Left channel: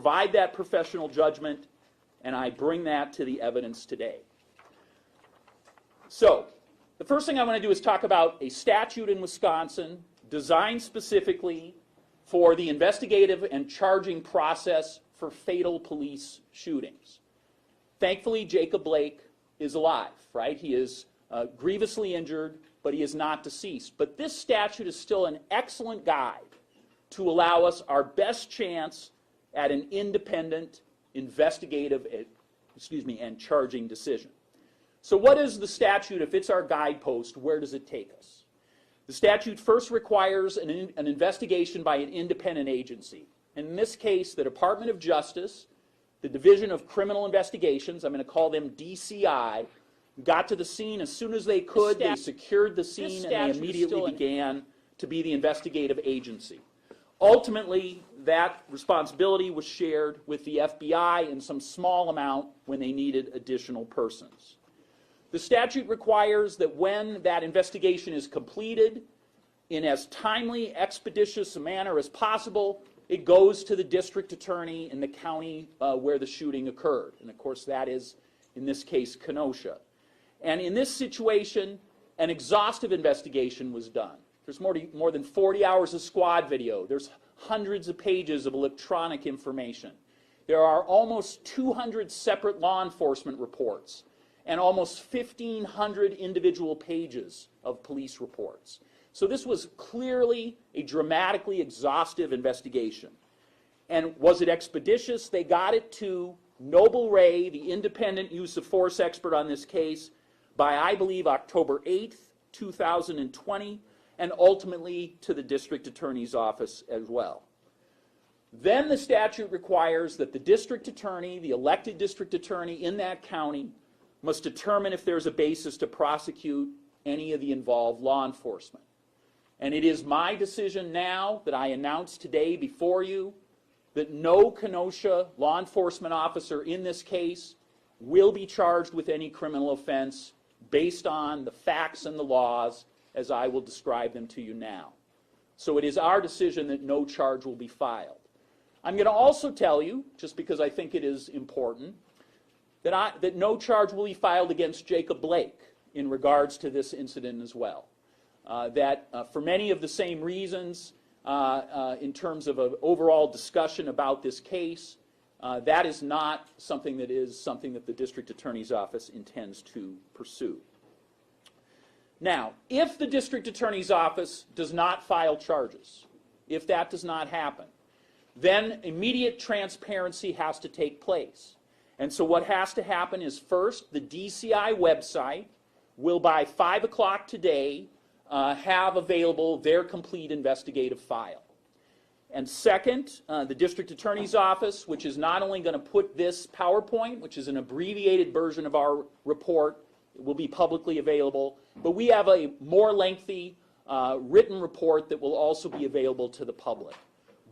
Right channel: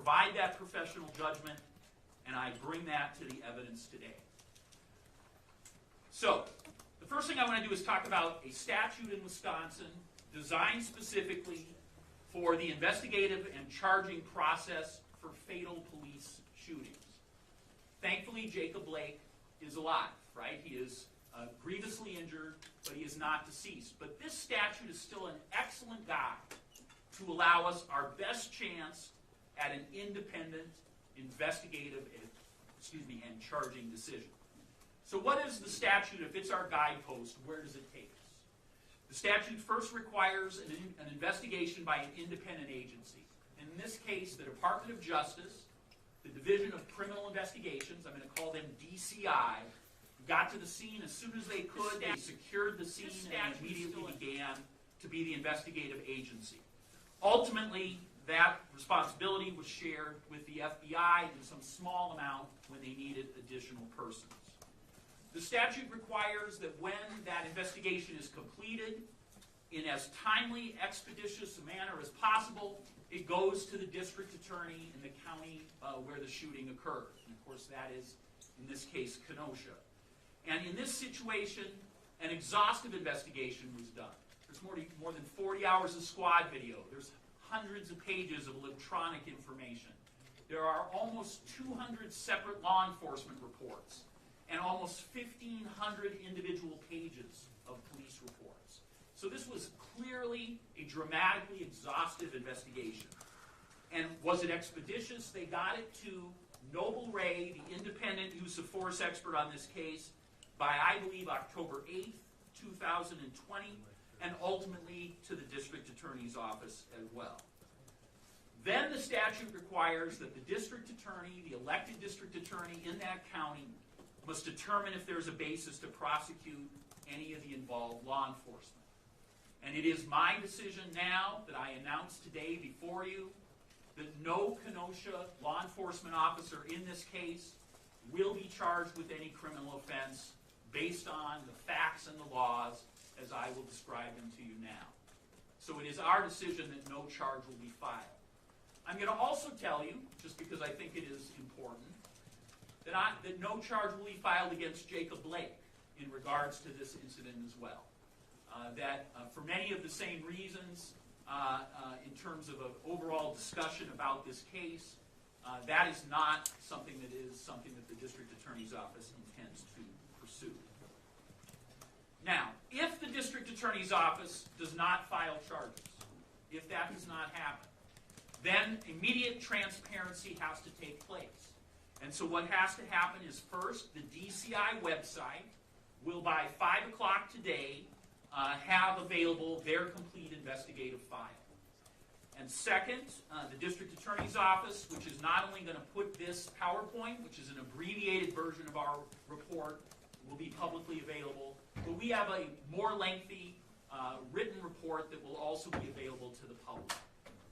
provide that professional judgment, and I bring that to the evidence today. So, the first thing I want to do is talk about a statute in Wisconsin designed specifically for the investigative and charging process for fatal police shootings. Thankfully, Jacob Blake is alive, right? He is grievously injured, but he is not deceased. But this statute is still an excellent guide to allow us our best chance at an independent, investigative, and charging decision. So what is the statute? If it's our guidepost, where does it take us? The statute first requires an investigation by an independent agency. And in this case, the Department of Justice, the Division of Criminal Investigations, I'm going to call them DCI, got to the scene as soon as they could. They secured the scene and they immediately began to be the investigative agency. Ultimately, that responsibility was shared with the FBI in some small amount when they needed additional persons. The statute requires that when that investigation is completed, in as timely, expeditious a manner as possible, it goes to the district attorney in the county where the shooting occurred. And of course that is, in this case, Kenosha. And in this situation, an exhaustive investigation was done. There's more than 40 hours of squad video. There's hundreds of pages of electronic information. There are almost 200 separate law enforcement reports and almost 1,500 individual pages of police reports. So this was clearly a dramatically exhaustive investigation. And was it expeditious? They got it to Noble Ray, the independent use of force expert on this case, by, I believe, October 8th, 2020, and ultimately to the district attorney's office as well. Then the statute requires that the district attorney, the elected district attorney in that county, must determine if there's a basis to prosecute any of the involved law enforcement. And it is my decision now that I announce today before you that no Kenosha law enforcement officer in this case will be charged with any criminal offense based on the facts and the laws as I will describe them to you now. So it is our decision that no charge will be filed. I'm going to also tell you, just because I think it is important, that no charge will be filed against Jacob Blake in regards to this incident as well. For many of the same reasons, in terms of an overall discussion about this case, that is not something that the district attorney's office intends to pursue. Now, if the district attorney's office does not file charges, if that does not happen, then immediate transparency has to take place. And so what has to happen is, first, the DCI website will by 5 o'clock today have available their complete investigative file. And second, the district attorney's office, which is not only going to put this PowerPoint, which is an abbreviated version of our report, will be publicly available, but we have a more lengthy written report that will also be available to the public.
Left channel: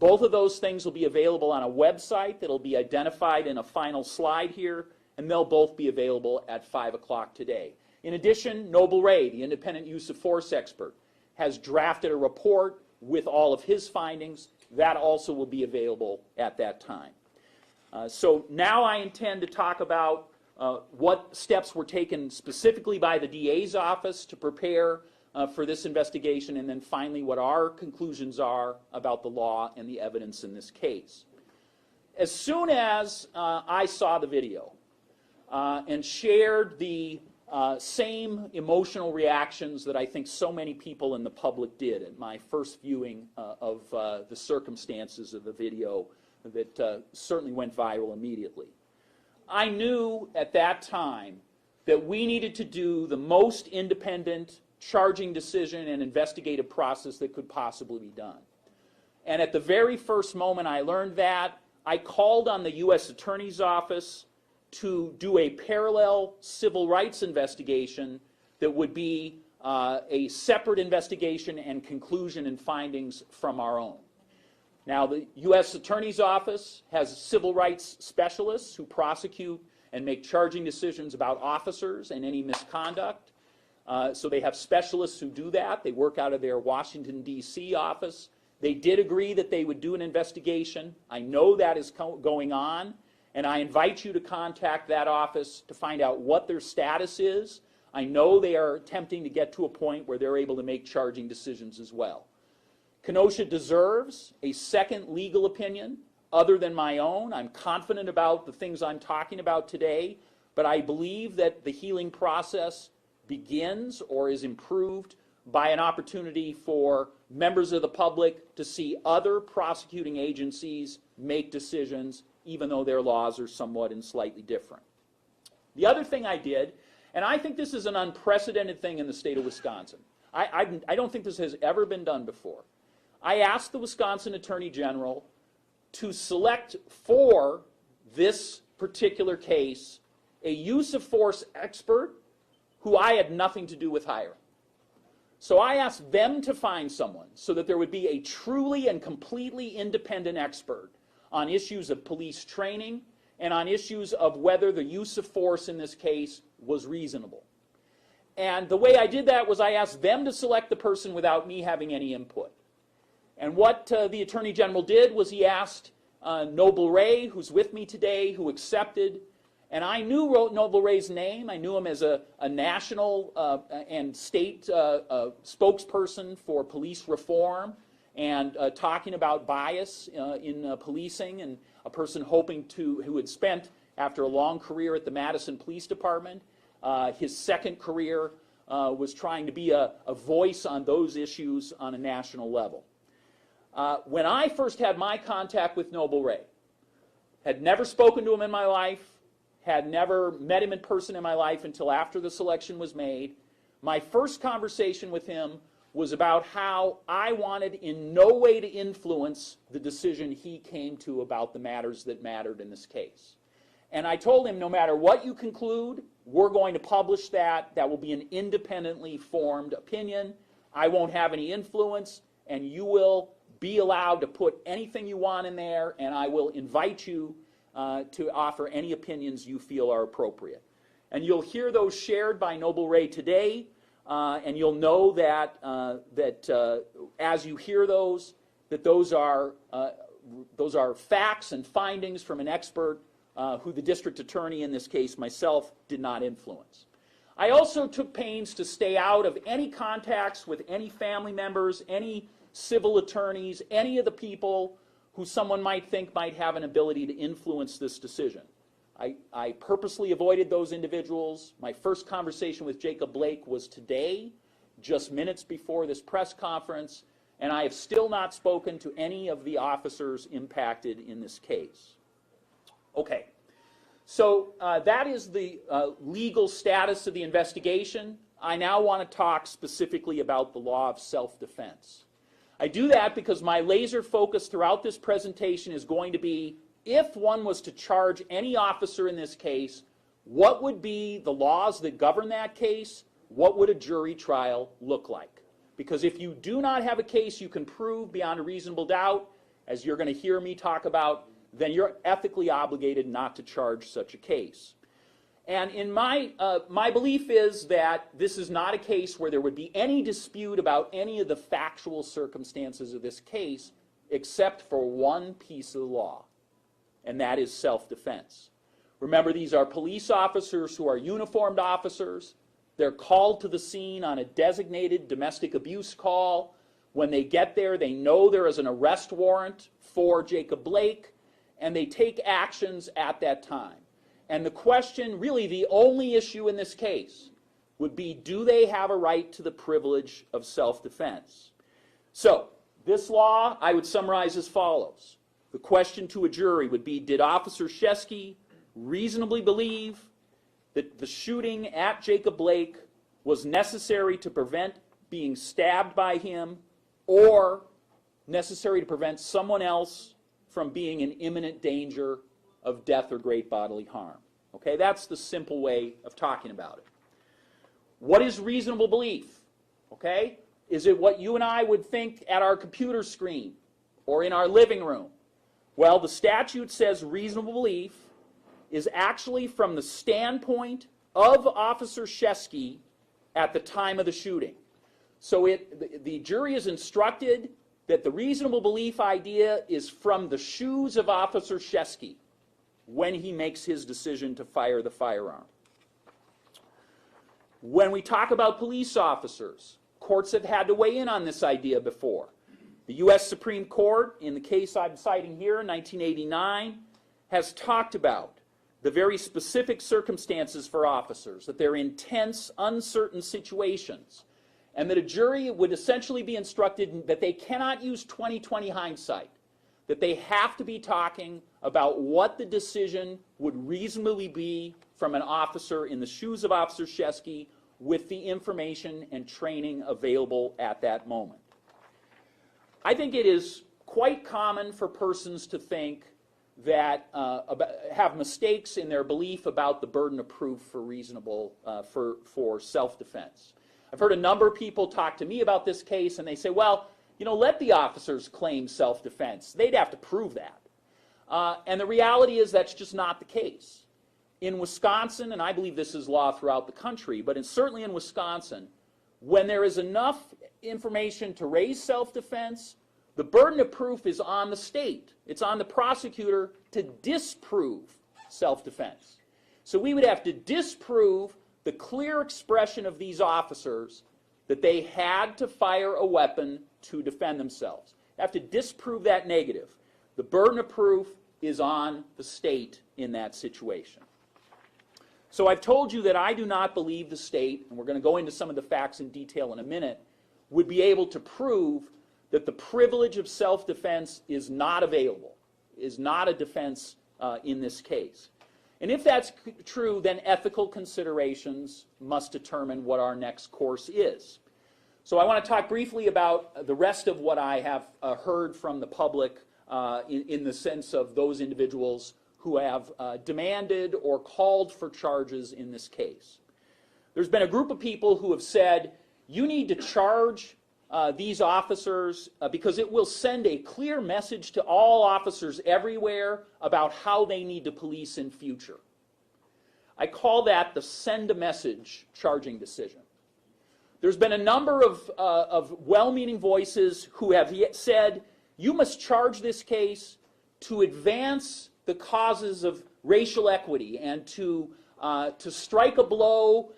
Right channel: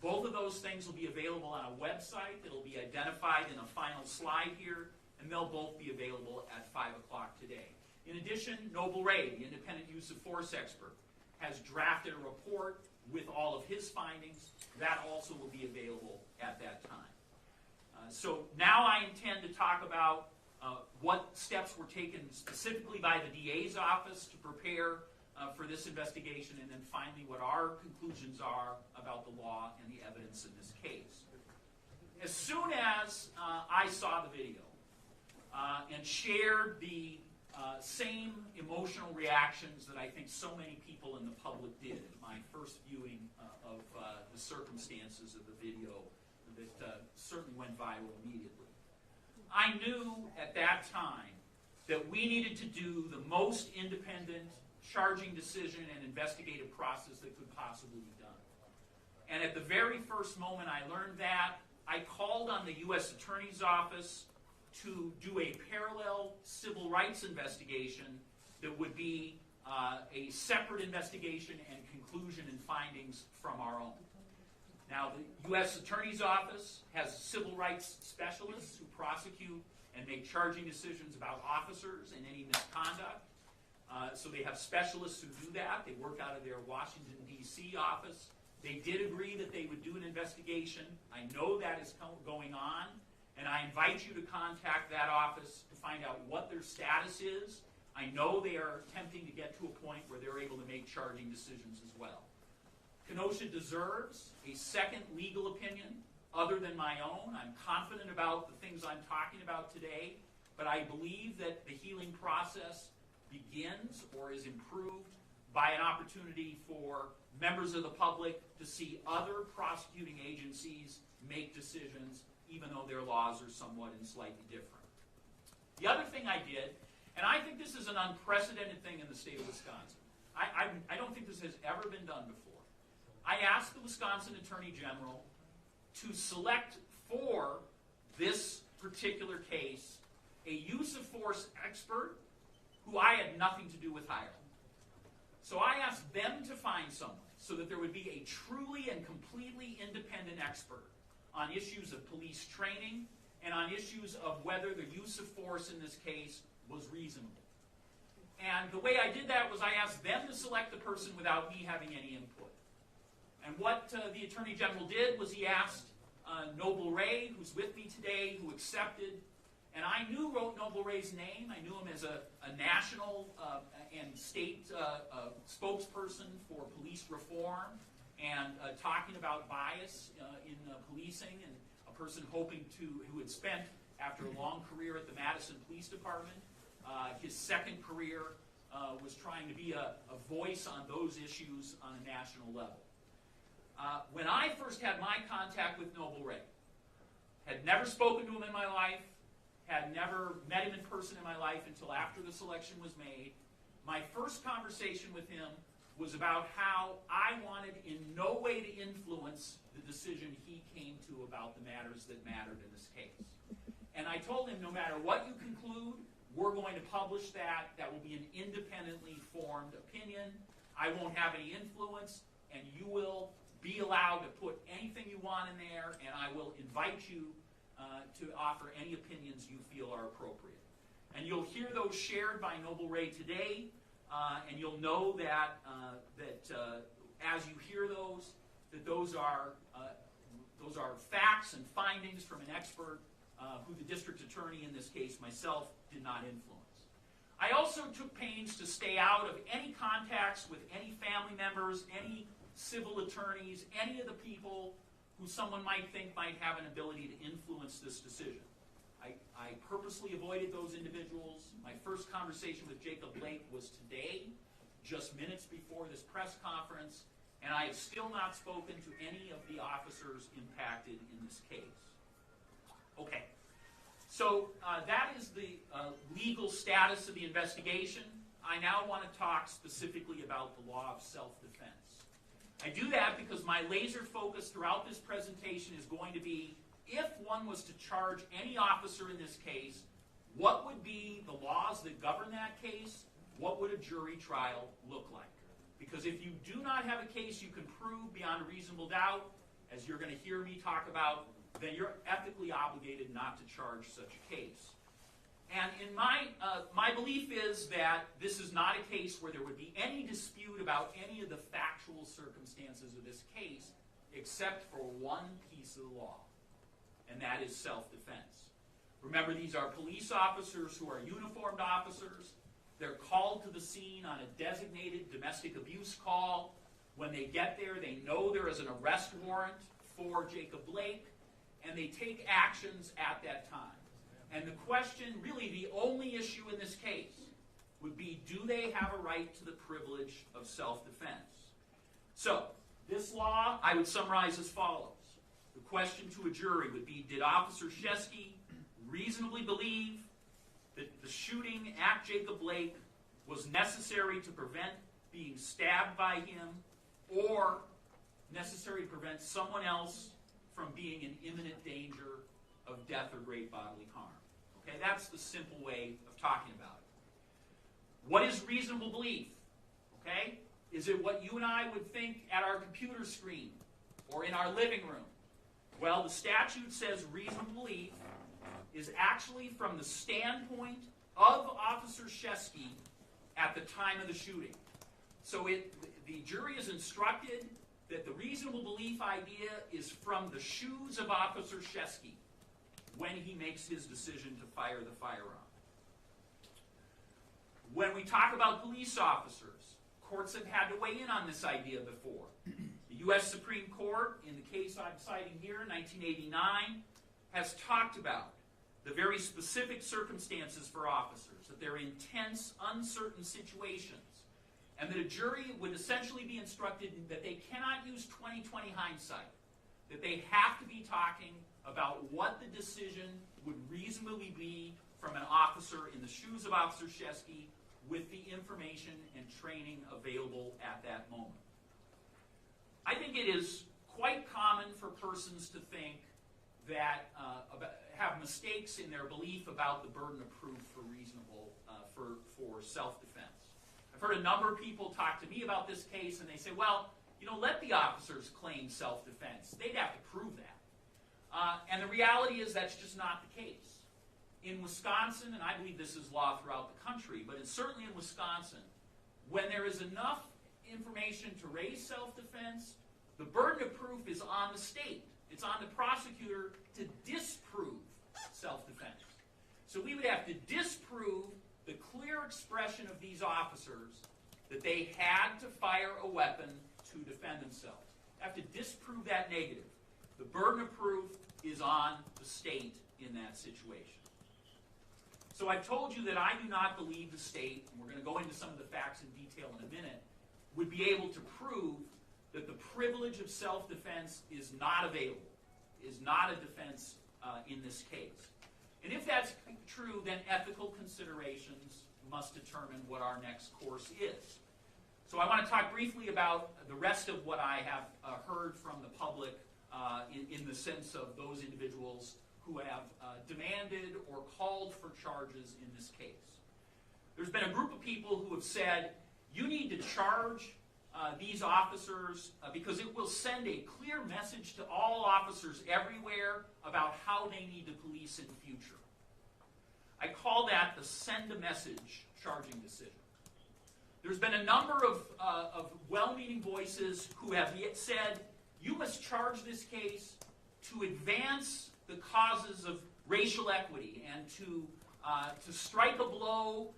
Both of those things will be available on a website that will be identified in a final slide here, and they'll both be available at 5 o'clock today. In addition, Noble Ray, the independent use of force expert, has drafted a report with all of his findings. That also will be available at that time. So now I intend to talk about what steps were taken specifically by the DA's office to prepare for this investigation, and then finally what our conclusions are about the law and the evidence in this case. As soon as I saw the video and shared the same emotional reactions that I think so many people in the public did at my first viewing of the circumstances of the video that certainly went viral immediately, I knew at that time that we needed to do the most independent charging decision and investigative process that could possibly be done. And at the very first moment I learned that, I called on the U.S. Attorney's Office to do a parallel civil rights investigation that would be a separate investigation and conclusion and findings from our own. Now, the U.S. Attorney's Office has civil rights specialists who prosecute and make charging decisions about officers and any misconduct. So they have specialists who do that. They work out of their Washington, D.C. office, They did agree that they would do an investigation. I know that is going on, and I invite you to contact that office to find out what their status is. I know they are attempting to get to a point where they're able to make charging decisions as well. Kenosha deserves a second legal opinion other than my own. I'm confident about the things I'm talking about today, but I believe that the healing process begins or is improved by an opportunity for members of the public to see other prosecuting agencies make decisions, even though their laws are somewhat and slightly different. The other thing I did, and I think this is an unprecedented thing in the state of Wisconsin. I don't think this has ever been done before. I asked the Wisconsin Attorney General to select for this particular case a use of force expert who I had nothing to do with hiring. So I asked them to find someone so that there would be a truly and completely independent expert on issues of police training and on issues of whether the use of force in this case was reasonable. And the way I did that was I asked them to select the person without me having any input. And what the Attorney General did was he asked Noble Ray, who's with me today, who accepted. And I knew Noble Ray's name. I knew him as a national and state spokesperson for police reform and talking about bias in policing, and a person who had spent, after a long career at the Madison Police Department, his second career was trying to be a voice on those issues on a national level. When I first had my contact with Noble Ray, had never spoken to him in my life, had never met him in person in my life until after the selection was made. My first conversation with him was about how I wanted in no way to influence the decision he came to about the matters that mattered in this case. And I told him, no matter what you conclude, we're going to publish that. That will be an independently formed opinion. I won't have any influence, and you will be allowed to put anything you want in there, and I will invite you to offer any opinions you feel are appropriate. And you'll hear those shared by Noble Ray today, and you'll know that, as you hear those, that those are facts and findings from an expert who the district attorney, in this case myself, did not influence. I also took pains to stay out of any contacts with any family members, any civil attorneys, any of the people who someone might think might have an ability to influence this decision. I purposely avoided those individuals. My first conversation with Jacob Blake was today, just minutes before this press conference, and I have still not spoken to any of the officers impacted in this case. Okay, so that is the legal status of the investigation. I now want to talk specifically about the law of self-defense. I do that because my laser focus throughout this presentation is going to be, if one was to charge any officer in this case, what would be the laws that govern that case? What would a jury trial look like? Because if you do not have a case you can prove beyond a reasonable doubt, as you're going to hear me talk about, then you're ethically obligated not to charge such a case. And in my belief is that this is not a case where there would be any dispute about any of the factual circumstances of this case, except for one piece of the law, and that is self-defense. Remember, these are police officers who are uniformed officers. They're called to the scene on a designated domestic abuse call. When they get there, they know there is an arrest warrant for Jacob Blake, and they take actions at that time. And the question, really the only issue in this case, would be, do they have a right to the privilege of self-defense? So, this law I would summarize as follows. The question to a jury would be, did Officer Shesky reasonably believe that the shooting at Jacob Blake was necessary to prevent being stabbed by him, or necessary to prevent someone else from being in imminent danger of death or great bodily harm? Okay, that's the simple way of talking about it. What is reasonable belief? Okay, is it what you and I would think at our computer screen or in our living room? Well, the statute says reasonable belief is actually from the standpoint of Officer Shesky at the time of the shooting. So the jury is instructed that the reasonable belief idea is from the shoes of Officer Shesky when he makes his decision to fire the firearm. When we talk about police officers, courts have had to weigh in on this idea before. The U.S. Supreme Court, in the case I'm citing here, 1989, has talked about the very specific circumstances for officers, that they're in tense, uncertain situations, and that a jury would essentially be instructed that they cannot use 20/20 hindsight, that they have to be talking about what the decision would reasonably be from an officer in the shoes of Officer Shesky with the information and training available at that moment. I think it is quite common for persons to think that have mistakes in their belief about the burden of proof for reasonable for self-defense. I've heard a number of people talk to me about this case, and they say, well, you know, let the officers claim self-defense. They'd have to prove that. And the reality is that's just not the case. In Wisconsin, and I believe this is law throughout the country, but certainly in Wisconsin, when there is enough information to raise self-defense, the burden of proof is on the state. It's on the prosecutor to disprove self-defense. So we would have to disprove the clear expression of these officers that they had to fire a weapon to defend themselves. They have to disprove that negative. The burden of proof is on the state in that situation. So I've told you that I do not believe the state, and we're going to go into some of the facts in detail in a minute, would be able to prove that the privilege of self-defense is not available, is not a defense in this case. And if that's true, then ethical considerations must determine what our next course is. So I want to talk briefly about the rest of what I have heard from the public in the sense of those individuals who have demanded or called for charges in this case. There's been a group of people who have said, you need to charge these officers because it will send a clear message to all officers everywhere about how they need to police in future. I call that the send a message charging decision. There's been a number of well-meaning voices who have said, you must charge this case to advance the causes of racial equity and to strike a blow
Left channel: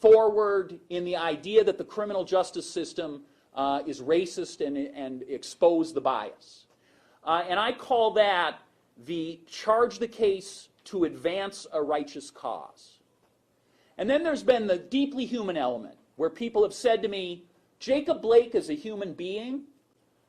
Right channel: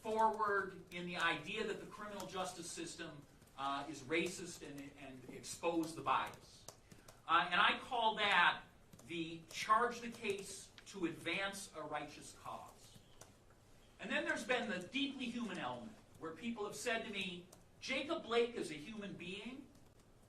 forward in the idea that the criminal justice system is racist and expose the bias. And I call that the charge the case to advance a righteous cause. And then there's been the deeply human element, where people have said to me, Jacob Blake is a human being,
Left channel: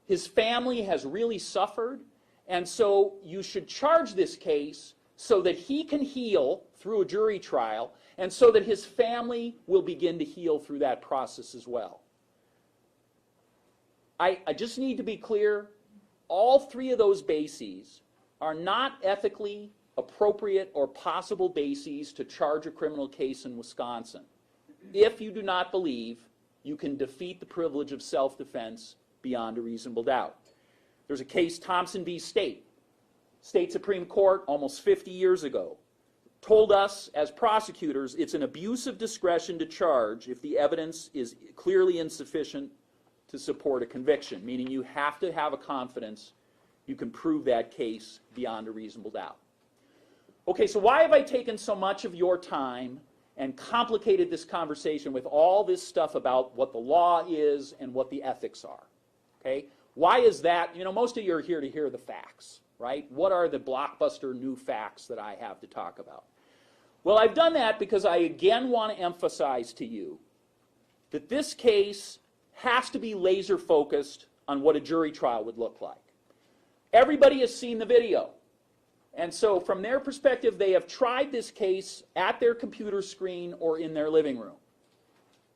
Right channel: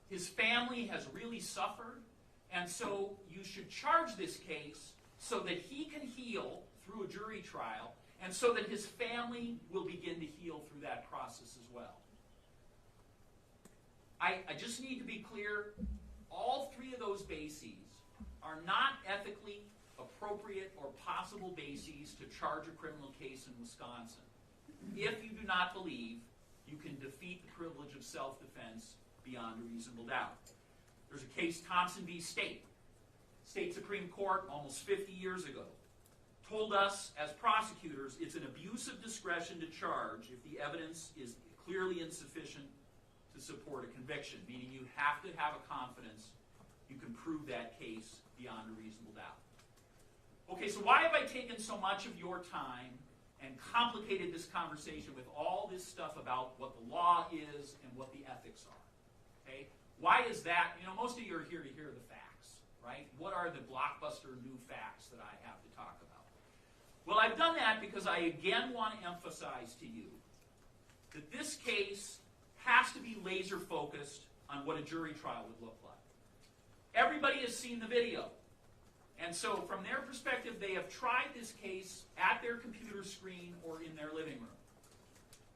his family has really suffered, and so you should charge this case so that he can heal through a jury trial, and so that his family will begin to heal through that process as well. I just need to be clear, all three of those bases are not ethically appropriate or possible bases to charge a criminal case in Wisconsin if you do not believe you can defeat the privilege of self-defense beyond a reasonable doubt. There's a case, Thompson v. State. State Supreme Court, almost 50 years ago, told us as prosecutors it's an abuse of discretion to charge if the evidence is clearly insufficient to support a conviction, meaning you have to have a confidence you can prove that case beyond a reasonable doubt. Okay, so why have I taken so much of your time and complicated this conversation with all this stuff about what the law is and what the ethics are? Okay, why is that? You know, most of you are here to hear the facts, right? What are the blockbuster new facts that I have to talk about? Well, I've done that because I again want to emphasize to you that this case has to be laser focused on what a jury trial would look like. Everybody has seen the video. And so from their perspective, they have tried this case at their computer screen or in their living room.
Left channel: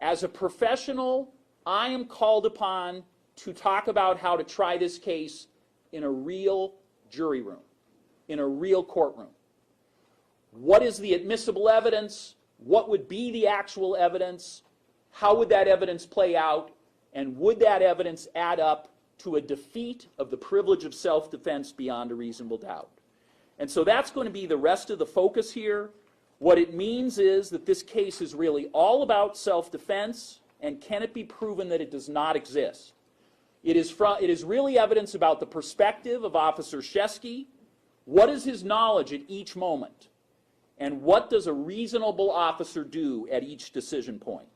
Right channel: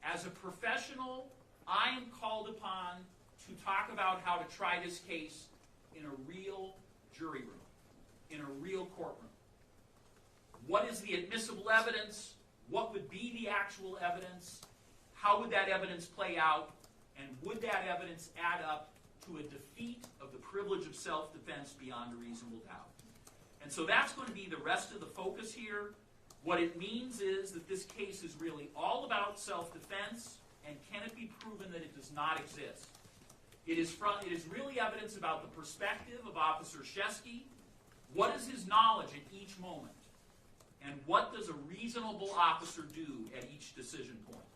As a professional, I am called upon to talk about how to try this case in a real jury room, in a real courtroom. What is the admissible evidence? What would be the actual evidence? How would that evidence play out? And would that evidence add up to a defeat of the privilege of self-defense beyond a reasonable doubt? And so that's going to be the rest of the focus here. What it means is that this case is really all about self-defense, and can it be proven that it does not exist? It is really evidence about the perspective of Officer Shesky. What is his knowledge at each moment? And what does a reasonable officer do at each decision point?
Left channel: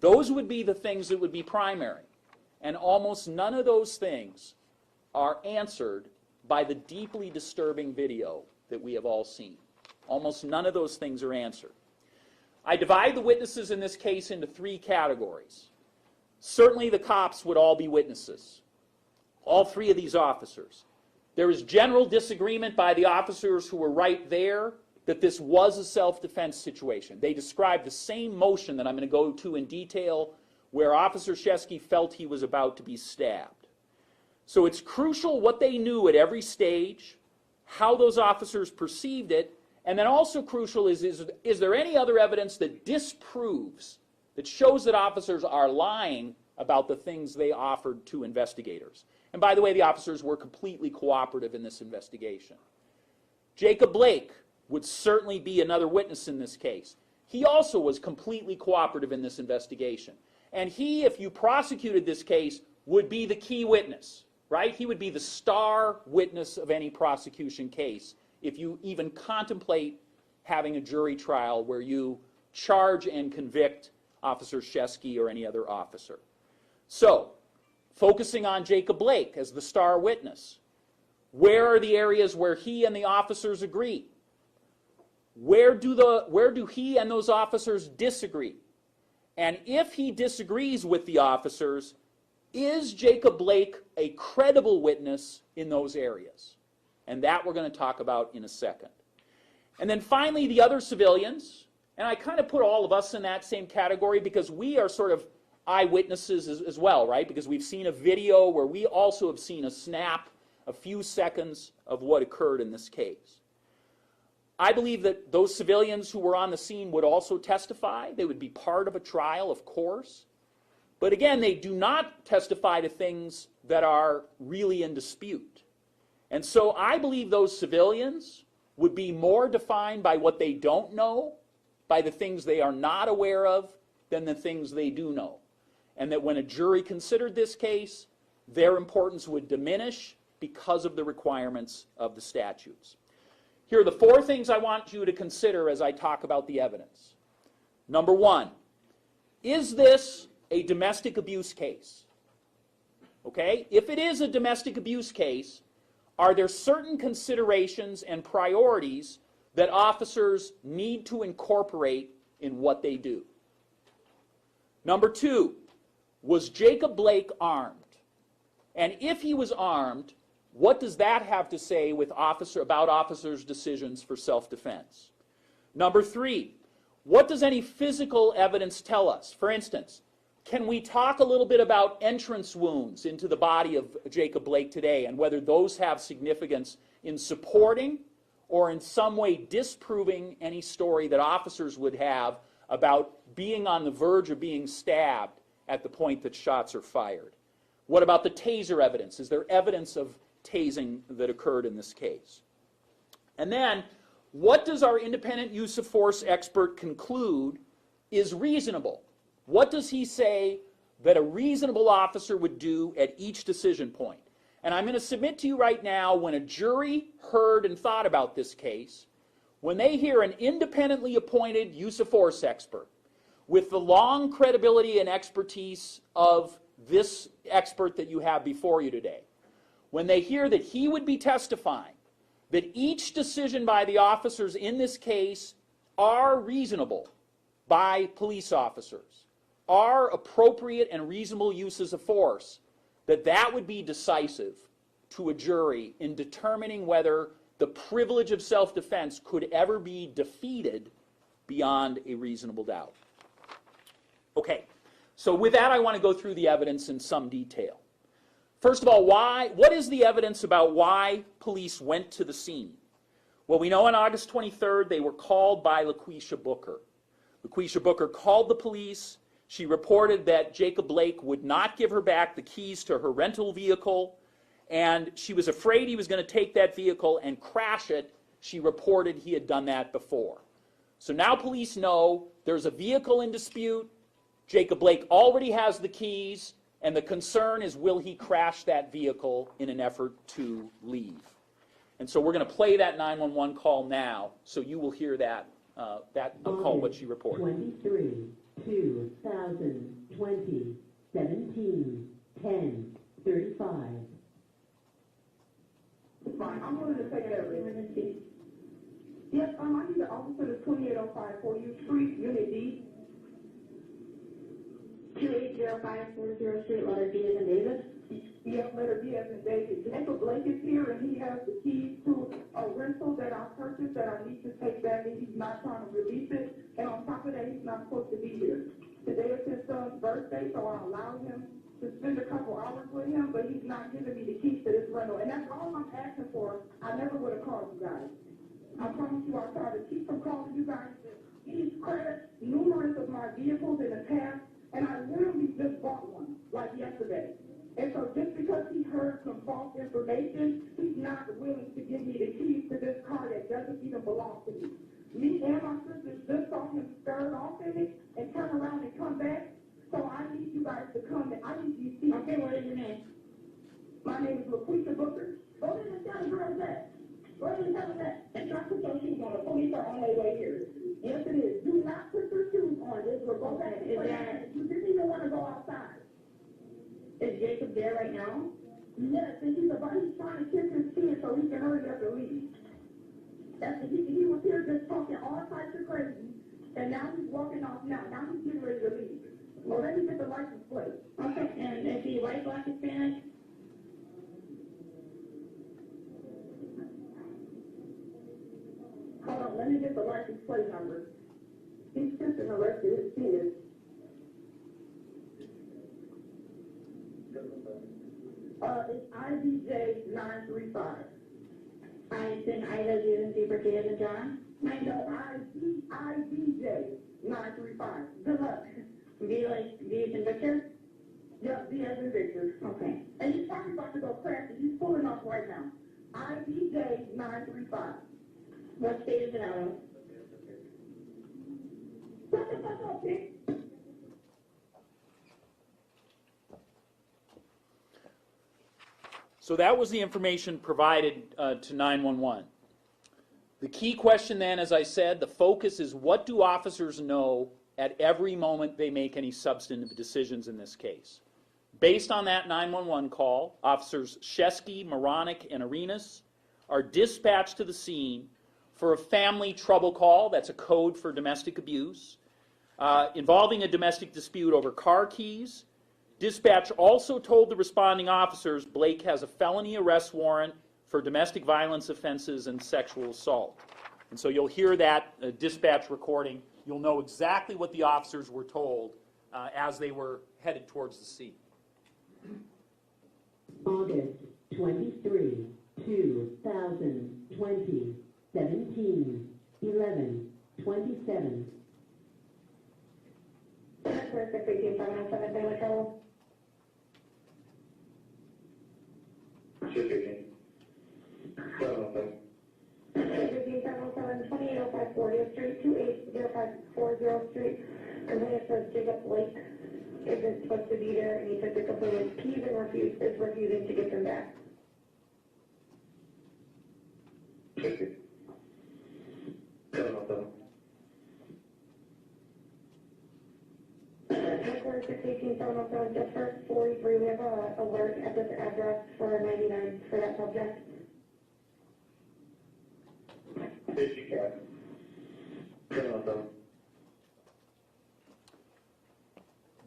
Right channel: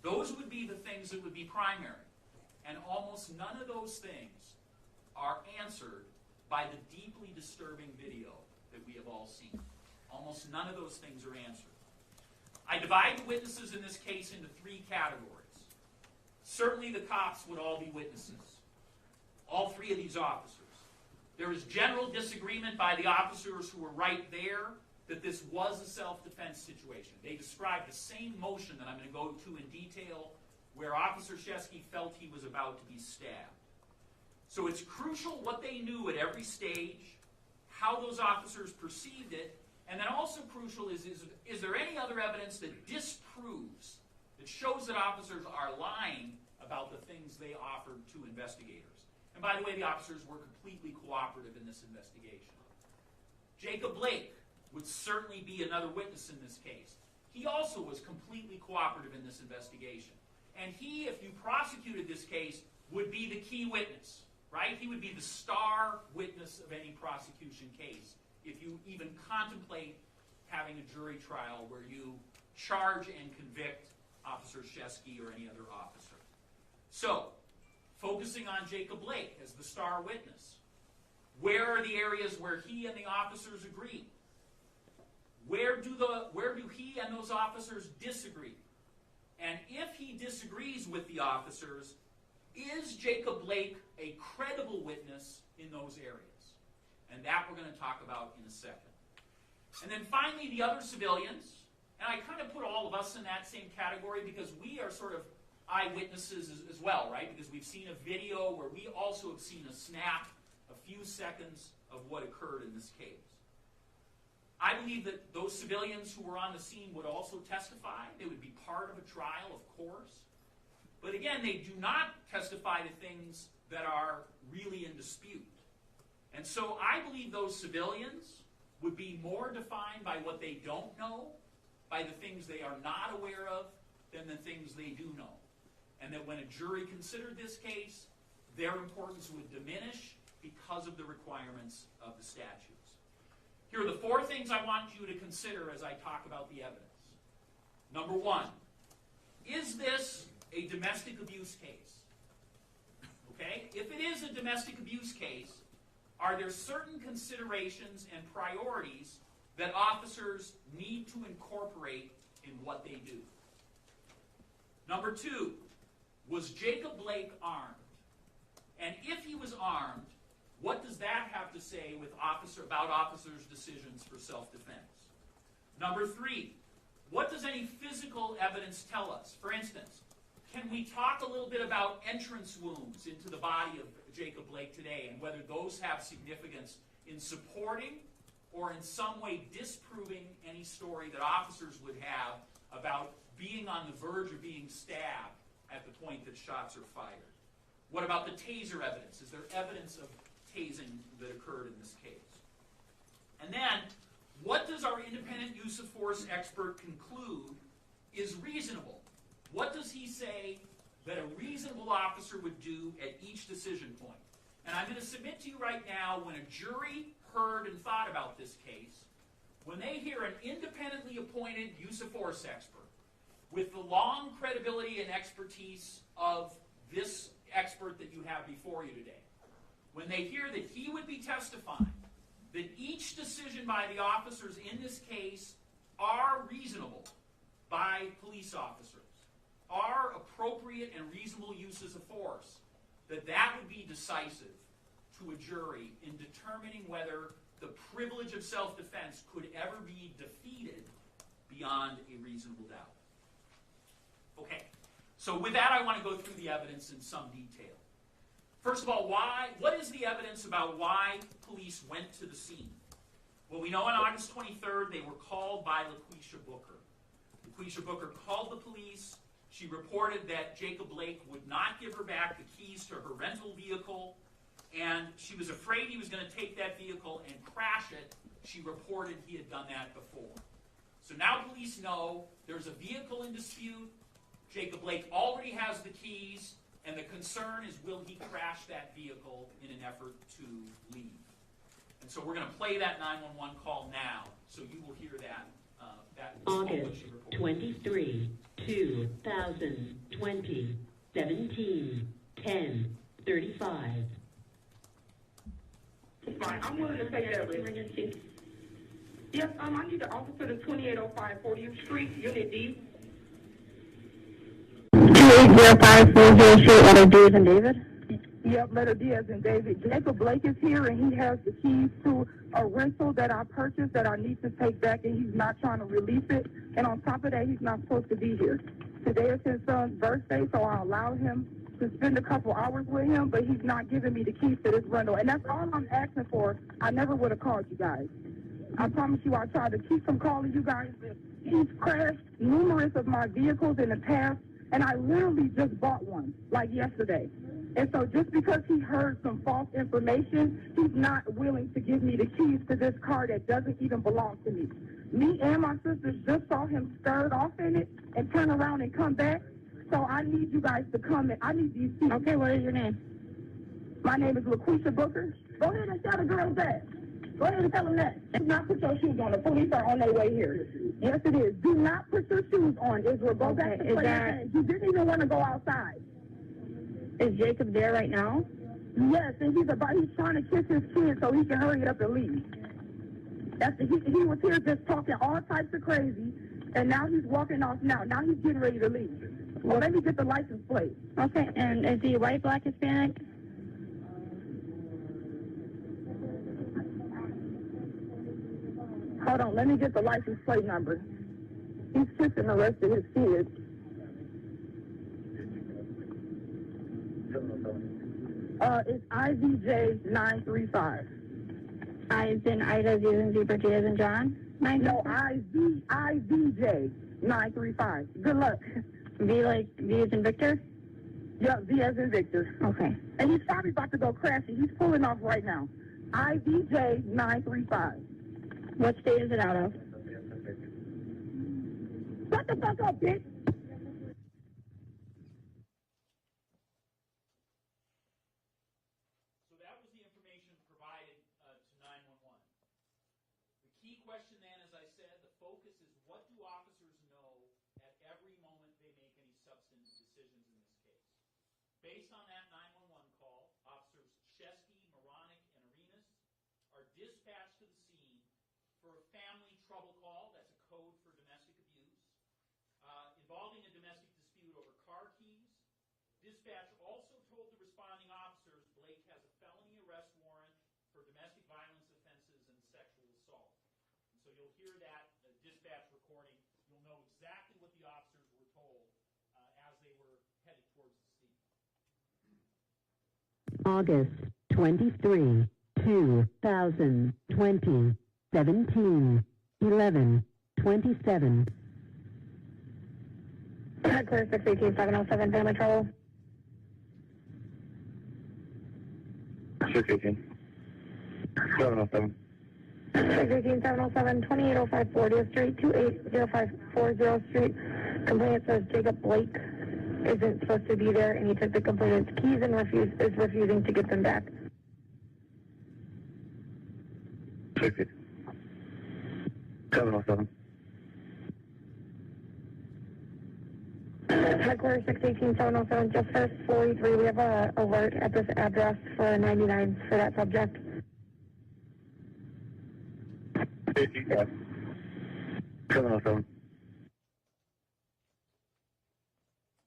Those would be the things that would be primary. And almost none of those things are answered by the deeply disturbing video that we have all seen. Almost none of those things are answered. I divide the witnesses in this case into three categories. Certainly the cops would all be witnesses. All three of these officers. There is general disagreement by the officers who were right there that this was a self-defense situation. They described the same motion that I'm going to go to in detail where Officer Shesky felt he was about to be stabbed. So it's crucial what they knew at every stage, how those officers perceived it, and then also crucial is there any other evidence that disproves, that shows that officers are lying about the things they offered to investigators. And by the way, the officers were completely cooperative in this investigation. Jacob Blake would certainly be another witness in this case. He also was completely cooperative in this investigation. And he, if you prosecuted this case, would be the key witness, right? He would be the star witness of any prosecution case if you even contemplate having a jury trial where you charge and convict Officer Shesky or any other officer. So, focusing on Jacob Blake as the star witness, where are the areas where he and the officers agree? Where do he and those officers disagree? And if he disagrees with the officers, is Jacob Blake a credible witness in those areas? And that we're going to talk about in a second. And then finally, the other civilians, and I kind of put all of us in that same category because we are sort of eyewitnesses as well, right? Because we've seen a video where we also have seen a snap, a few seconds of what occurred in this case. I believe that those civilians who were on the scene would also testify. They would be part of a trial, of course. But again, they do not testify to things that are really in dispute. And so I believe those civilians would be more defined by what they don't know, by the things they are not aware of, than the things they do know. And that when a jury considered this case, their importance would diminish because of the requirements of the statutes. Here are the four things I want you to consider as I talk about the evidence. Number one, is this a domestic abuse case? Okay? If it is a domestic abuse case, are there certain considerations and priorities that officers need to incorporate in what they do? Number two, was Jacob Blake armed? And if he was armed, what does that have to say with about officers' decisions for self-defense? Number three, what does any physical evidence tell us? For instance, can we talk a little bit about entrance wounds into the body of Jacob Blake today and whether those have significance in supporting or in some way disproving any story that officers would have about being on the verge of being stabbed at the point that shots are fired? What about the taser evidence? Is there evidence of tasing that occurred in this case? And then, what does our independent use of force expert conclude is reasonable? What does he say that a reasonable officer would do at each decision point? And I'm going to submit to you right now, when a jury heard and thought about this case, when they hear an independently appointed use of force expert with the long credibility and expertise of this expert that you have before you today, when they hear that he would be testifying that each decision by the officers in this case are reasonable by police officers, are appropriate and reasonable uses of force, that would be decisive to a jury in determining whether the privilege of self-defense could ever be defeated beyond a reasonable doubt. Okay, so with that I want to go through the evidence in some detail. First of all, what is the evidence about why police went to the scene? Well, we know on August 23rd they were called by LaQuisha Booker. LaQuisha Booker called the police. She reported that Jacob Blake would not give her back the keys to her rental vehicle, and she was afraid he was going to take that vehicle and crash it. She reported he had done that before. So now police know there's a vehicle in dispute. Jacob Blake already has the keys. And the concern is, will he crash that vehicle in an effort to leave? And so we're going to play that 911 call now, so you will hear that. That is called what she reported. 23, 2020, 17, 10, 35. Fine, I'm willing to pay that emergency. Yes, I need an officer to 2805 40th Street, Unit D. 2805 40th Street, letter D as in David? Yep, letter D as in David. Jacob Blake is here, and he has the keys to a rental that I purchased that I need to take back, and he's not trying to release it. And on top of that, he's not supposed to be here. Today is his son's birthday, so I allowed him to spend a couple hours with him, but he's not giving me the keys to this rental. And that's all I'm asking for. I never would have called you guys. I promise you I tried to keep from calling you guys. He's crashed numerous of my vehicles in the past, and I literally just bought one, like yesterday. And so just because he heard some false information, he's not willing to give me the keys to this car that doesn't even belong to me. Me and my sister just saw him skirt off in it and turn around and come back. So I need you guys to come and I need these keys. Okay, what is your name? My name is LaQuisha Booker. Go ahead and tell the girls that. Go ahead and tell them that. Do not put your shoes on. The police are on their way here. Yes, it is. Do not put your shoes on. Israel, go back to play. You didn't even want to go outside. Is Jacob there right now? Yes, and he's trying to kiss his kid so he can hurry up and leave. He was here just talking all types of crazy, and now he's walking off now. Now he's getting ready to leave. Well, let me get the license plate. Okay, and is he white, black, Hispanic? Hold on, let me get the license plate number. He's kissing the rest of his kids. It's IVJ 935. I is in Ida, Z as in Zebra, J as in John? No, IVJ 935. Good luck. V as in Victor? Yeah, V as in Victor. Okay. And he's probably about to go crashing. He's pulling off right now. IVJ 935. What state is it out of? Shut the fuck up, bitch. So that was the information provided to 911. The key question then, as I said, the focus is, what do officers know at every moment they make any substantive decisions in this case? Based on that 911 call, officers Shesky, Moronic, and Arenas are dispatched to the scene for a family trouble call. That's a code for domestic abuse, involving a domestic dispute over car keys. Dispatch also told the responding officers Blake has a felony arrest warrant for domestic violence offenses and sexual assault. And so you'll hear that dispatch recording. You'll know exactly what the officers were told as they were headed towards the scene. August 23, 2020, 17, 11, 27. Clear 618, 707, Family Trouble. 618. 707. 618, 707, 2805 40th Street, 280540 Street. Complainant says Jacob Blake isn't supposed to be there, and he took the complainant's keys and is refusing to give them back. 60. 707. Headquarters 618, 707, just for 43. We have a alert at this address for 99 for that subject. 55. 707.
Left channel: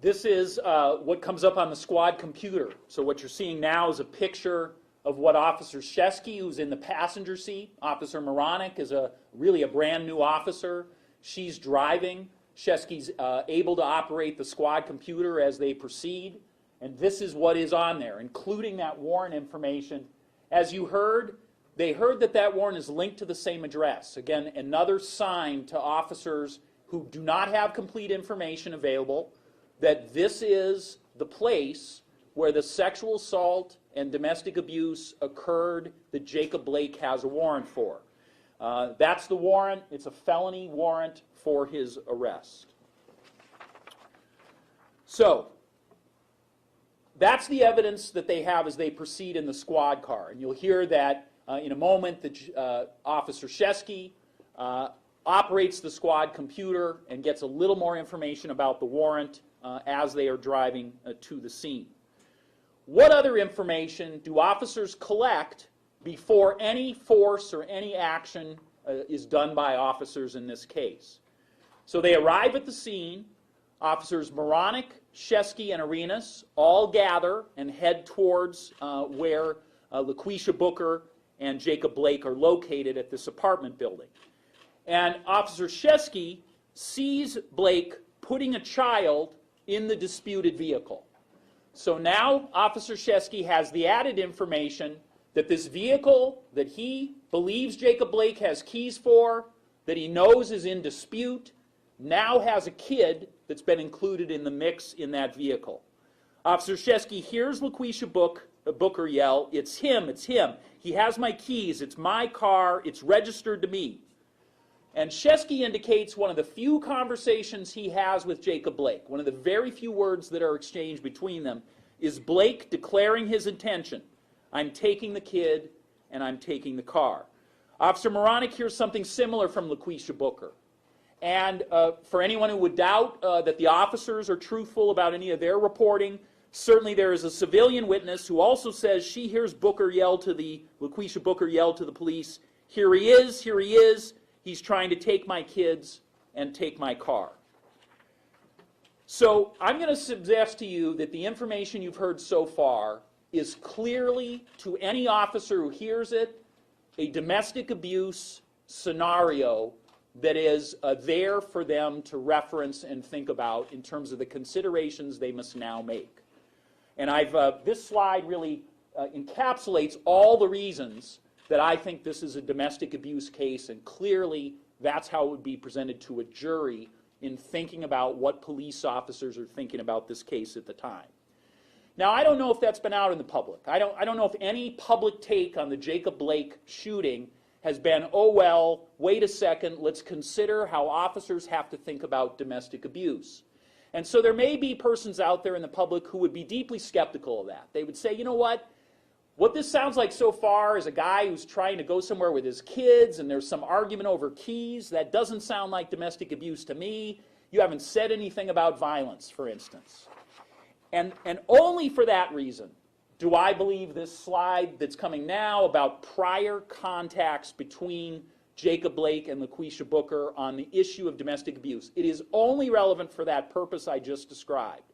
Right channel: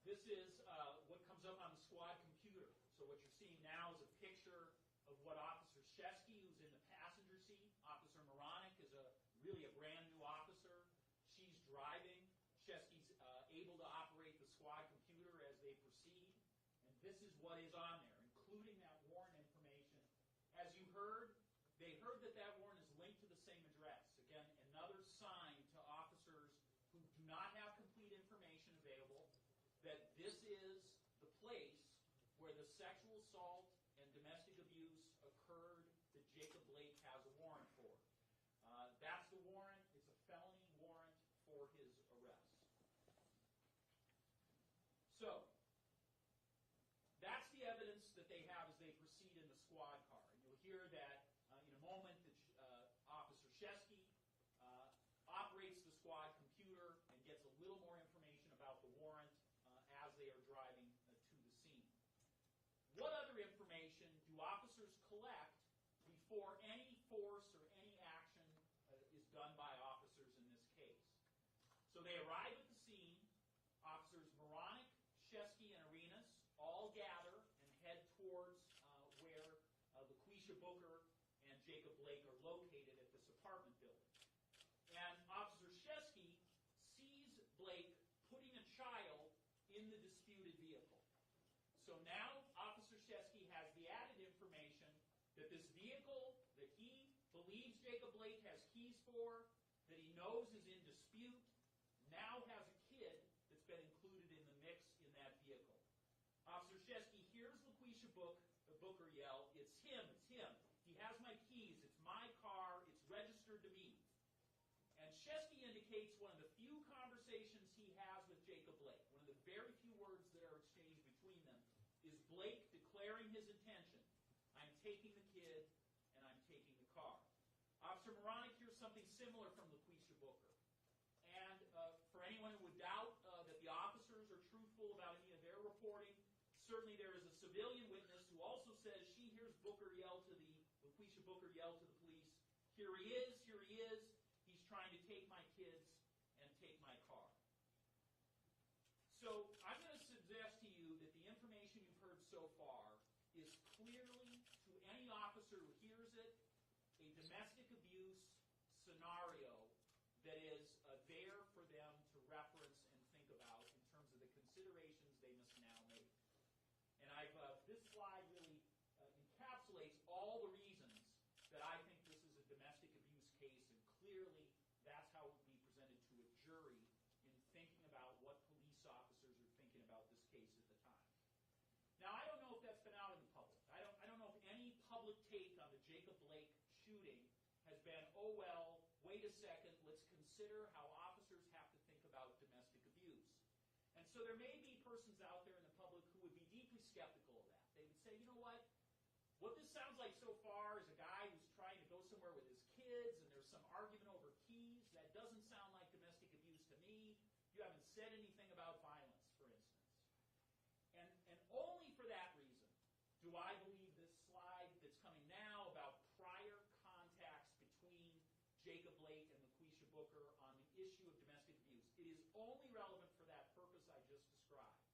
This is what comes up on the squad computer. So what you're seeing now is a picture of what Officer Shesky, who's in the passenger seat. Officer Moronic is really a brand new officer. She's driving. Shesky's able to operate the squad computer as they proceed. And this is what is on there, including that warrant information. As you heard, they heard that that warrant is linked to the same address. Again, another sign to officers who do not have complete information available that this is the place where the sexual assault and domestic abuse occurred that Jacob Blake has a warrant for. That's the warrant. It's a felony warrant for his arrest. So, that's the evidence that they have as they proceed in the squad car. And you'll hear that in a moment that Officer Shesky operates the squad computer and gets a little more information about the warrant as they are driving to the scene. What other information do officers collect before any force or any action is done by officers in this case? So they arrive at the scene. Officers Moronic, Shesky, and Arenas all gather and head towards where LaQuisha Booker and Jacob Blake are located at this apartment building. And Officer Shesky sees Blake putting a child in the disputed vehicle. So now Officer Shesky has the added information that this vehicle that he believes Jacob Blake has keys for, that he knows is in dispute, now has a kid that's been included in the mix in that vehicle. Officer Shesky hears LaQuisha Booker yell, "It's him, it's him. He has my keys, it's my car, it's registered to me." And Shesky indicates one of the few conversations he has with Jacob Blake, one of the very few words that are exchanged between them, is Blake declaring his intention. I'm taking the kid and I'm taking the car. Officer Moronic hears something similar from LaQuisha Booker. And for anyone who would doubt that the officers are truthful about any of their reporting, certainly there is a civilian witness who also says she hears LaQuisha Booker yell to the police, here he is, he's trying to take my kids and take my car. So I'm going to suggest to you that the information you've heard so far is clearly, to any officer who hears it, a domestic abuse scenario that is there for them to reference and think about in terms of the considerations they must now make. And this slide really encapsulates all the reasons that I think this is a domestic abuse case, and clearly that's how it would be presented to a jury in thinking about what police officers are thinking about this case at the time. Now, I don't know if that's been out in the public. I don't know if any public take on the Jacob Blake shooting has been, oh well, wait a second, let's consider how officers have to think about domestic abuse. And so there may be persons out there in the public who would be deeply skeptical of that. They would say, you know what this sounds like so far is a guy who's trying to go somewhere with his kids and there's some argument over keys. That doesn't sound like domestic abuse to me. You haven't said anything about violence, for instance. And only for that reason do I believe this slide that's coming now about prior contacts between Jacob Blake and LaQuisha Booker on the issue of domestic abuse. It is only relevant for that purpose I just described.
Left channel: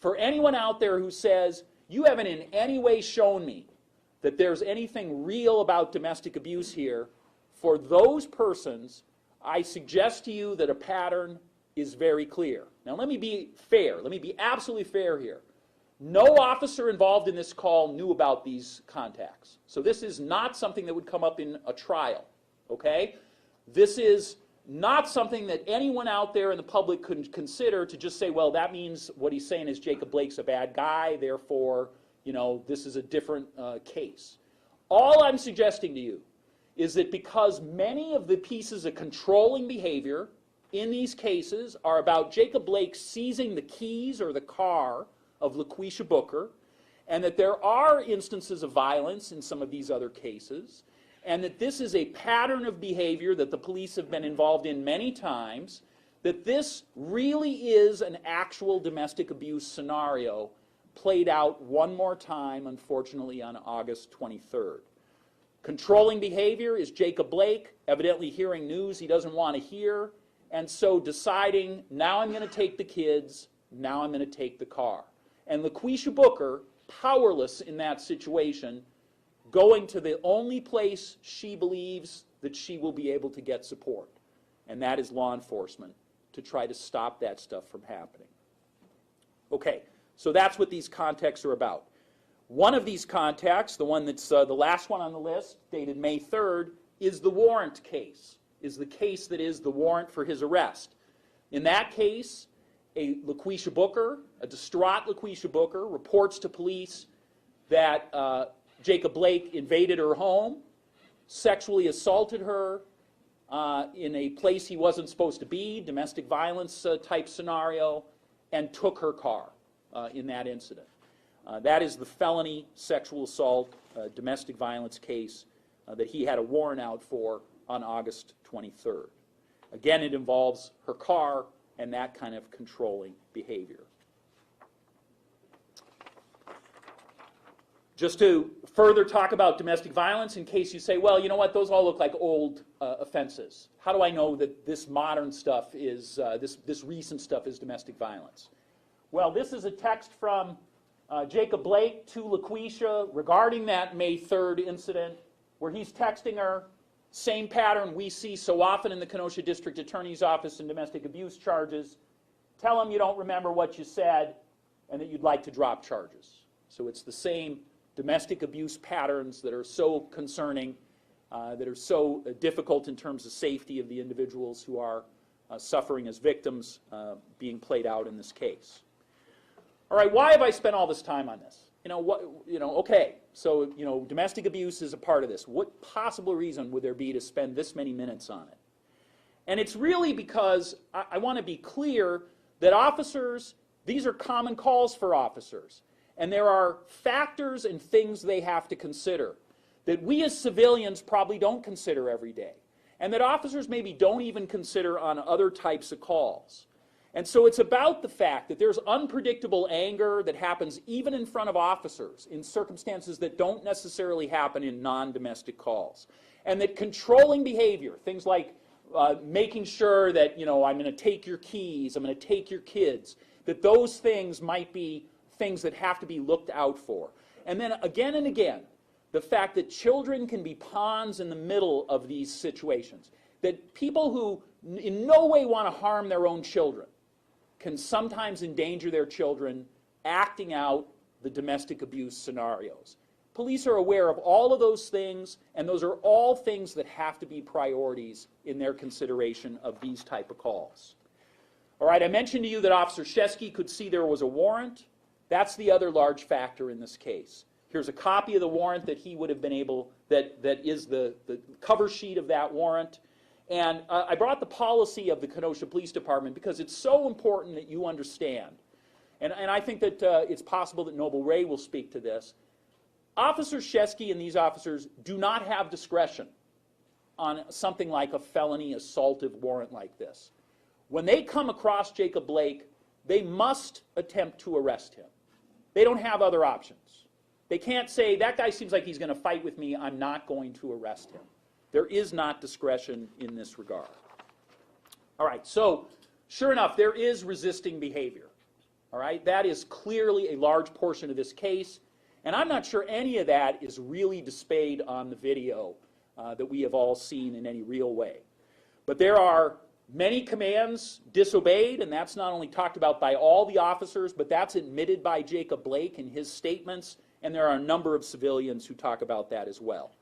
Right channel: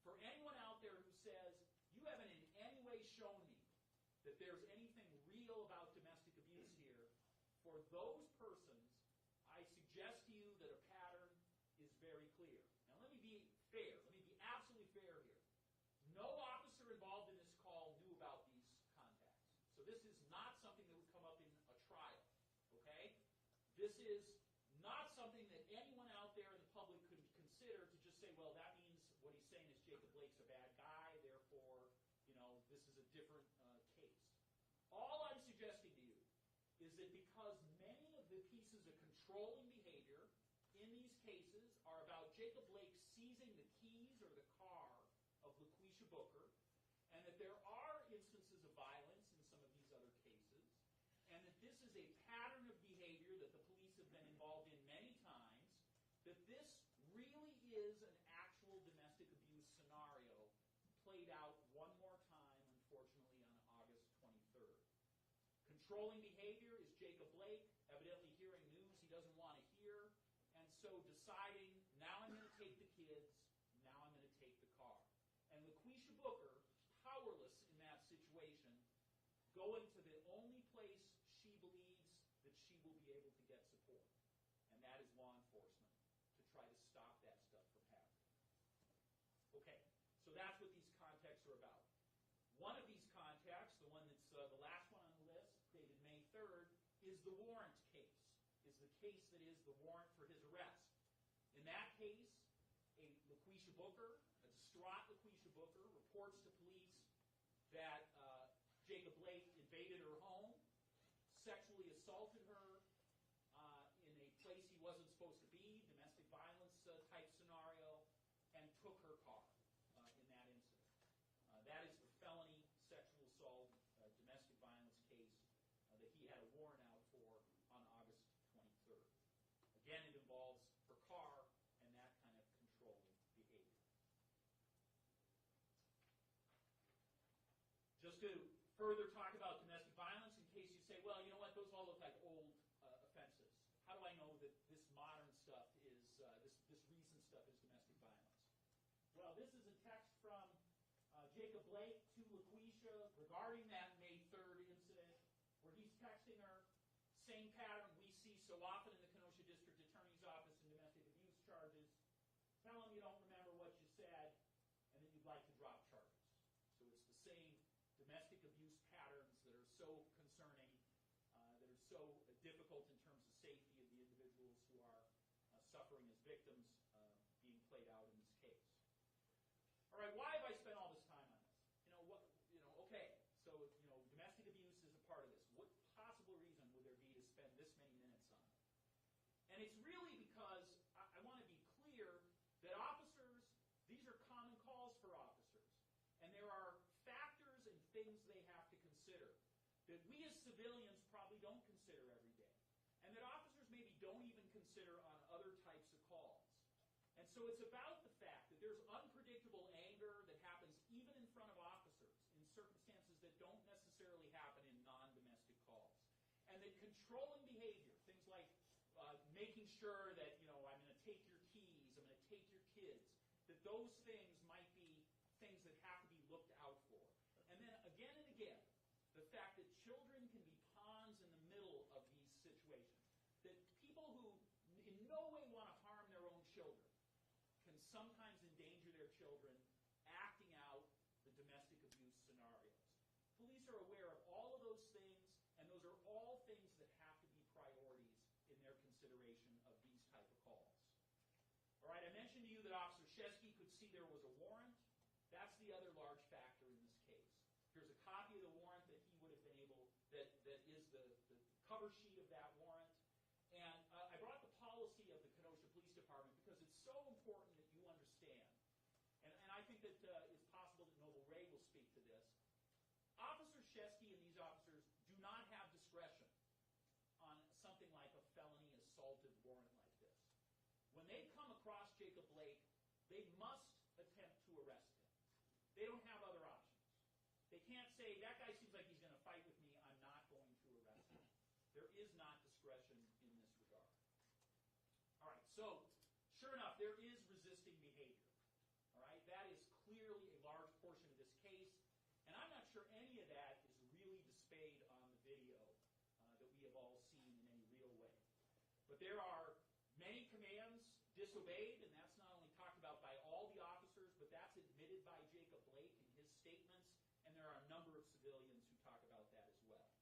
For anyone out there who says, you haven't in any way shown me that there's anything real about domestic abuse here, for those persons, I suggest to you that a pattern is very clear. Now let me be fair. Let me be absolutely fair here. No officer involved in this call knew about these contacts. So this is not something that would come up in a trial, okay? This is not something that anyone out there in the public could consider to just say, well, that means what he's saying is Jacob Blake's a bad guy, therefore, this is a different case. All I'm suggesting to you is that because many of the pieces of controlling behavior in these cases are about Jacob Blake seizing the keys or the car of LaQuisha Booker, and that there are instances of violence in some of these other cases, and that this is a pattern of behavior that the police have been involved in many times, that this really is an actual domestic abuse scenario played out one more time, unfortunately, on August 23rd. Controlling behavior is Jacob Blake, evidently hearing news he doesn't want to hear, and so deciding, now I'm going to take the kids, now I'm going to take the car. And LaQuisha Booker, powerless in that situation, going to the only place she believes that she will be able to get support, and that is law enforcement, to try to stop that stuff from happening. Okay, so that's what these contacts are about. One of these contacts, the one that's the last one on the list, dated May 3rd, is the warrant case, is the case that is the warrant for his arrest. In that case, a LaQuisha Booker, a distraught LaQuisha Booker, reports to police that Jacob Blake invaded her home, sexually assaulted her in a place he wasn't supposed to be, domestic violence type scenario, and took her car in that incident. That is the felony sexual assault, domestic violence case that he had a warrant out for on August 23rd. Again, it involves her car and that kind of controlling behavior. Just to further talk about domestic violence, in case you say, well, you know what, those all look like old offenses. How do I know that this modern stuff is, this recent stuff is domestic violence? Well, this is a text from Jacob Blake to LaQuisha regarding that May 3rd incident, where he's texting her, same pattern we see so often in the Kenosha District Attorney's Office in domestic abuse charges. Tell him you don't remember what you said and that you'd like to drop charges. So it's the same domestic abuse patterns that are so concerning, that are so difficult in terms of safety of the individuals who are suffering as victims being played out in this case. All right, why have I spent all this time on this? Okay, so, domestic abuse is a part of this. What possible reason would there be to spend this many minutes on it? And it's really because I want to be clear that officers, these are common calls for officers. And there are factors and things they have to consider that we as civilians probably don't consider every day. And that officers maybe don't even consider on other types of calls. And so it's about the fact that there's unpredictable anger that happens even in front of officers in circumstances that don't necessarily happen in non-domestic calls. And that controlling behavior, things like making sure that, I'm going to take your keys, I'm going to take your kids, that those things might be things that have to be looked out for. And then again and again, the fact that children can be pawns in the middle of these situations. That people who in no way want to harm their own children can sometimes endanger their children acting out the domestic abuse scenarios. Police are aware of all of those things, and those are all things that have to be priorities in their consideration of these type of calls. All right, I mentioned to you that Officer Shesky could see there was a warrant. That's the other large factor in this case. Here's a copy of the warrant that he would have been able, that is the cover sheet of that warrant. And I brought the policy of the Kenosha Police Department because it's so important that you understand. And I think that it's possible that Noble Ray will speak to this. Officer Shesky and these officers do not have discretion on something like a felony assaultive warrant like this. When they come across Jacob Blake, they must attempt to arrest him. They don't have other options. They can't say, that guy seems like he's going to fight with me, I'm not going to arrest him. There is not discretion in this regard. All right, so sure enough, there is resisting behavior. All right, that is clearly a large portion of this case, and I'm not sure any of that is really displayed on the video that we have all seen in any real way. But there are many commands disobeyed, and that's not only talked about by all the officers, but that's admitted by Jacob Blake in his statements, and there are a number of civilians who talk about that as well.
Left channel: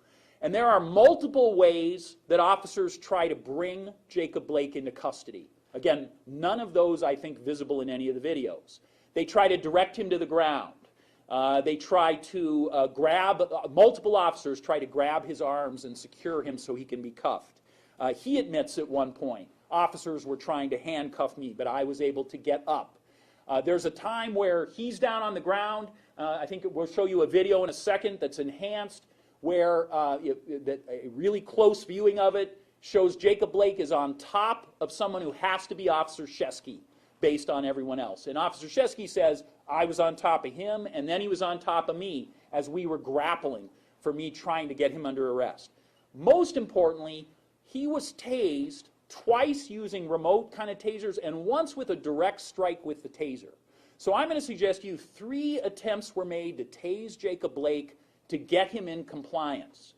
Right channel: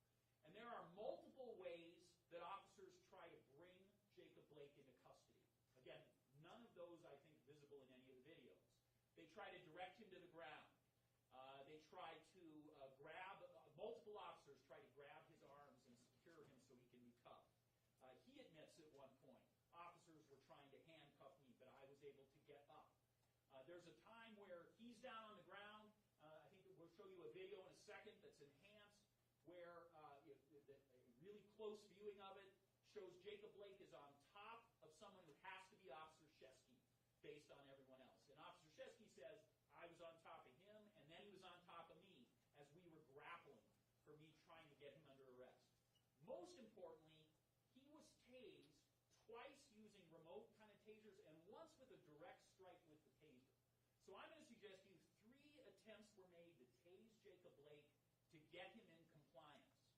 And there are multiple ways that officers try to bring Jacob Blake into custody. Again, none of those, I think, visible in any of the videos. They try to direct him to the ground. They try to multiple officers try to grab his arms and secure him so he can be cuffed. He admits at one point, officers were trying to handcuff me, but I was able to get up. There's a time where he's down on the ground. I think we'll show you a video in a second that's enhanced, where a really close viewing of it shows Jacob Blake is on top of someone who has to be Officer Shesky based on everyone else. And Officer Shesky says, I was on top of him, and then he was on top of me as we were grappling for me trying to get him under arrest. Most importantly, he was tased twice using remote kind of tasers and once with a direct strike with the taser. So I'm going to suggest to you 3 attempts were made to tase Jacob Blake to get him in compliance.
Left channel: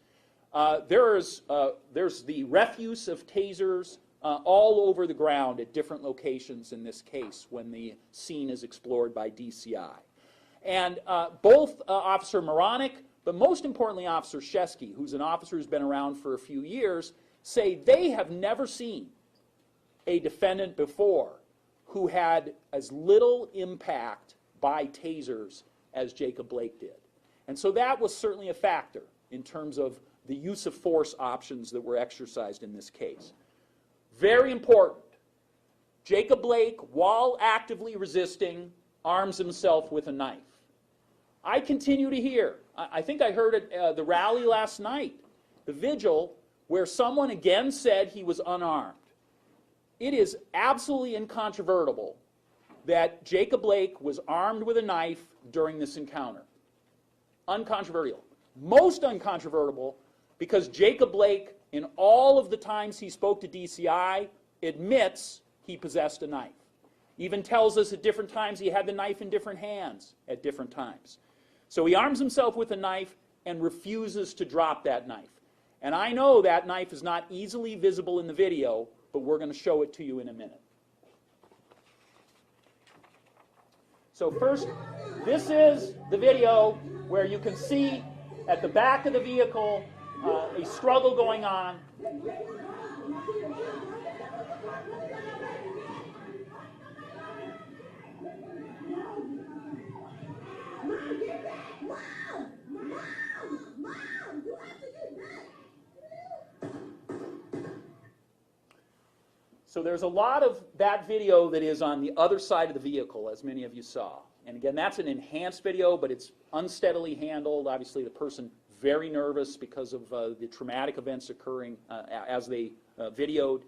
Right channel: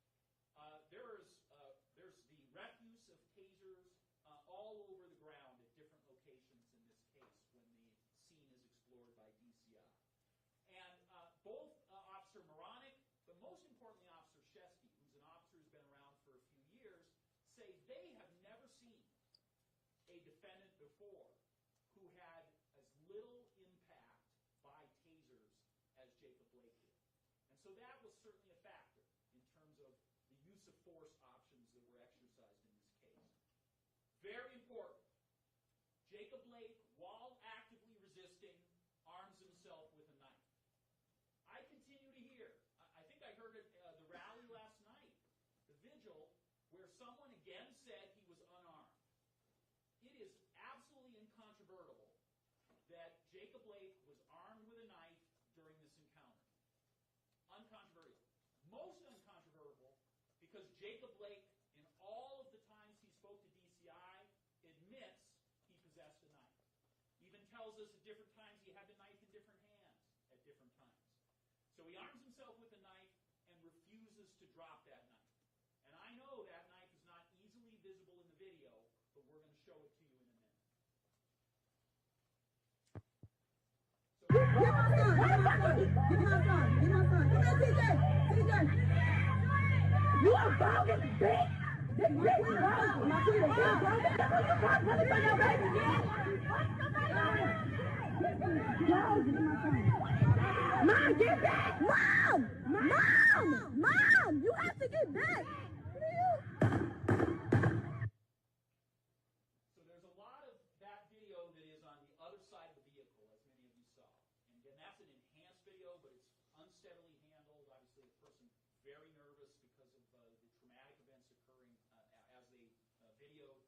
There's the refuse of tasers all over the ground at different locations in this case when the scene is explored by DCI. And both Officer Moronic, but most importantly Officer Shesky, who's an officer who's been around for a few years, say they have never seen a defendant before who had as little impact by tasers as Jacob Blake did. And so that was certainly a factor in terms of the use of force options that were exercised in this case. Very important. Jacob Blake, while actively resisting, arms himself with a knife. I continue to hear, I think I heard at the rally last night, the vigil, where someone again said he was unarmed. It is absolutely incontrovertible that Jacob Blake was armed with a knife during this encounter. Uncontroversial. Most uncontrovertible because Jacob Blake, in all of the times he spoke to DCI, admits he possessed a knife. Even tells us at different times he had the knife in different hands at different times. So he arms himself with a knife and refuses to drop that knife. And I know that knife is not easily visible in the video, but we're going to show it to you in a minute. So first, this is the video where you can see at the back of the vehicle a struggle going on. Mom, get back! Mom! Mom! Mom! You have to get back! So there's a lot of that video that is on the other side of the vehicle, as many of you saw. And again, that's an enhanced video, but it's unsteadily handled. Obviously, the person very nervous because of the traumatic events occurring as they videoed.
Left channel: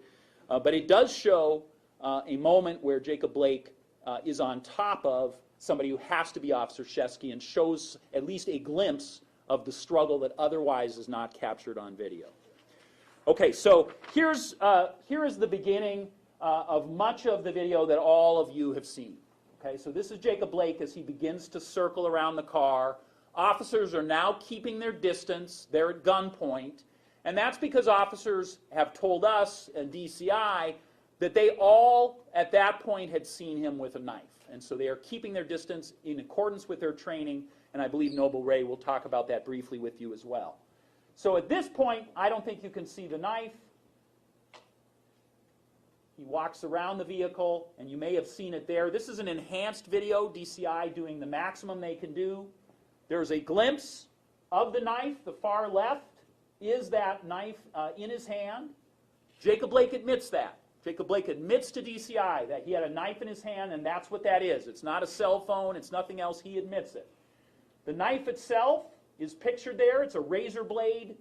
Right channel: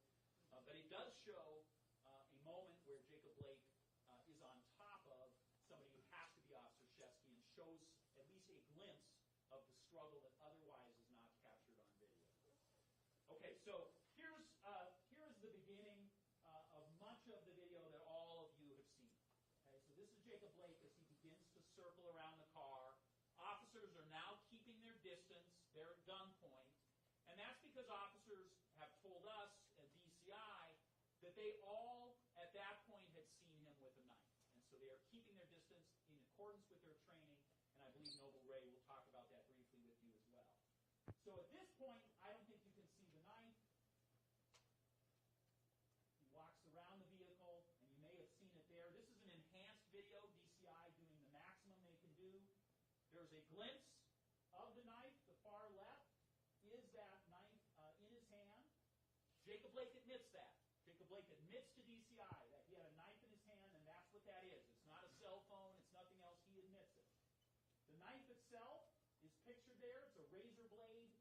But it does show a moment where Jacob Blake is on top of somebody who has to be Officer Shesky and shows at least a glimpse of the struggle that otherwise is not captured on video. Okay, so here is the beginning of much of the video that all of you have seen. Okay, so this is Jacob Blake as he begins to circle around the car. Officers are now keeping their distance. They're at gunpoint. And that's because officers have told us and DCI that they all, at that point, had seen him with a knife. And so they are keeping their distance in accordance with their training. And I believe Noble Ray will talk about that briefly with you as well. So at this point, I don't think you can see the knife. He walks around the vehicle, and you may have seen it there. This is an enhanced video, DCI doing the maximum they can do. There's a glimpse of the knife. The far left is that knife in his hand. Jacob Blake admits that. Jacob Blake admits to DCI that he had a knife in his hand, and that's what that is. It's not a cell phone. It's nothing else. He admits it. The knife itself is pictured there. It's a razor blade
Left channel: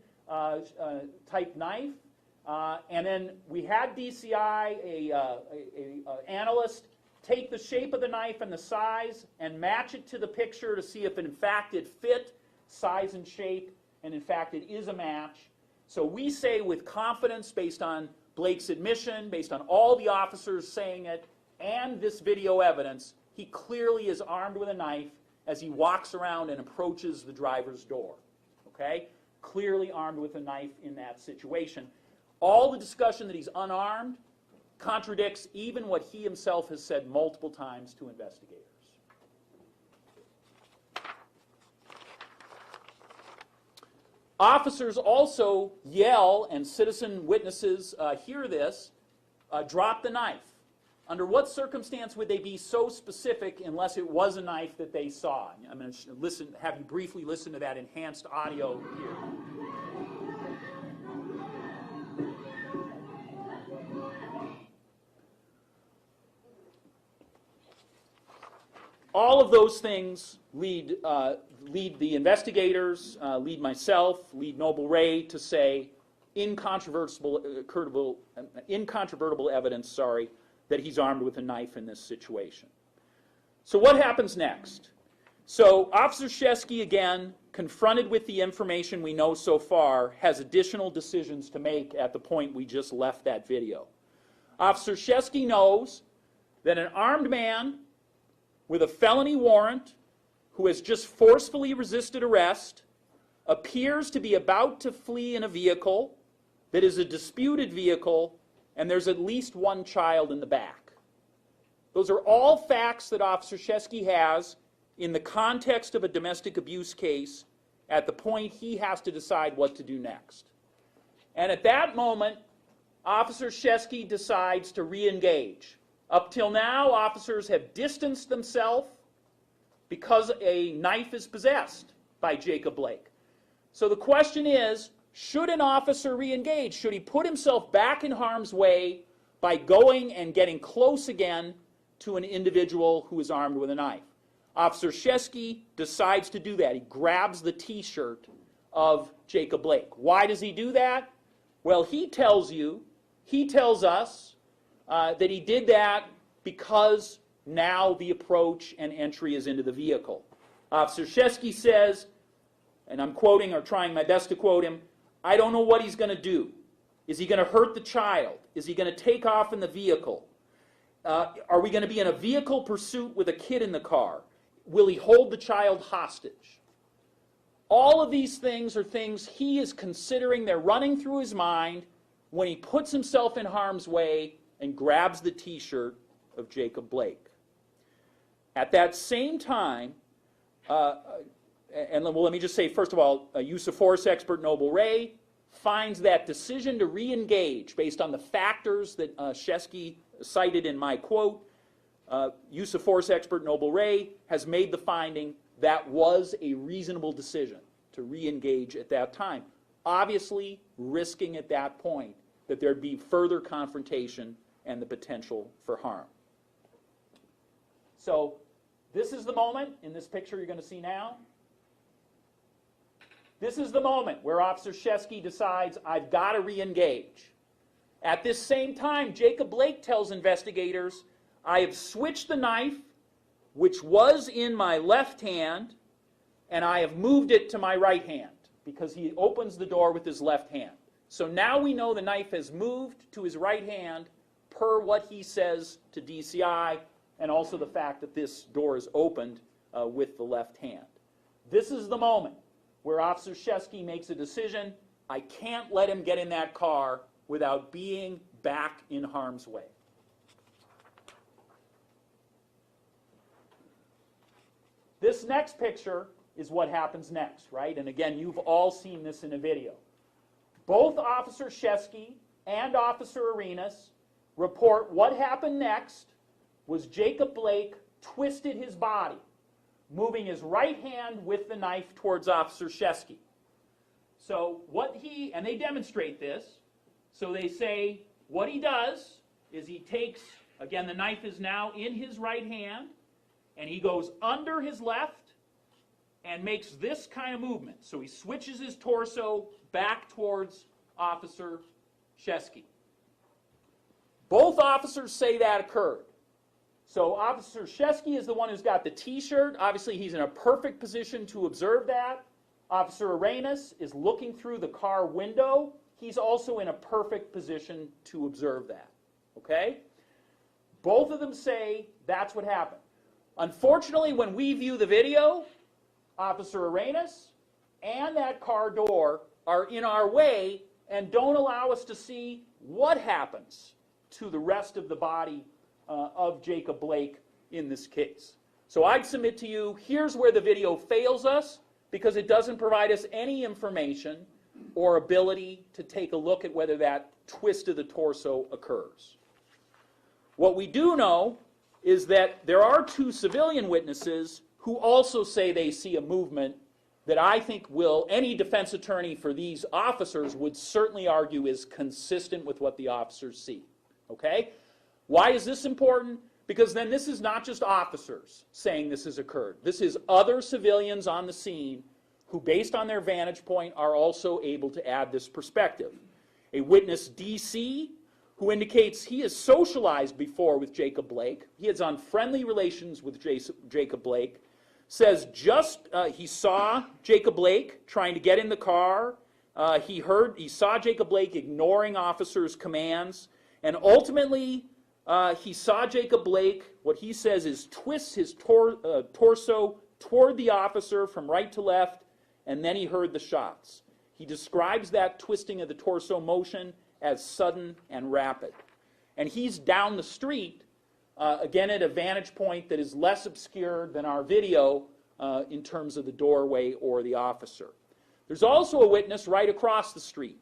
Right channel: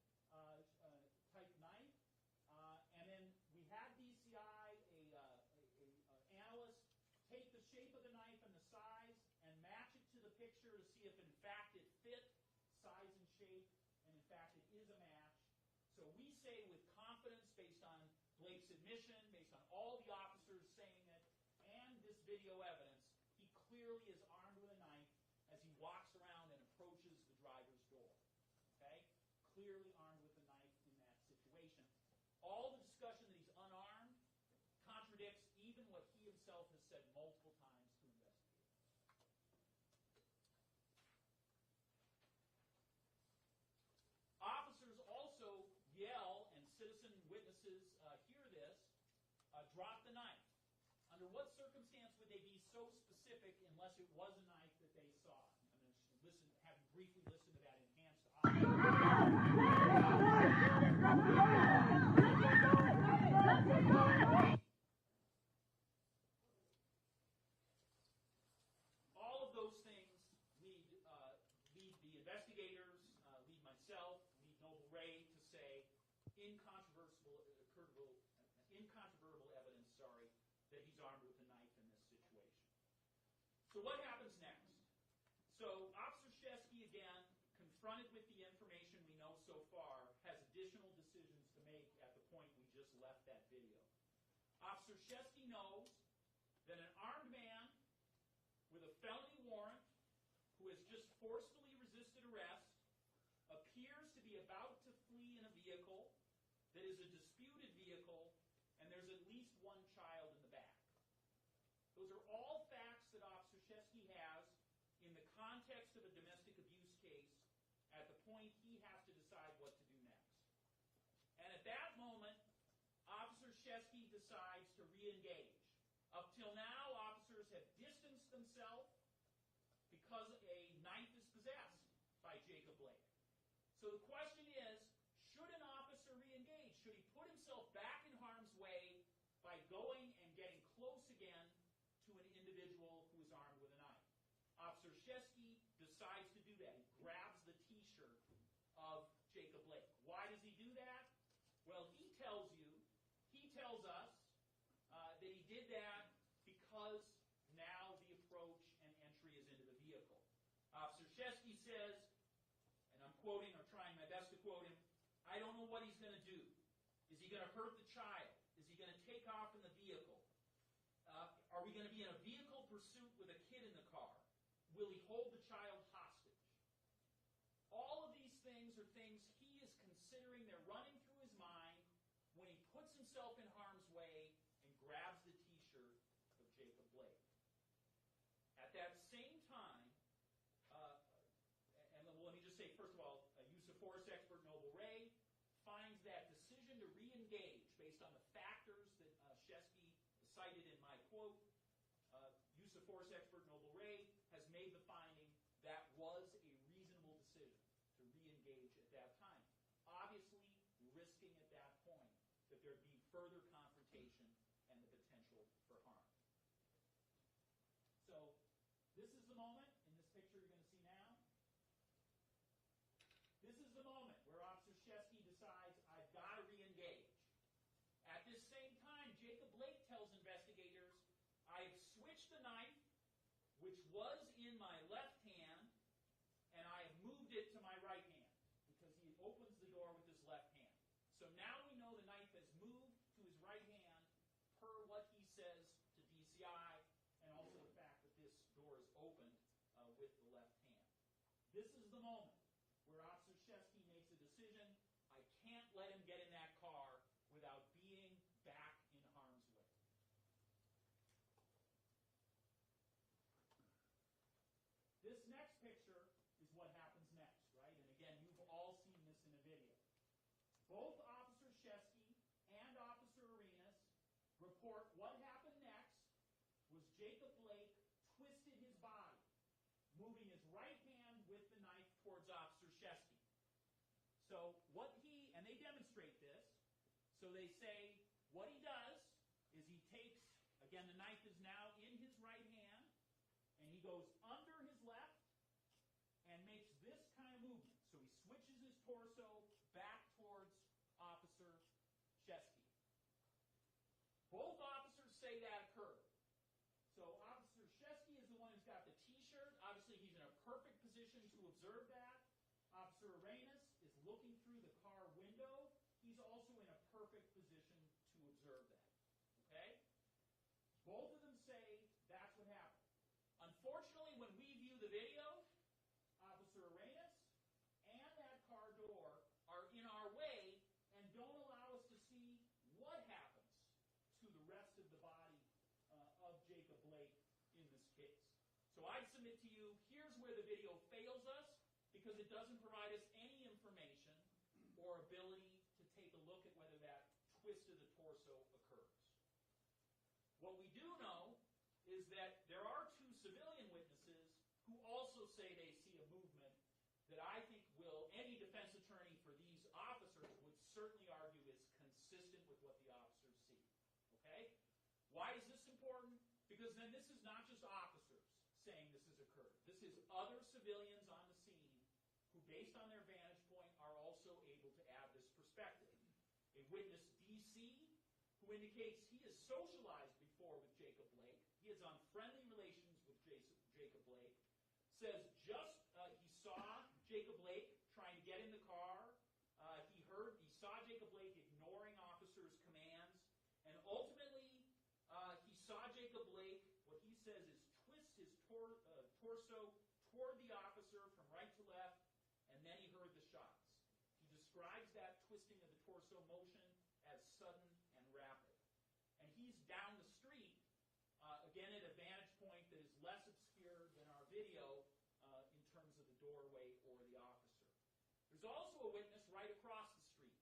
type knife. And then we had DCI, a analyst, take the shape of the knife and the size and match it to the picture to see if in fact it fit size and shape, and in fact it is a match. So we say with confidence, based on Blake's admission, based on all the officers saying it, and this video evidence, he clearly is armed with a knife as he walks around and approaches the driver's door. Okay? Clearly armed with a knife in that situation. All the discussion that he's unarmed contradicts even what he himself has said multiple times to investigators. Officers also yell, and citizen witnesses hear this, drop the knife. Under what circumstance would they be so specific unless it was a knife that they saw? I'm going to have you briefly listen to that enhanced audio. All of those things lead the investigators, lead myself, lead Noble Ray to say incontrovertible evidence, that he's armed with a knife in this situation. So what happens next? So Officer Shesky, again, confronted with the information we know so far, has additional decisions to make at the point we just left that video. Officer Shesky knows that an armed man with a felony warrant who has just forcefully resisted arrest appears to be about to flee in a vehicle that is a disputed vehicle, and there's at least one child in the back. Those are all facts that Officer Shesky has in the context of a domestic abuse case at the point he has to decide what to do next. And at that moment, Officer Shesky decides to re-engage. Up till now, officers have distanced themselves because a knife is possessed by Jacob Blake. So the question is, should an officer re-engage? Should he put himself back in harm's way by going and getting close again to an individual who is armed with a knife? Officer Shesky decides to do that. He grabs the T-shirt of Jacob Blake. Why does he do that? Well, he tells us that he did that because now the approach and entry is into the vehicle. Officer Shesky says, and I'm quoting or trying my best to quote him, "I don't know what he's going to do. Is he going to hurt the child? Is he going to take off in the vehicle? Are we going to be in a vehicle pursuit with a kid in the car? Will he hold the child hostage?" All of these things are things he is considering. They're running through his mind when he puts himself in harm's way and grabs the T-shirt of Jacob Blake. At that same time, let me just say, first of all, a use of force expert, Noble Ray, finds that decision to re-engage based on the factors that Shesky cited in my quote. Use of force expert Noble Ray has made the finding that was a reasonable decision to re-engage at that time, obviously risking at that point that there'd be further confrontation and the potential for harm. So this is the moment in this picture you're going to see now. This is the moment where Officer Shesky decides, I've got to re-engage. At this same time, Jacob Blake tells investigators, I have switched the knife, which was in my left hand, and I have moved it to my right hand, because he opens the door with his left hand. So now we know the knife has moved to his right hand per what he says to DCI, and also the fact that this door is opened with the left hand. This is the moment where Officer Shesky makes a decision. I can't let him get in that car without being back in harm's way. This next picture is what happens next, right? And again, you've all seen this in a video. Both Officer Shesky and Officer Arenas report what happened next was Jacob Blake twisted his body, moving his right hand with the knife towards Officer Shesky. So and they demonstrate this, so they say what he does is he takes, again the knife is now in his right hand, and he goes under his left and makes this kind of movement. So he switches his torso back towards Officer Shesky. Both officers say that occurred. So Officer Shesky is the one who's got the T-shirt. Obviously, he's in a perfect position to observe that. Officer Arenas is looking through the car window. He's also in a perfect position to observe that. Okay? Both of them say that's what happened. Unfortunately, when we view the video, Officer Arenas and that car door are in our way and don't allow us to see what happens to the rest of the body of Jacob Blake in this case. So I'd submit to you, here's where the video fails us, because it doesn't provide us any information or ability to take a look at whether that twist of the torso occurs. What we do know is that there are two civilian witnesses who also say they see a movement that I think any defense attorney for these officers would certainly argue is consistent with what the officers see. Okay? Why is this important? Because then this is not just officers saying this has occurred. This is other civilians on the scene who, based on their vantage point, are also able to add this perspective. A witness, DC, who indicates he has socialized before with Jacob Blake, he is on friendly relations with Jacob Blake, says he saw Jacob Blake trying to get in the car. He saw Jacob Blake ignoring officers' commands, and ultimately he saw Jacob Blake, what he says is twist his torso toward the officer from right to left, and then he heard the shots. He describes that twisting of the torso motion as sudden and rapid. And he's down the street, again at a vantage point that is less obscure than our video in terms of the doorway or the officer. There's also a witness right across the street.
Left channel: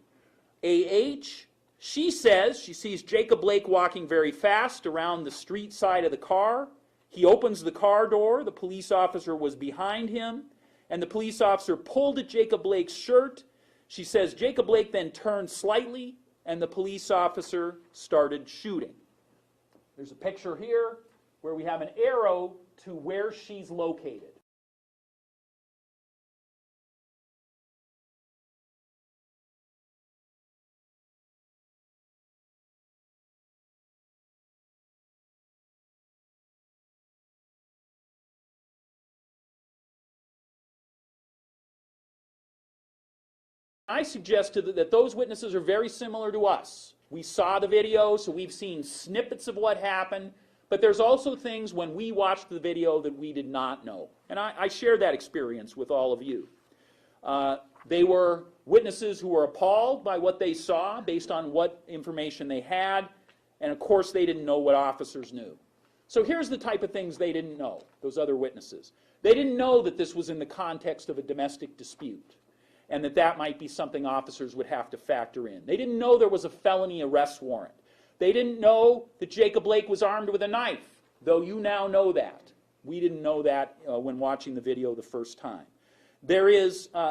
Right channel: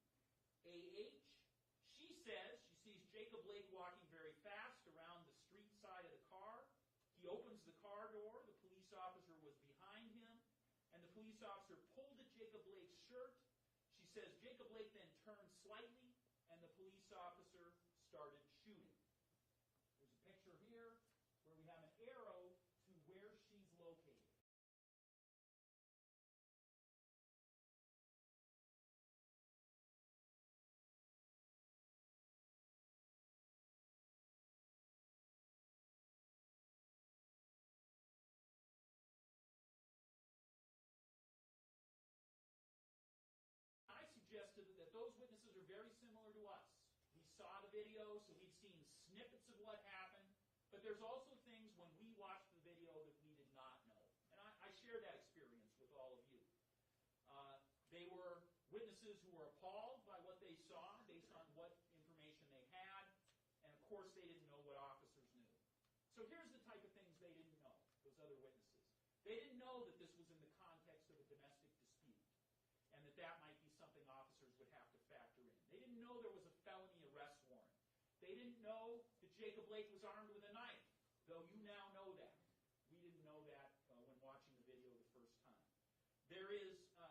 A.H., she says she sees Jacob Blake walking very fast around the street side of the car. He opens the car door. The police officer was behind him, and the police officer pulled at Jacob Blake's shirt. She says Jacob Blake then turned slightly, and the police officer started shooting. There's a picture here where we have an arrow to where she's located. I suggested that those witnesses are very similar to us. We saw the video, so we've seen snippets of what happened, but there's also things when we watched the video that we did not know. And I share that experience with all of you. They were witnesses who were appalled by what they saw based on what information they had, and of course they didn't know what officers knew. So here's the type of things they didn't know, those other witnesses. They didn't know that this was in the context of a domestic dispute, and that might be something officers would have to factor in. They didn't know there was a felony arrest warrant. They didn't know that Jacob Blake was armed with a knife, though you now know that. We didn't know that when watching the video the first time. They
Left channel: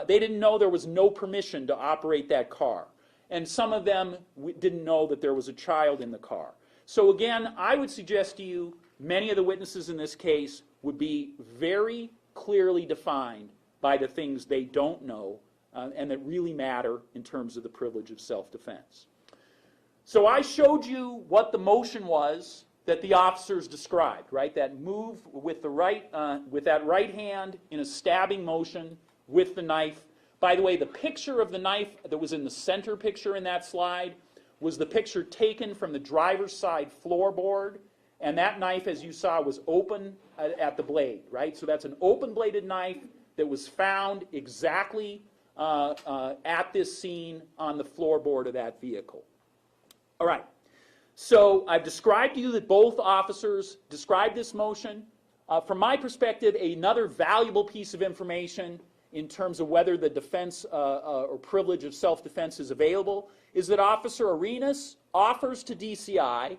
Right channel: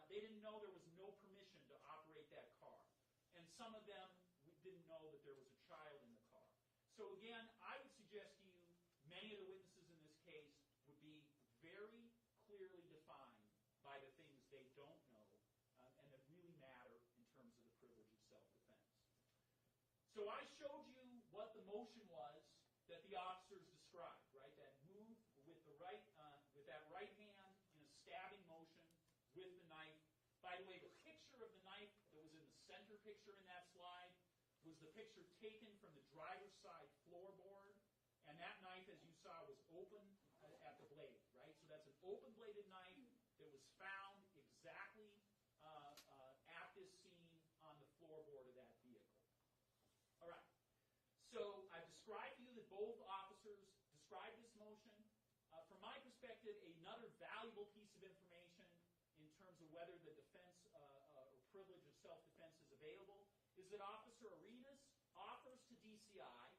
didn't know there was no permission to operate that car. And some of them didn't know that there was a child in the car. So again, I would suggest to you, many of the witnesses in this case would be very clearly defined by the things they don't know and that really matter in terms of the privilege of self-defense. So I showed you what the motion was that the officers described, right? That move with that right hand in a stabbing motion with the knife. By the way, the picture of the knife that was in the center picture in that slide was the picture taken from the driver's side floorboard, and that knife, as you saw, was open at the blade, right? So that's an open-bladed knife that was found exactly at this scene on the floorboard of that vehicle. All right, so I've described to you that both officers described this motion. From my perspective, another valuable piece of information in terms of whether the defense or privilege of self-defense is available is that Officer Arenas offers to DCI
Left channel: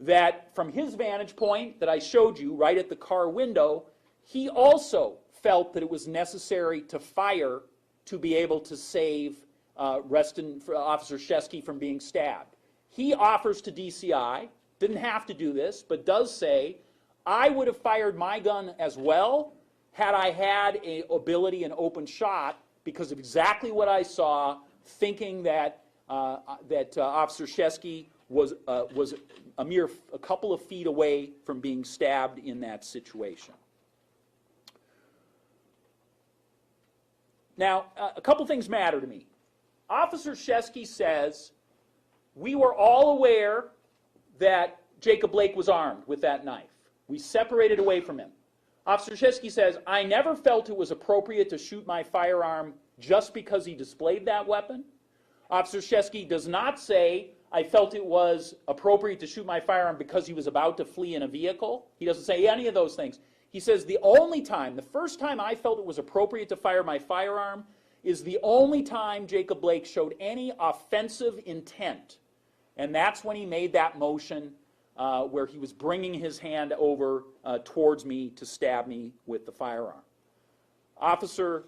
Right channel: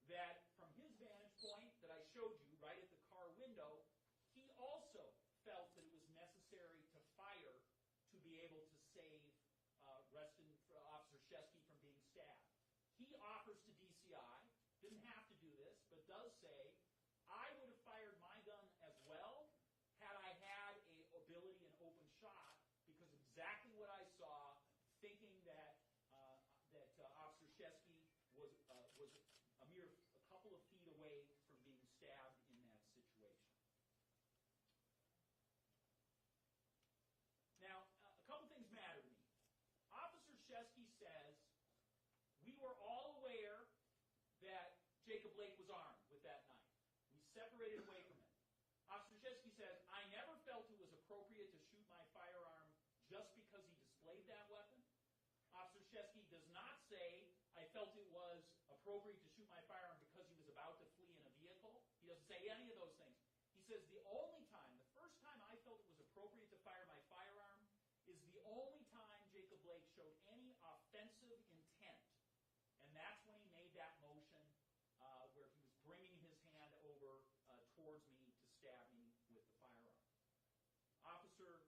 that from his vantage point that I showed you right at the car window, he also felt that it was necessary to fire to be able to save Officer Shesky from being stabbed. He offers to DCI, didn't have to do this, but does say, I would have fired my gun as well had I had an ability, an open shot, because of exactly what I saw, thinking that Officer Shesky was a couple of feet away from being stabbed in that situation. Now, a couple things matter to me. Officer Shesky says, we were all aware that Jacob Blake was armed with that knife. We separated away from him. Officer Shesky says, I never felt it was appropriate to shoot my firearm just because he displayed that weapon. Officer Shesky does not say, I felt it was appropriate to shoot my firearm because he was about to flee in a vehicle. He doesn't say any of those things. He says the only time, the first time I felt it was appropriate to fire my firearm is the only time Jacob Blake showed any offensive intent. And that's when he made that motion where he was bringing his hand over towards me to stab me with the firearm. Officer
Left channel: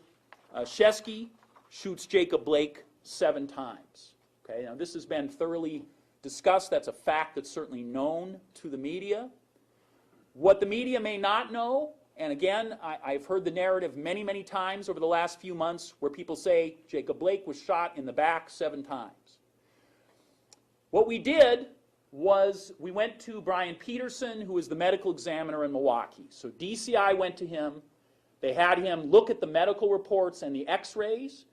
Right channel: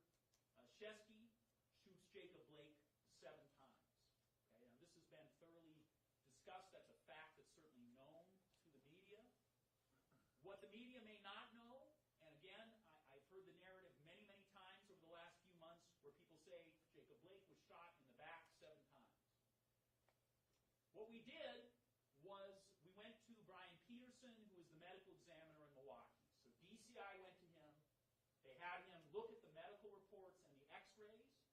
Shesky shoots Jacob Blake 7 times. Okay, now this has been thoroughly discussed. That's a fact that's certainly known to the media. What the media may not know, and again, I've heard the narrative many, many times over the last few months where people say Jacob Blake was shot in the back 7 times. What we did was we went to Brian Peterson, who is the medical examiner in Milwaukee. So DCI went to him. They had him look at the medical reports and the x-rays.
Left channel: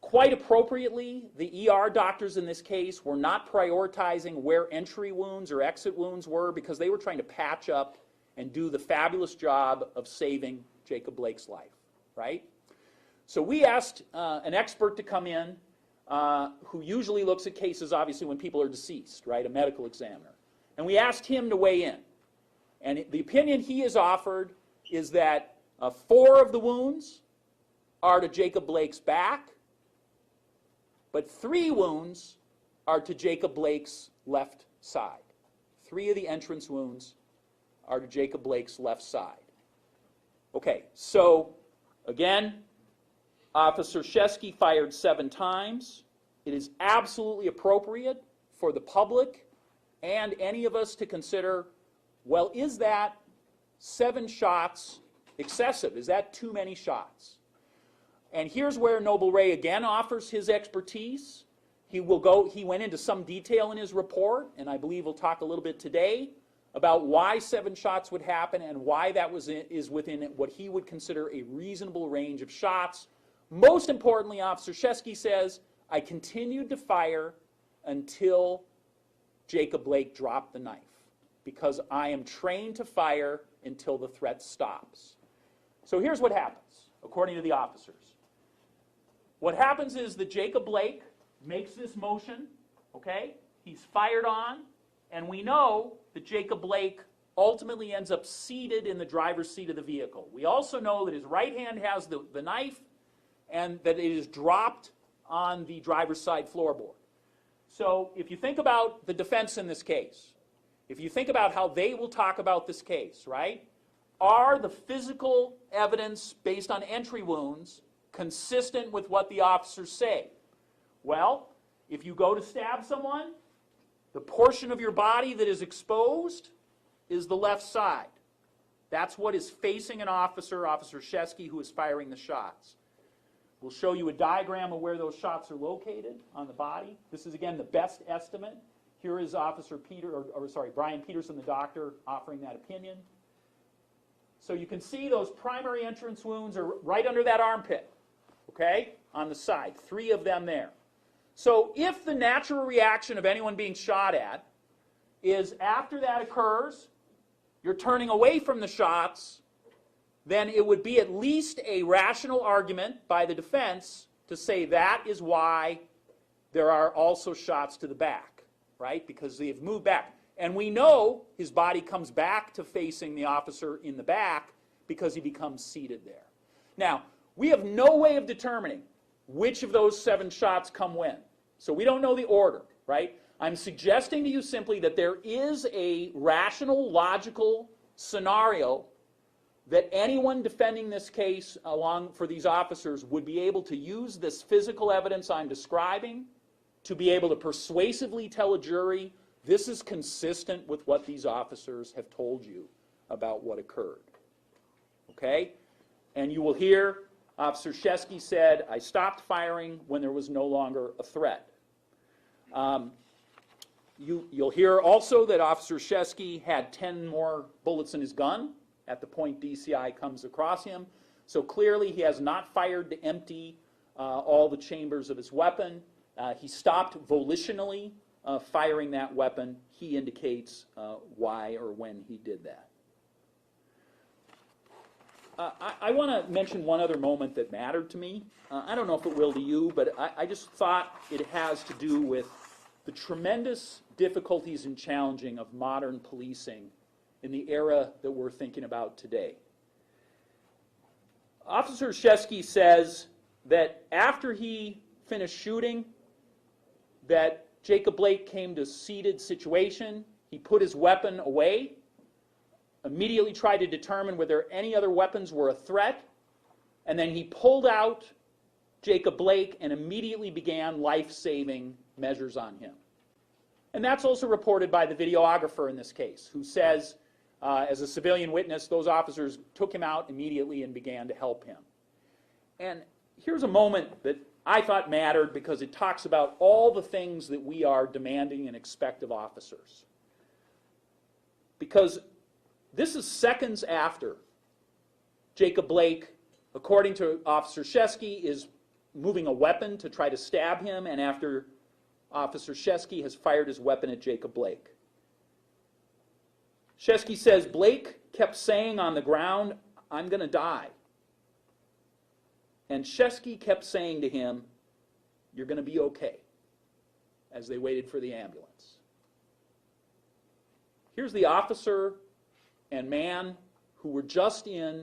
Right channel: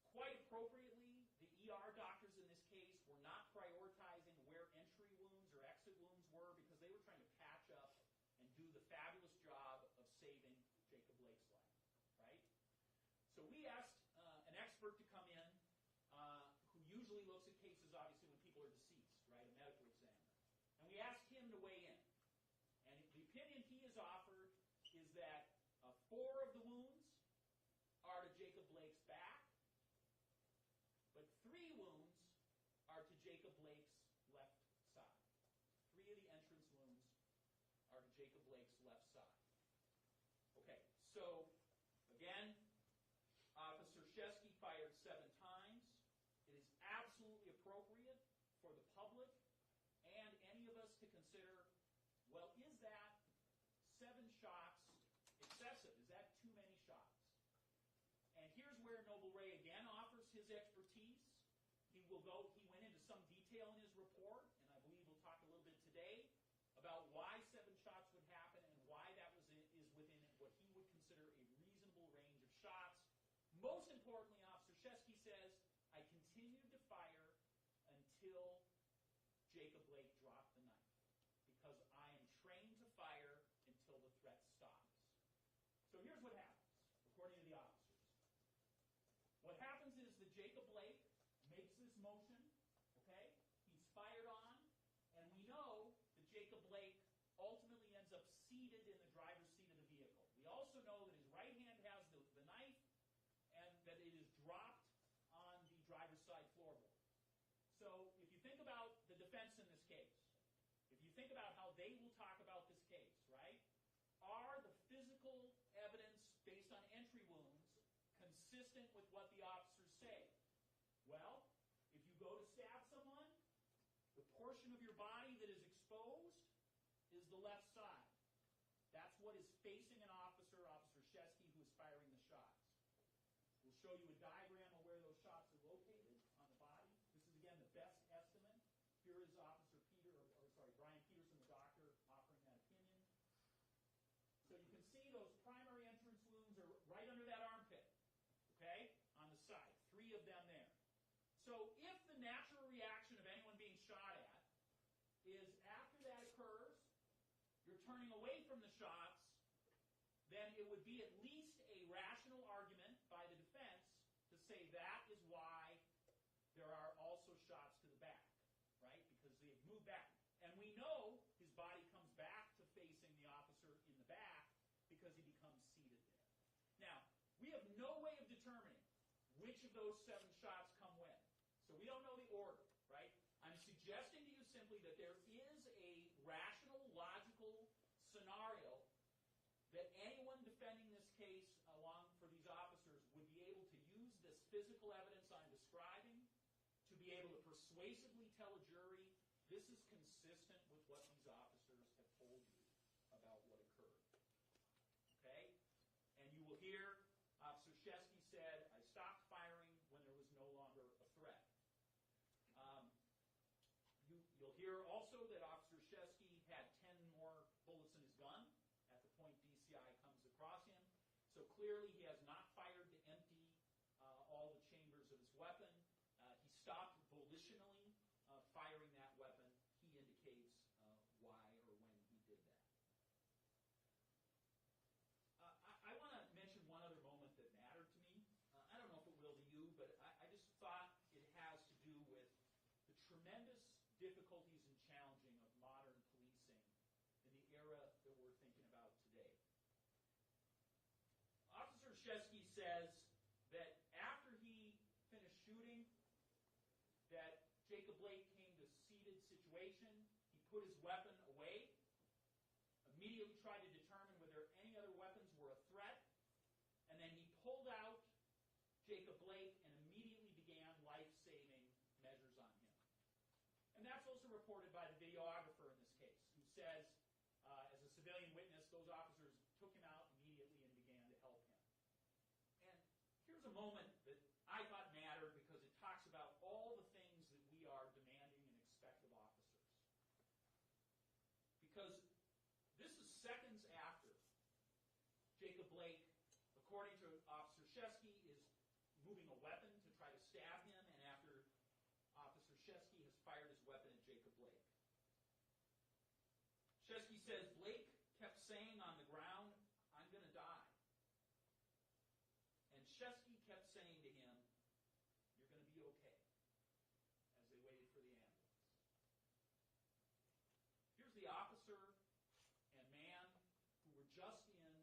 Quite appropriately, the ER doctors in this case were not prioritizing where entry wounds or exit wounds were because they were trying to patch up and do the fabulous job of saving Jacob Blake's life, right? So we asked an expert to come in who usually looks at cases, obviously, when people are deceased, right, a medical examiner. And we asked him to weigh in. And the opinion he has offered is that 4 of the wounds are to Jacob Blake's back, but 3 wounds are to Jacob Blake's left side. 3 of the entrance wounds are to Jacob Blake's left side. Okay, so again, Officer Shesky fired 7 times. It is absolutely appropriate for the public and any of us to consider, well, is that 7 shots excessive? Is that too many shots? And here's where Noble Ray again offers his expertise. He went into some detail in his report, and I believe we'll talk a little bit today about why 7 shots would happen and why that is within what he would consider a reasonable range of shots. Most importantly, Officer Shesky says, I continued to fire until Jacob Blake dropped the knife, because I am trained to fire until the threat stops. So here's what happens, according to the officers. What happens is that Jacob Blake makes this motion, okay? He's fired on, and we know that Jacob Blake ultimately ends up seated in the driver's seat of the vehicle. We also know that his right hand has the knife and that it is dropped on the driver's side floorboard. So if you think about the defense in this case, if you think about how they will talk about this case, right? Are the physical evidence based on entry wounds consistent with what the officers say? Well, if you go to stab someone, the portion of your body that is exposed is the left side. That's what is facing an officer, Officer Shesky, who is firing the shots. We'll show you a diagram of where those shots are located on the body. This is, again, the best estimate. Here is Brian Peterson, the doctor, offering that opinion. So you can see those primary entrance wounds are right under that armpit, okay, on the side, 3 of them there. So if the natural reaction of anyone being shot at is after that occurs, you're turning away from the shots, then it would be at least a rational argument by the defense to say that is why there are also shots to the back, right? Because they've moved back. And we know his body comes back to facing the officer in the back because he becomes seated there. Now, we have no way of determining which of those 7 shots come when. So we don't know the order, right? I'm suggesting to you simply that there is a rational, logical scenario that anyone defending this case for these officers would be able to use this physical evidence I'm describing to be able to persuasively tell a jury this is consistent with what these officers have told you about what occurred. Okay? And you will hear Officer Shesky said, I stopped firing when there was no longer a threat. You'll hear also that Officer Shesky had 10 more bullets in his gun at the point DCI comes across him. So clearly he has not fired to empty all the chambers of his weapon. He stopped volitionally firing that weapon. He indicates why or when he did that. I want to mention one other moment that mattered to me. I don't know if it will to you, but I just thought it has to do with the tremendous difficulties and challenging of modern policing in the era that we're thinking about today. Officer Shesky says that after he finished shooting, that Jacob Blake came to a seated situation. He put his weapon away, immediately tried to determine whether any other weapons were a threat, and then he pulled out Jacob Blake and immediately began life-saving measures on him. And that's also reported by the videographer in this case, who says, as a civilian witness, those officers took him out immediately and began to help him. And here's a moment that I thought mattered because it talks about all the things that we are demanding and expect of officers. Because this is seconds after Jacob Blake, according to Officer Shesky, is moving a weapon to try to stab him, and after Officer Shesky has fired his weapon at Jacob Blake. Shesky says, Blake kept saying on the ground, I'm going to die. And Shesky kept saying to him, you're going to be okay, as they waited for the ambulance. Here's the officer and man who were just in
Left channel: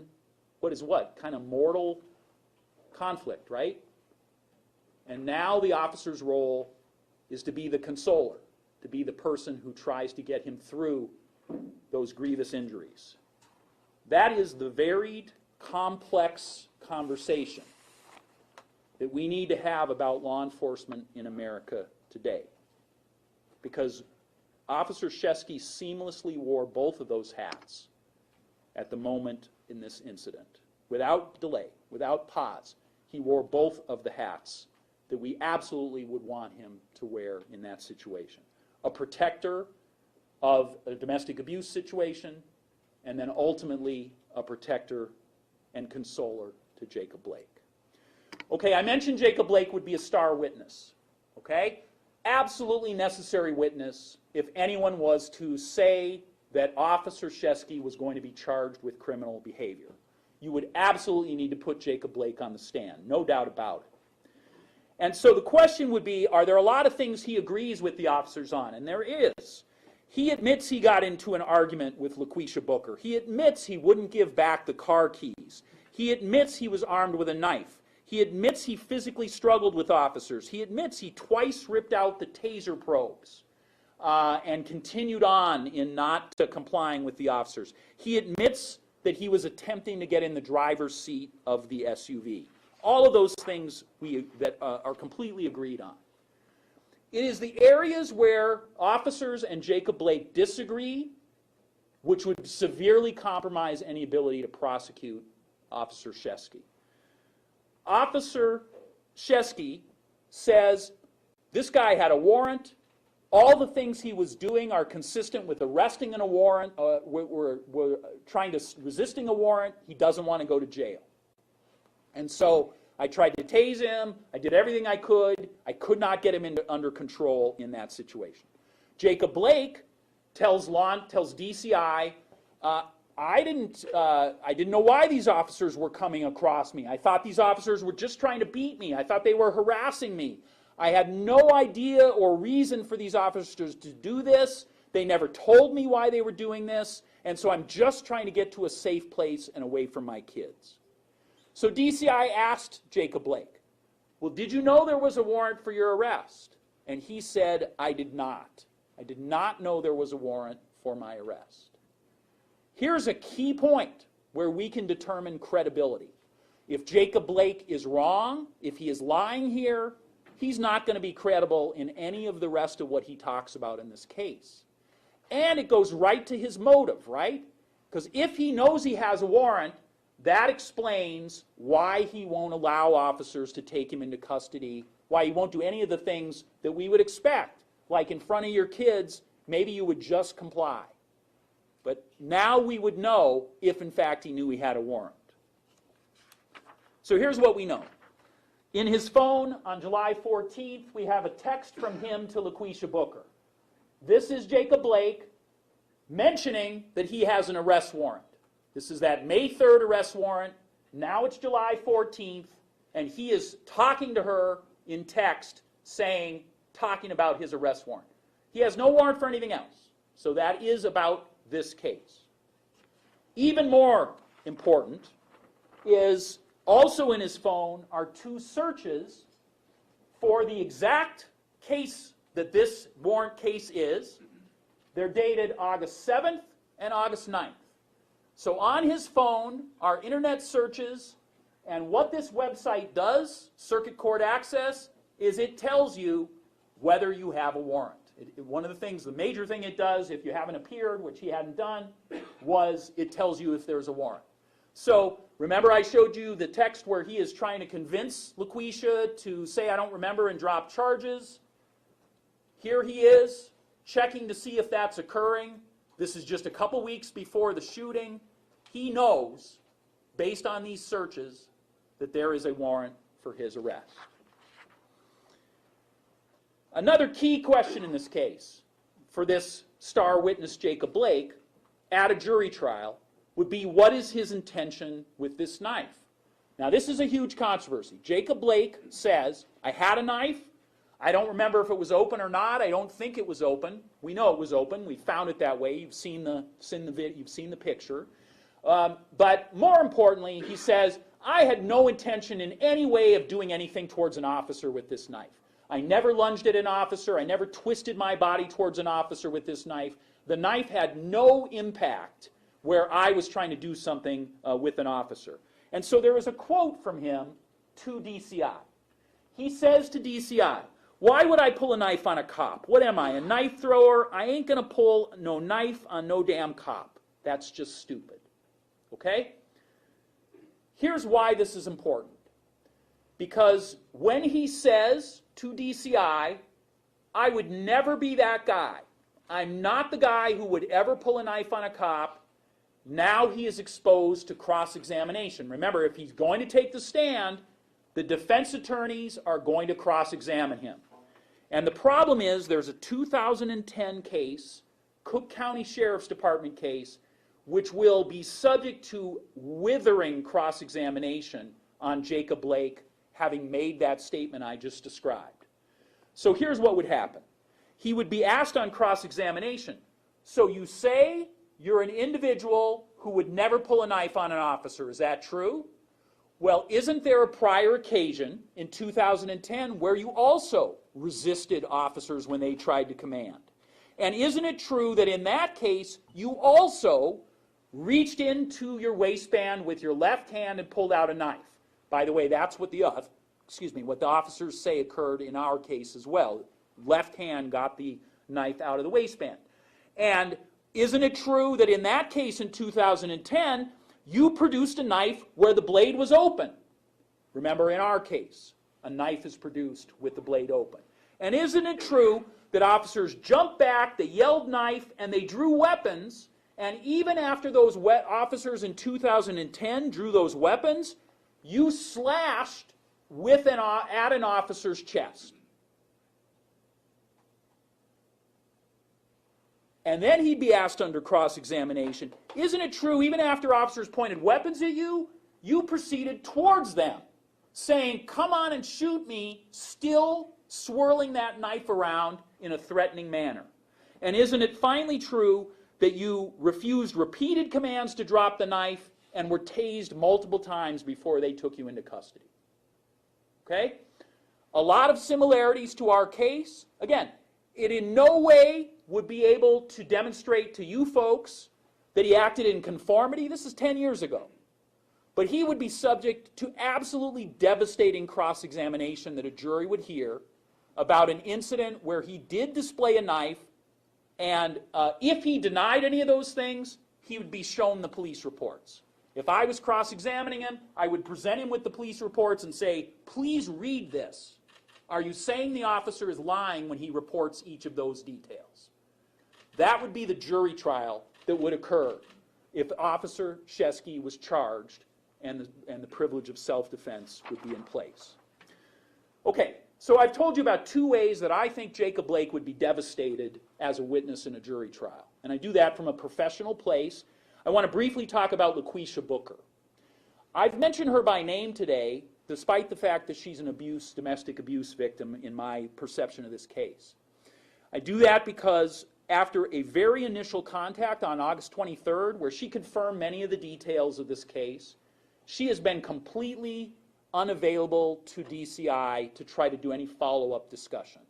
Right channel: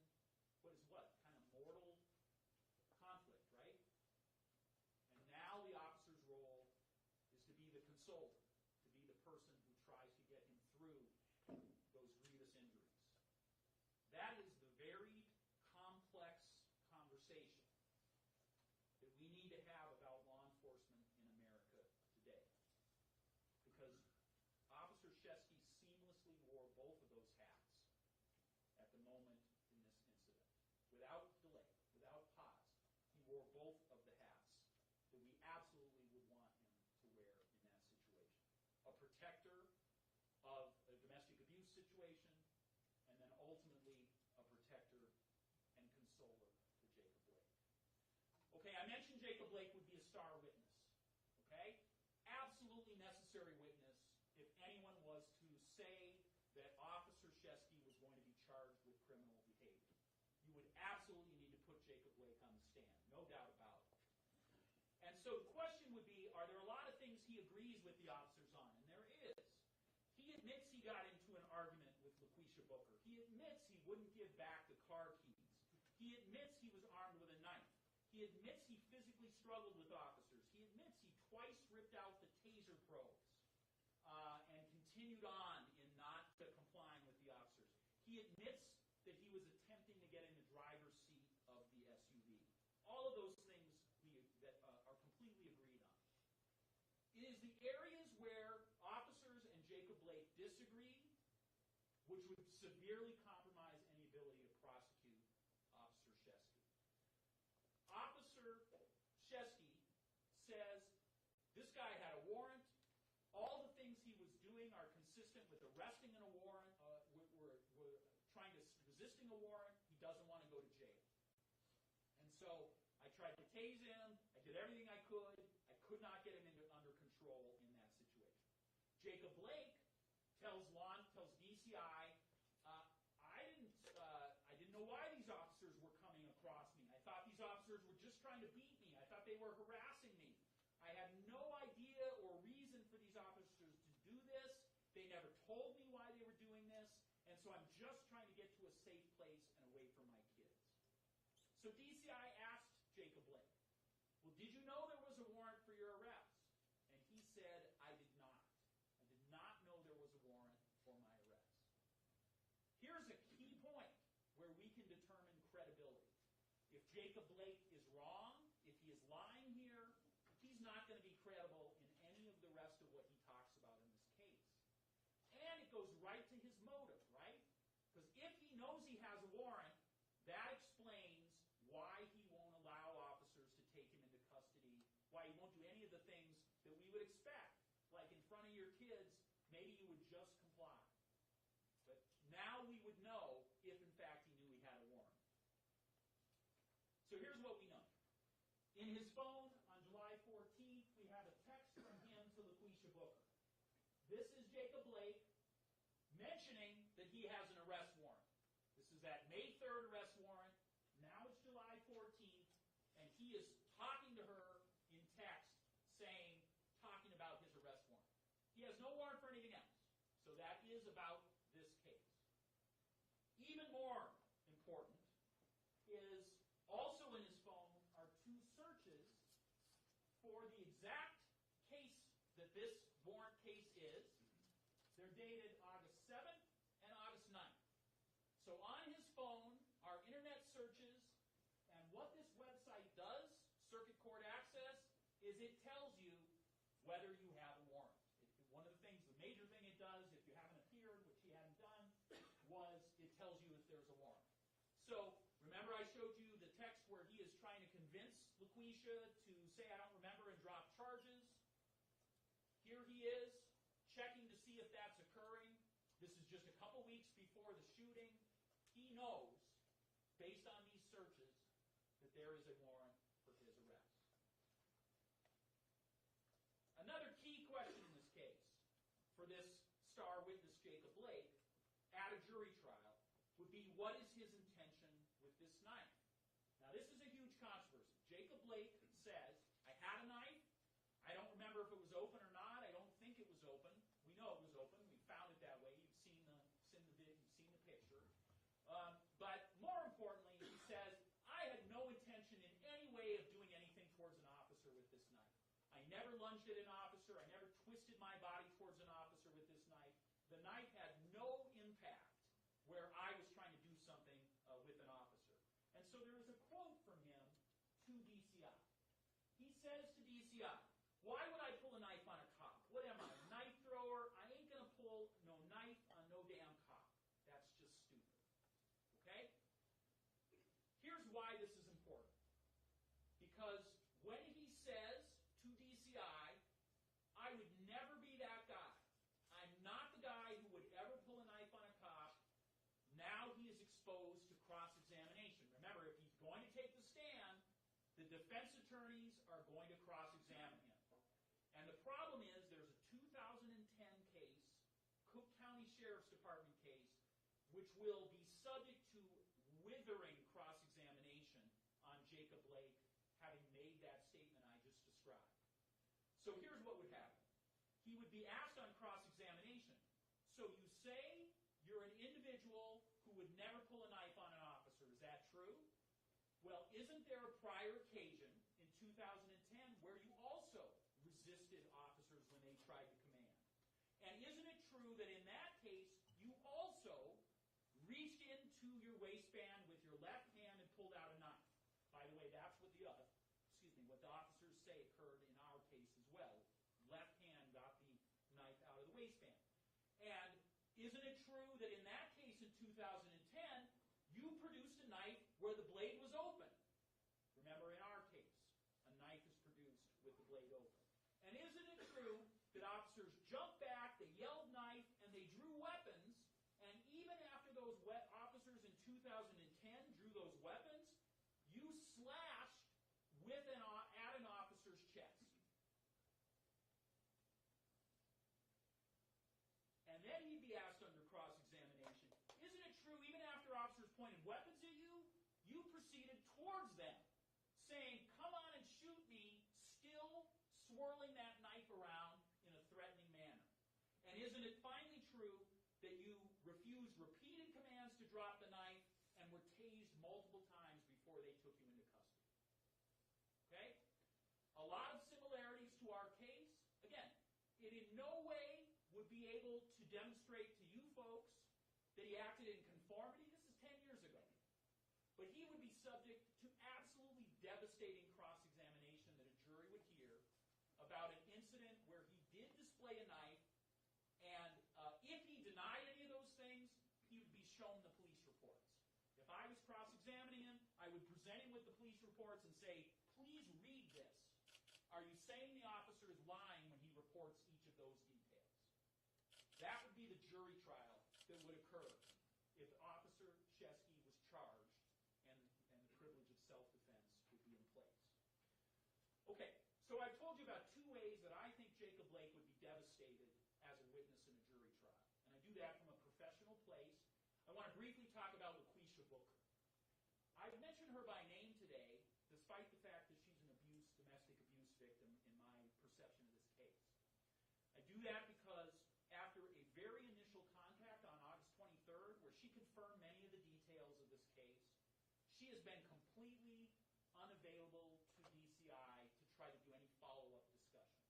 kind of mortal conflict, right? And now the officer's role is to be the consoler, to be the person who tries to get him through those grievous injuries. That is the varied, complex conversation that we need to have about law enforcement in America today. Because Officer Shesky seamlessly wore both of those hats. at the moment in this incident. Without delay, without pause, he wore both of the hats that we absolutely would want him to wear in that situation. A protector of a domestic abuse situation, and then ultimately a protector and consoler to Jacob Blake. Okay, I mentioned Jacob Blake would be a star witness. Okay? Absolutely necessary witness if anyone was to say that Officer Shesky was going to be charged with criminal behavior. You would absolutely need to put Jacob Blake on the stand, no doubt about it. And so the question would be, are there a lot of things he agrees with the officers on? And there is. He admits he got into an argument with LaQuisha Booker. He admits he wouldn't give back the car keys. He admits he was armed with a knife. He admits he physically struggled with officers. He admits he twice ripped out the taser probes and continued on in not complying with the officers. He admits that he was attempting to get in the driver's seat of the SUV. All of those things that are completely agreed on. It is the areas where officers and Jacob Blake disagree which would severely compromise any ability to prosecute Officer Shesky. Officer Shesky says this guy had a warrant. All the things he was doing are consistent with arresting in a warrant. We're trying to resisting a warrant. He doesn't want to go to jail. And so I tried to tase him. I did everything I could. I could not get him under control in that situation. Jacob Blake tells DCI, I didn't know why these officers were coming across me. I thought these officers were just trying to beat me. I thought they were harassing me. I had no idea or reason for these officers to do this. They never told me why they were doing this. And so I'm just trying to get to a safe place and away from my kids. So DCI asked Jacob Blake, well, did you know there was a warrant for your arrest? And he said, I did not. I did not know there was a warrant for my arrest. Here's a key point where we can determine credibility. If Jacob Blake is wrong, if he is lying here, he's not going to be credible in any of the rest of what he talks about in this case. And it goes right to his motive, right? Because if he knows he has a warrant, that explains why he won't allow officers to take him into custody, why he won't do any of the things that we would expect. Like in front of your kids, maybe you would just comply. But now we would know if, in fact, he knew he had a warrant. So here's what we know. In his phone on July 14th, we have a text from him to LaQuisha Booker. This is Jacob Blake mentioning that he has an arrest warrant. This is that May 3rd arrest warrant. Now it's July 14th, and he is talking to her in text talking about his arrest warrant. He has no warrant for anything else. So that is about this case. Even more important is also in his phone are two searches for the exact case that this warrant case is. They're dated August 7th and August 9th. So on his phone are internet searches, and what this website does, Circuit Court Access, is it tells you whether you have a warrant. One of the things, the major thing it does, if you haven't appeared, which he hadn't done, was it tells you if there's a warrant. So remember I showed you the text where he is trying to convince LaQuisha to say I don't remember and drop charges. Here he is checking to see if that's occurring. This is just a couple weeks before the shooting. He knows, based on these searches, that there is a warrant for his arrest. Another key question in this case for this star witness Jacob Blake at a jury trial would be, what is his intention with this knife? Now this is a huge controversy. Jacob Blake says, I had a knife. I don't remember if it was open or not. I don't think it was open. We know it was open. We found it that way. You've seen the picture. But more importantly, he says, I had no intention in any way of doing anything towards an officer with this knife. I never lunged at an officer. I never twisted my body towards an officer with this knife. The knife had no impact where I was trying to do something with an officer. And so there is a quote from him to DCI. He says to DCI, why would I pull a knife on a cop? What am I, a knife thrower? I ain't going to pull no knife on no damn cop. That's just stupid. okay? Here's why this is important. Because when he says to DCI, I would never be that guy. I'm not the guy who would ever pull a knife on a cop. Now he is exposed to cross-examination. Remember, if he's going to take the stand, the defense attorneys are going to cross-examine him. And the problem is there's a 2010 case, Cook County Sheriff's Department case, which will be subject to withering cross-examination on Jacob Blake having made that statement I just described. So here's what would happen. He would be asked on cross-examination, so you say you're an individual who would never pull a knife on an officer, is that true? Well, isn't there a prior occasion in 2010 where you also resisted officers when they tried to command? And isn't it true that in that case you also reached into your waistband with your left hand and pulled out a knife? By the way, that's what what the officers say occurred in our case as well. Left hand got the knife out of the waistband. And isn't it true that in that case in 2010, you produced a knife where the blade was open? Remember, in our case, a knife is produced with the blade open. And isn't it true that officers jumped back, they yelled knife, and they drew weapons, and even after those officers in 2010 drew those weapons, you slashed at an officer's chest? And then he'd be asked under cross-examination, isn't it true, even after officers pointed weapons at you, you proceeded towards them, saying, come on and shoot me, still swirling that knife around in a threatening manner? And isn't it finally true that you refused repeated commands to drop the knife and were tased multiple times before they took you into custody? Okay? A lot of similarities to our case. Again, it in no way would be able to demonstrate to you folks that he acted in conformity. This is 10 years ago. But he would be subject to absolutely devastating cross-examination that a jury would hear about an incident where he did display a knife, and if he denied any of those things, he would be shown the police reports. If I was cross-examining him, I would present him with the police reports and say, please read this. Are you saying the officer is lying when he reports each of those details? That would be the jury trial that would occur if Officer Shesky was charged and the privilege of self-defense would be in place. Okay, so I've told you about two ways that I think Jacob Blake would be devastated as a witness in a jury trial. And I do that from a professional place. I want to briefly talk about LaQuisha Booker. I've mentioned her by name today, despite the fact that she's an domestic abuse victim in my perception of this case. I do that because after a very initial contact on August 23rd, where she confirmed many of the details of this case, she has been completely unavailable to DCI to try to do any follow-up discussion.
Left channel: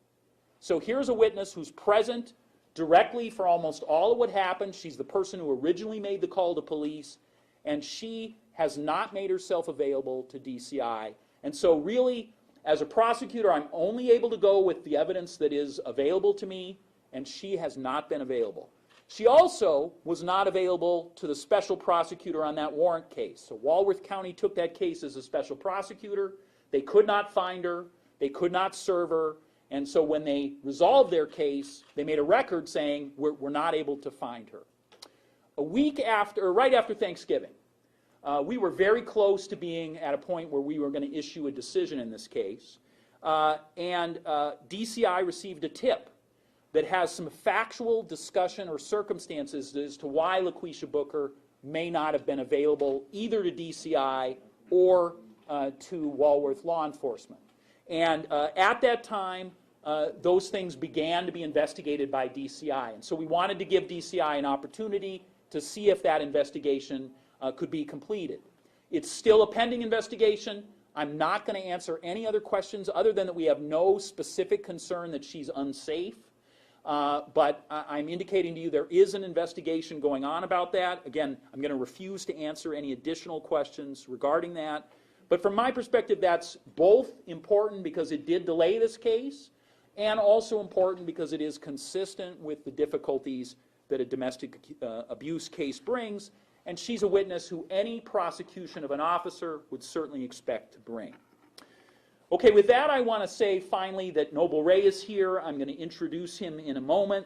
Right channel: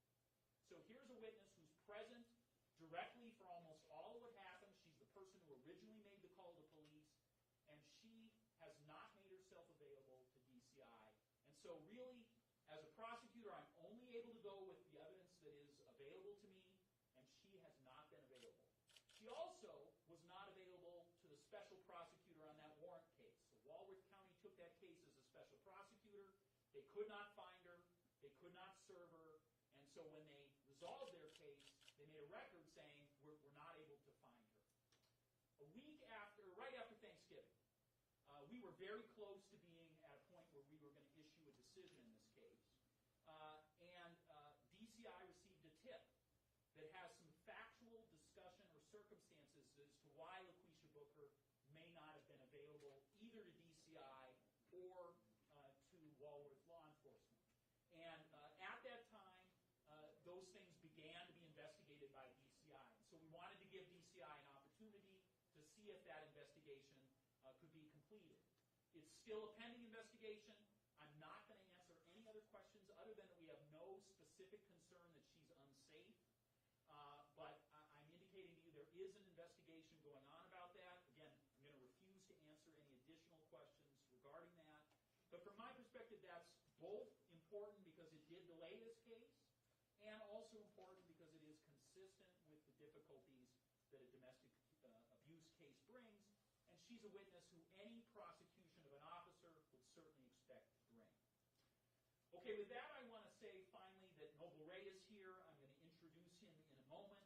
So here's a witness who's present directly for almost all of what happened. She's the person who originally made the call to police, and she has not made herself available to DCI. And so really, as a prosecutor, I'm only able to go with the evidence that is available to me, and she has not been available. She also was not available to the special prosecutor on that warrant case. So Walworth County took that case as a special prosecutor. They could not find her. They could not serve her. And so when they resolved their case, they made a record saying, we're not able to find her. A week after, right after Thanksgiving, we were very close to being at a point where we were going to issue a decision in this case. And DCI received a tip that has some factual discussion or circumstances as to why LaQuisha Booker may not have been available either to DCI or to Walworth law enforcement. And at that time, those things began to be investigated by DCI. And so we wanted to give DCI an opportunity to see if that investigation could be completed. It's still a pending investigation. I'm not going to answer any other questions other than that we have no specific concern that she's unsafe. But I'm indicating to you there is an investigation going on about that. Again, I'm going to refuse to answer any additional questions regarding that. But from my perspective, that's both important because it did delay this case, and also important because it is consistent with the difficulties that a domestic abuse case brings, and she's a witness who any prosecution of an officer would certainly expect to bring. Okay, with that, I want to say finally that Noble Ray is here. I'm going to introduce him in a moment,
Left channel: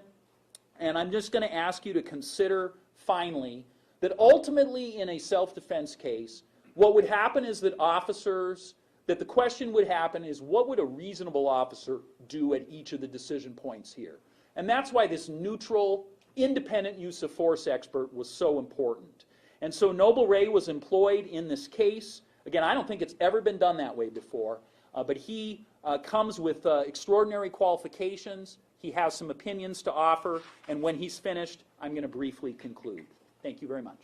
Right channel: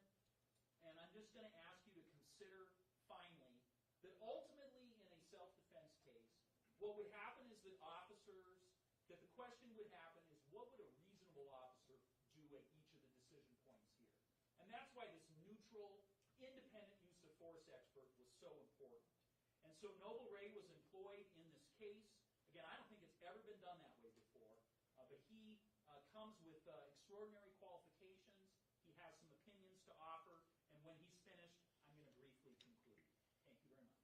and I'm just going to ask you to consider finally that ultimately in a self-defense case, what would happen is that the question would happen is, what would a reasonable officer do at each of the decision points here? And that's why this neutral, independent use of force expert was so important. And so Noble Ray was employed in this case. Again, I don't think it's ever been done that way before, but he comes with extraordinary qualifications. He has some opinions to offer, and when he's finished, I'm going to briefly conclude. Thank you very much.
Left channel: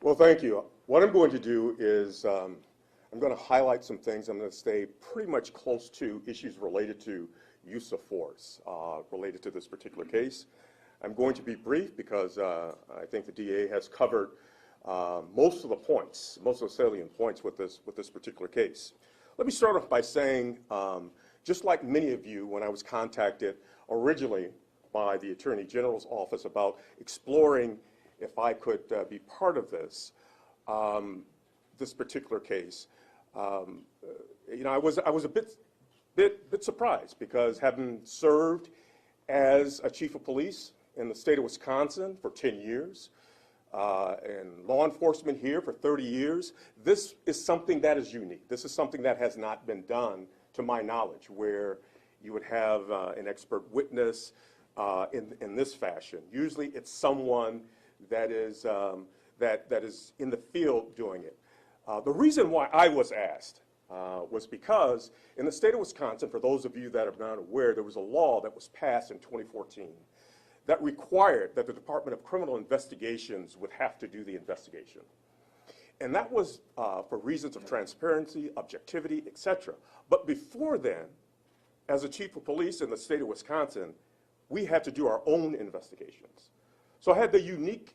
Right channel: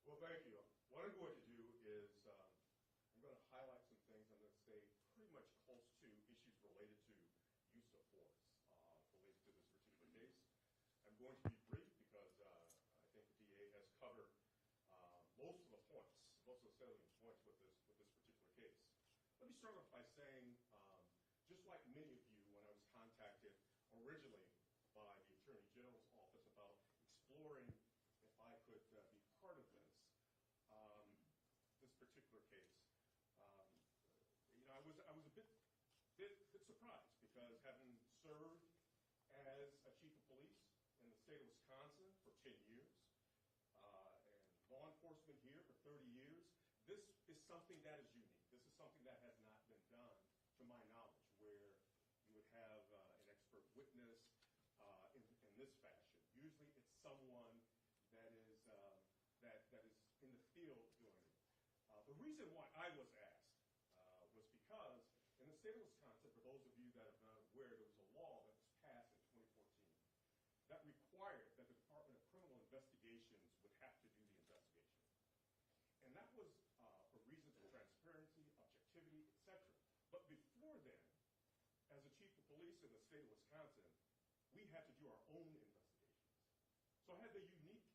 Well, thank you. What I'm going to do is I'm going to highlight some things. I'm going to stay pretty much close to issues related to use of force related to this particular case. I'm going to be brief because I think the DA has covered most of the points, most of the salient points with this particular case. Let me start off by saying, just like many of you, when I was contacted originally by the Attorney General's office about exploring if I could be part of this, this particular case, you know, I was a bit surprised because having served as a chief of police in the state of Wisconsin for 10 years, and law enforcement here for 30 years, this is something that is unique. This is something that has not been done, to my knowledge, where you would have an expert witness in this fashion. Usually it's someone that is in the field doing it. The reason why I was asked was because in the state of Wisconsin, for those of you that are not aware, there was a law that was passed in 2014 that required that the Department of Criminal Investigations would have to do the investigation. And that was for reasons of transparency, objectivity, etc. But before then, as a chief of police in the state of Wisconsin, we had to do our own investigations. So I had the unique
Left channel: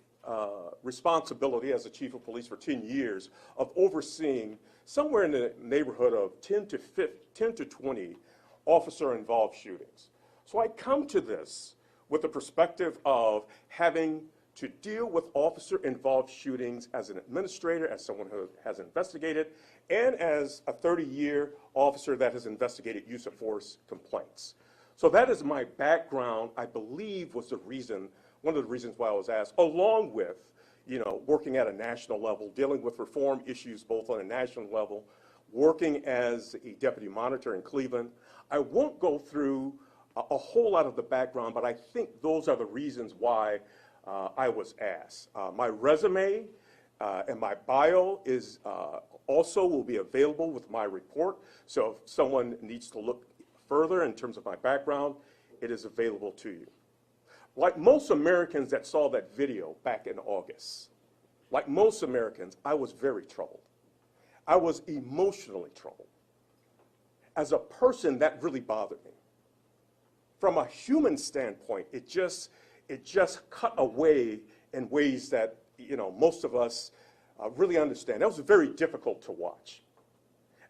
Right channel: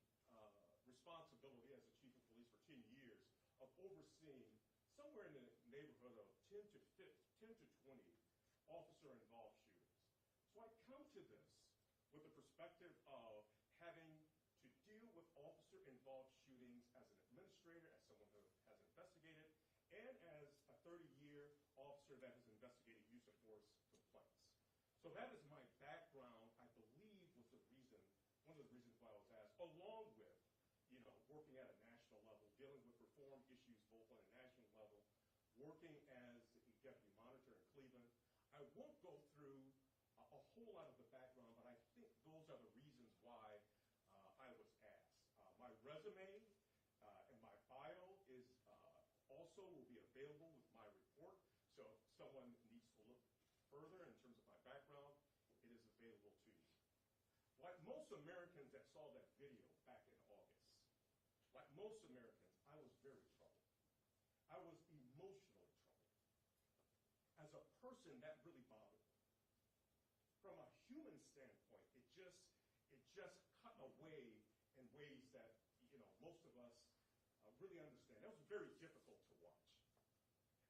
responsibility as a chief of police for 10 years of overseeing somewhere in the neighborhood of 10 to 20 officer-involved shootings. So I come to this with the perspective of having to deal with officer-involved shootings as an administrator, as someone who has investigated, and as a 30-year officer that has investigated use of force complaints. So that is my background, I believe, was the reason, one of the reasons why I was asked, along with, you know, working at a national level, dealing with reform issues both on a national level, working as a deputy monitor in Cleveland. I won't go through a whole lot of the background, but I think those are the reasons why I was asked. My resume and my bio is also will be available with my report. So if someone needs to look further in terms of my background, it is available to you. Like most Americans that saw that video back in August, like most Americans, I was very troubled. I was emotionally troubled. As a person, that really bothered me. From a human standpoint, it just cut away in ways that, you know, most of us really understand. That was very difficult to watch.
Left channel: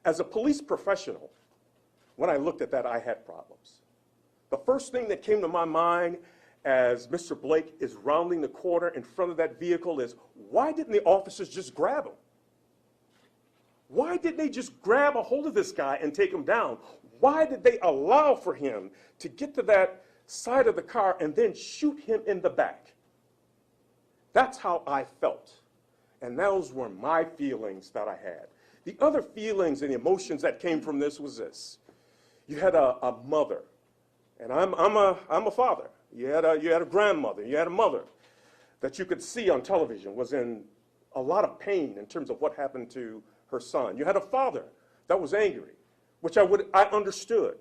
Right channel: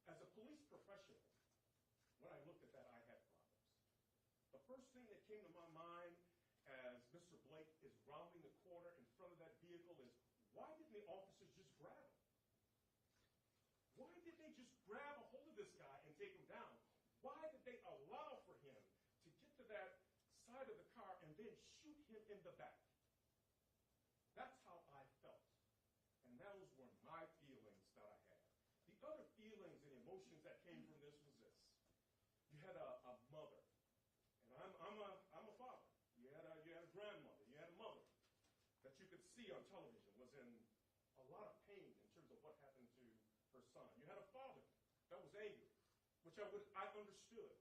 As a police professional, when I looked at that, I had problems. The first thing that came to my mind as Mr. Blake is rounding the corner in front of that vehicle is, why didn't the officers just grab him? Why didn't they just grab a hold of this guy and take him down? Why did they allow for him to get to that side of the car and then shoot him in the back? That's how I felt. And those were my feelings that I had. The other feelings and emotions that came from this was this. You had a mother, and I'm a father. You had a grandmother, you had a mother that you could see on television was in a lot of pain in terms of what happened to her son. You had a father that was angry, which I understood.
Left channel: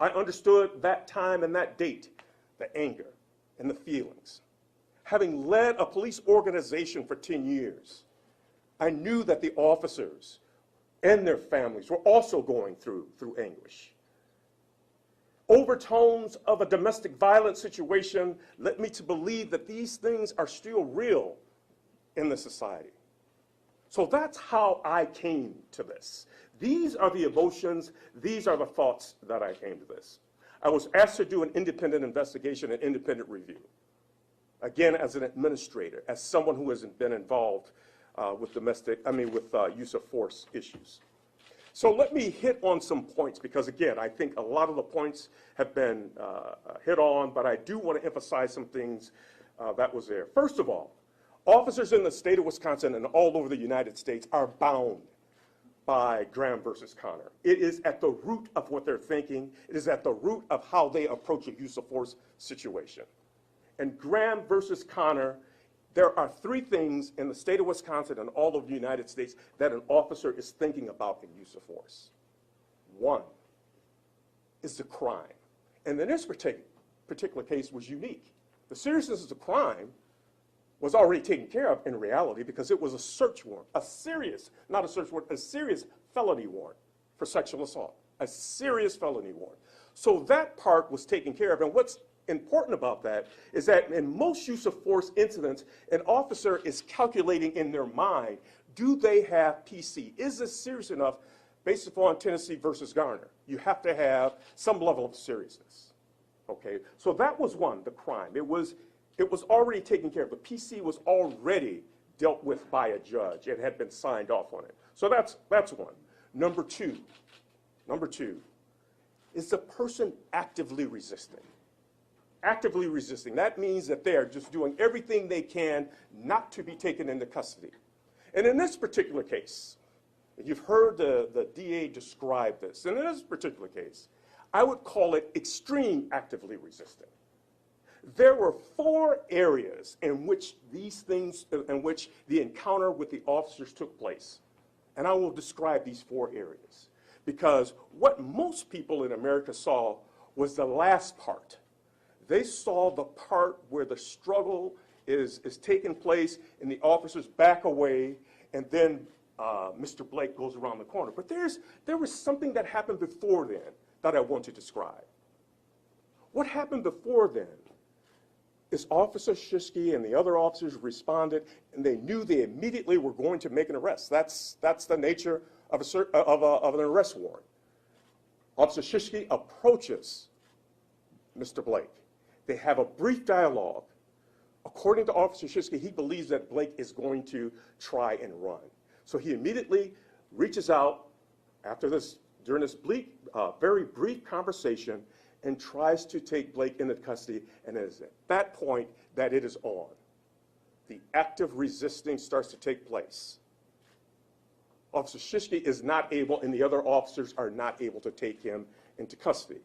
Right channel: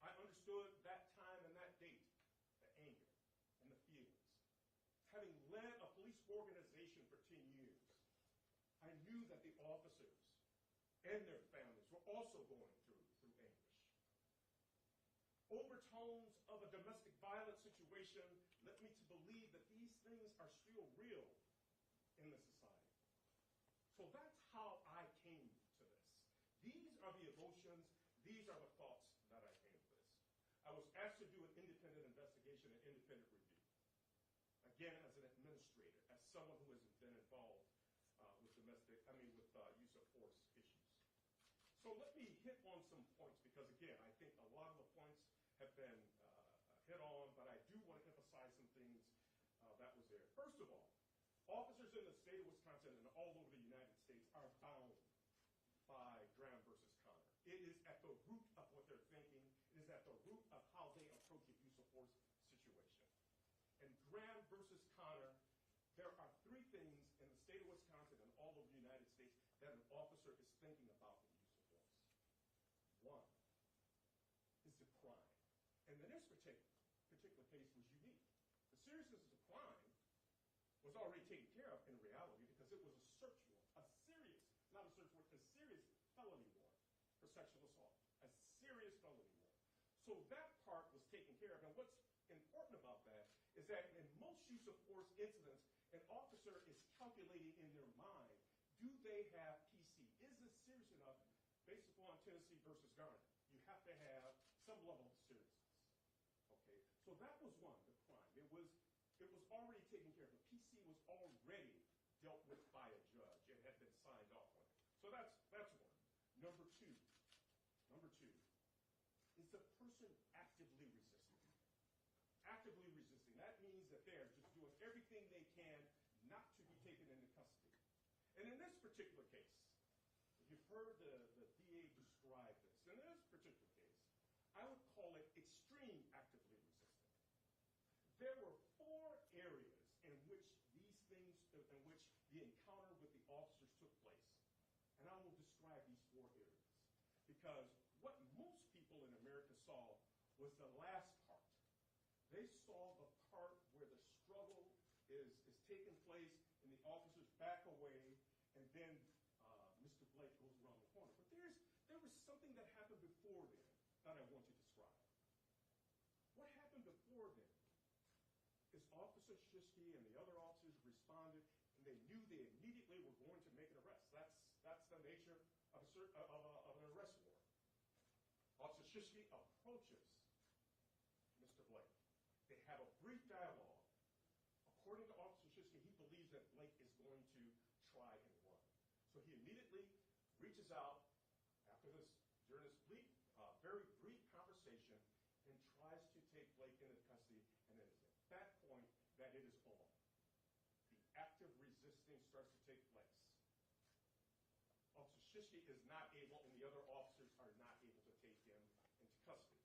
I understood that time and that date, the anger and the feelings. Having led a police organization for 10 years, I knew that the officers and their families were also going through anguish. overtones of a domestic violence situation led me to believe that these things are still real in the society. So that's how I came to this. These are the emotions, these are the thoughts that I came to this. I was asked to do an independent investigation, an independent review. Again, as an administrator, as someone who has been involved with use of force issues. So let me hit on some points because, again, I think a lot of the points have been hit on, but I do want to emphasize some things that was there. First of all, officers in the state of Wisconsin and all over the United States are bound by Graham versus Connor. It is at the root of what they're thinking. It is at the root of how they approach a use of force situation. And Graham versus Connor, there are three things in the state of Wisconsin and all over the United States that an officer is thinking about in use of force. One is the crime. And in this particular case was unique. The seriousness of the crime was already taken care of in reality because it was a search warrant, a serious, not a search warrant, a serious felony warrant for sexual assault, a serious felony warrant. So that part was taken care of. And what's important about that is that in most use of force incidents, an officer is calculating in their mind, do they have PC? Is this serious enough based upon Tennessee versus Garner? You have to have some level of seriousness, okay? So that was one, the crime. It was already taken care of. The PC was already dealt with by a judge. It had been signed off on it. So that's one. Number two is the person actively resisting. Actively resisting. That means that they are just doing everything they can not to be taken into custody. And in this particular case, you've heard the DA describe this. And in this particular case, I would call it extreme actively resisting. There were 4 areas in which the encounter with the officers took place. And I will describe these 4 areas. Because what most people in America saw was the last part. They saw the part where the struggle is taking place and the officers back away, and then Mr. Blake goes around the corner. But there was something that happened before then that I want to describe. What happened before then is Officer Shishke and the other officers responded, and they knew they immediately were going to make an arrest. That's the nature of an arrest warrant. Officer Shishke approaches Mr. Blake. They have a brief dialogue. According to Officer Shishke, he believes that Blake is going to try and run. So he immediately reaches out during this very brief conversation and tries to take Blake into custody, and it is at that point that it is on. The active resisting starts to take place. Officer Shishke is not able, and the other officers are not able to take him into custody.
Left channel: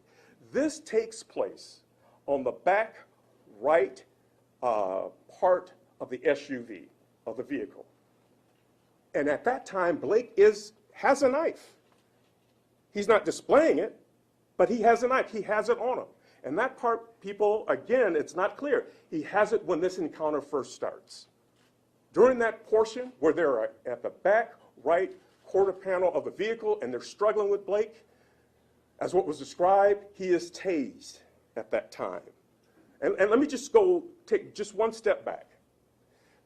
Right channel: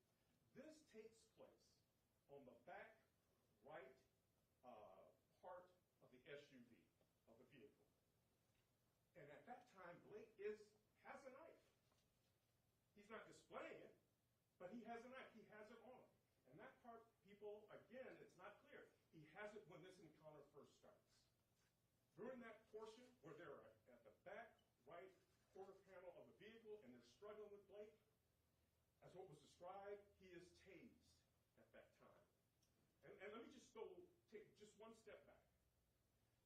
This takes place on the back right part of the SUV, of the vehicle. And at that time, Blake has a knife. He's not displaying it, but he has a knife. He has it on him. And that part, people, again, it's not clear. He has it when this encounter first starts. During that portion where they're at the back right quarter panel of the vehicle and they're struggling with Blake, as what was described, he is tased at that time. And let me just take just one step back.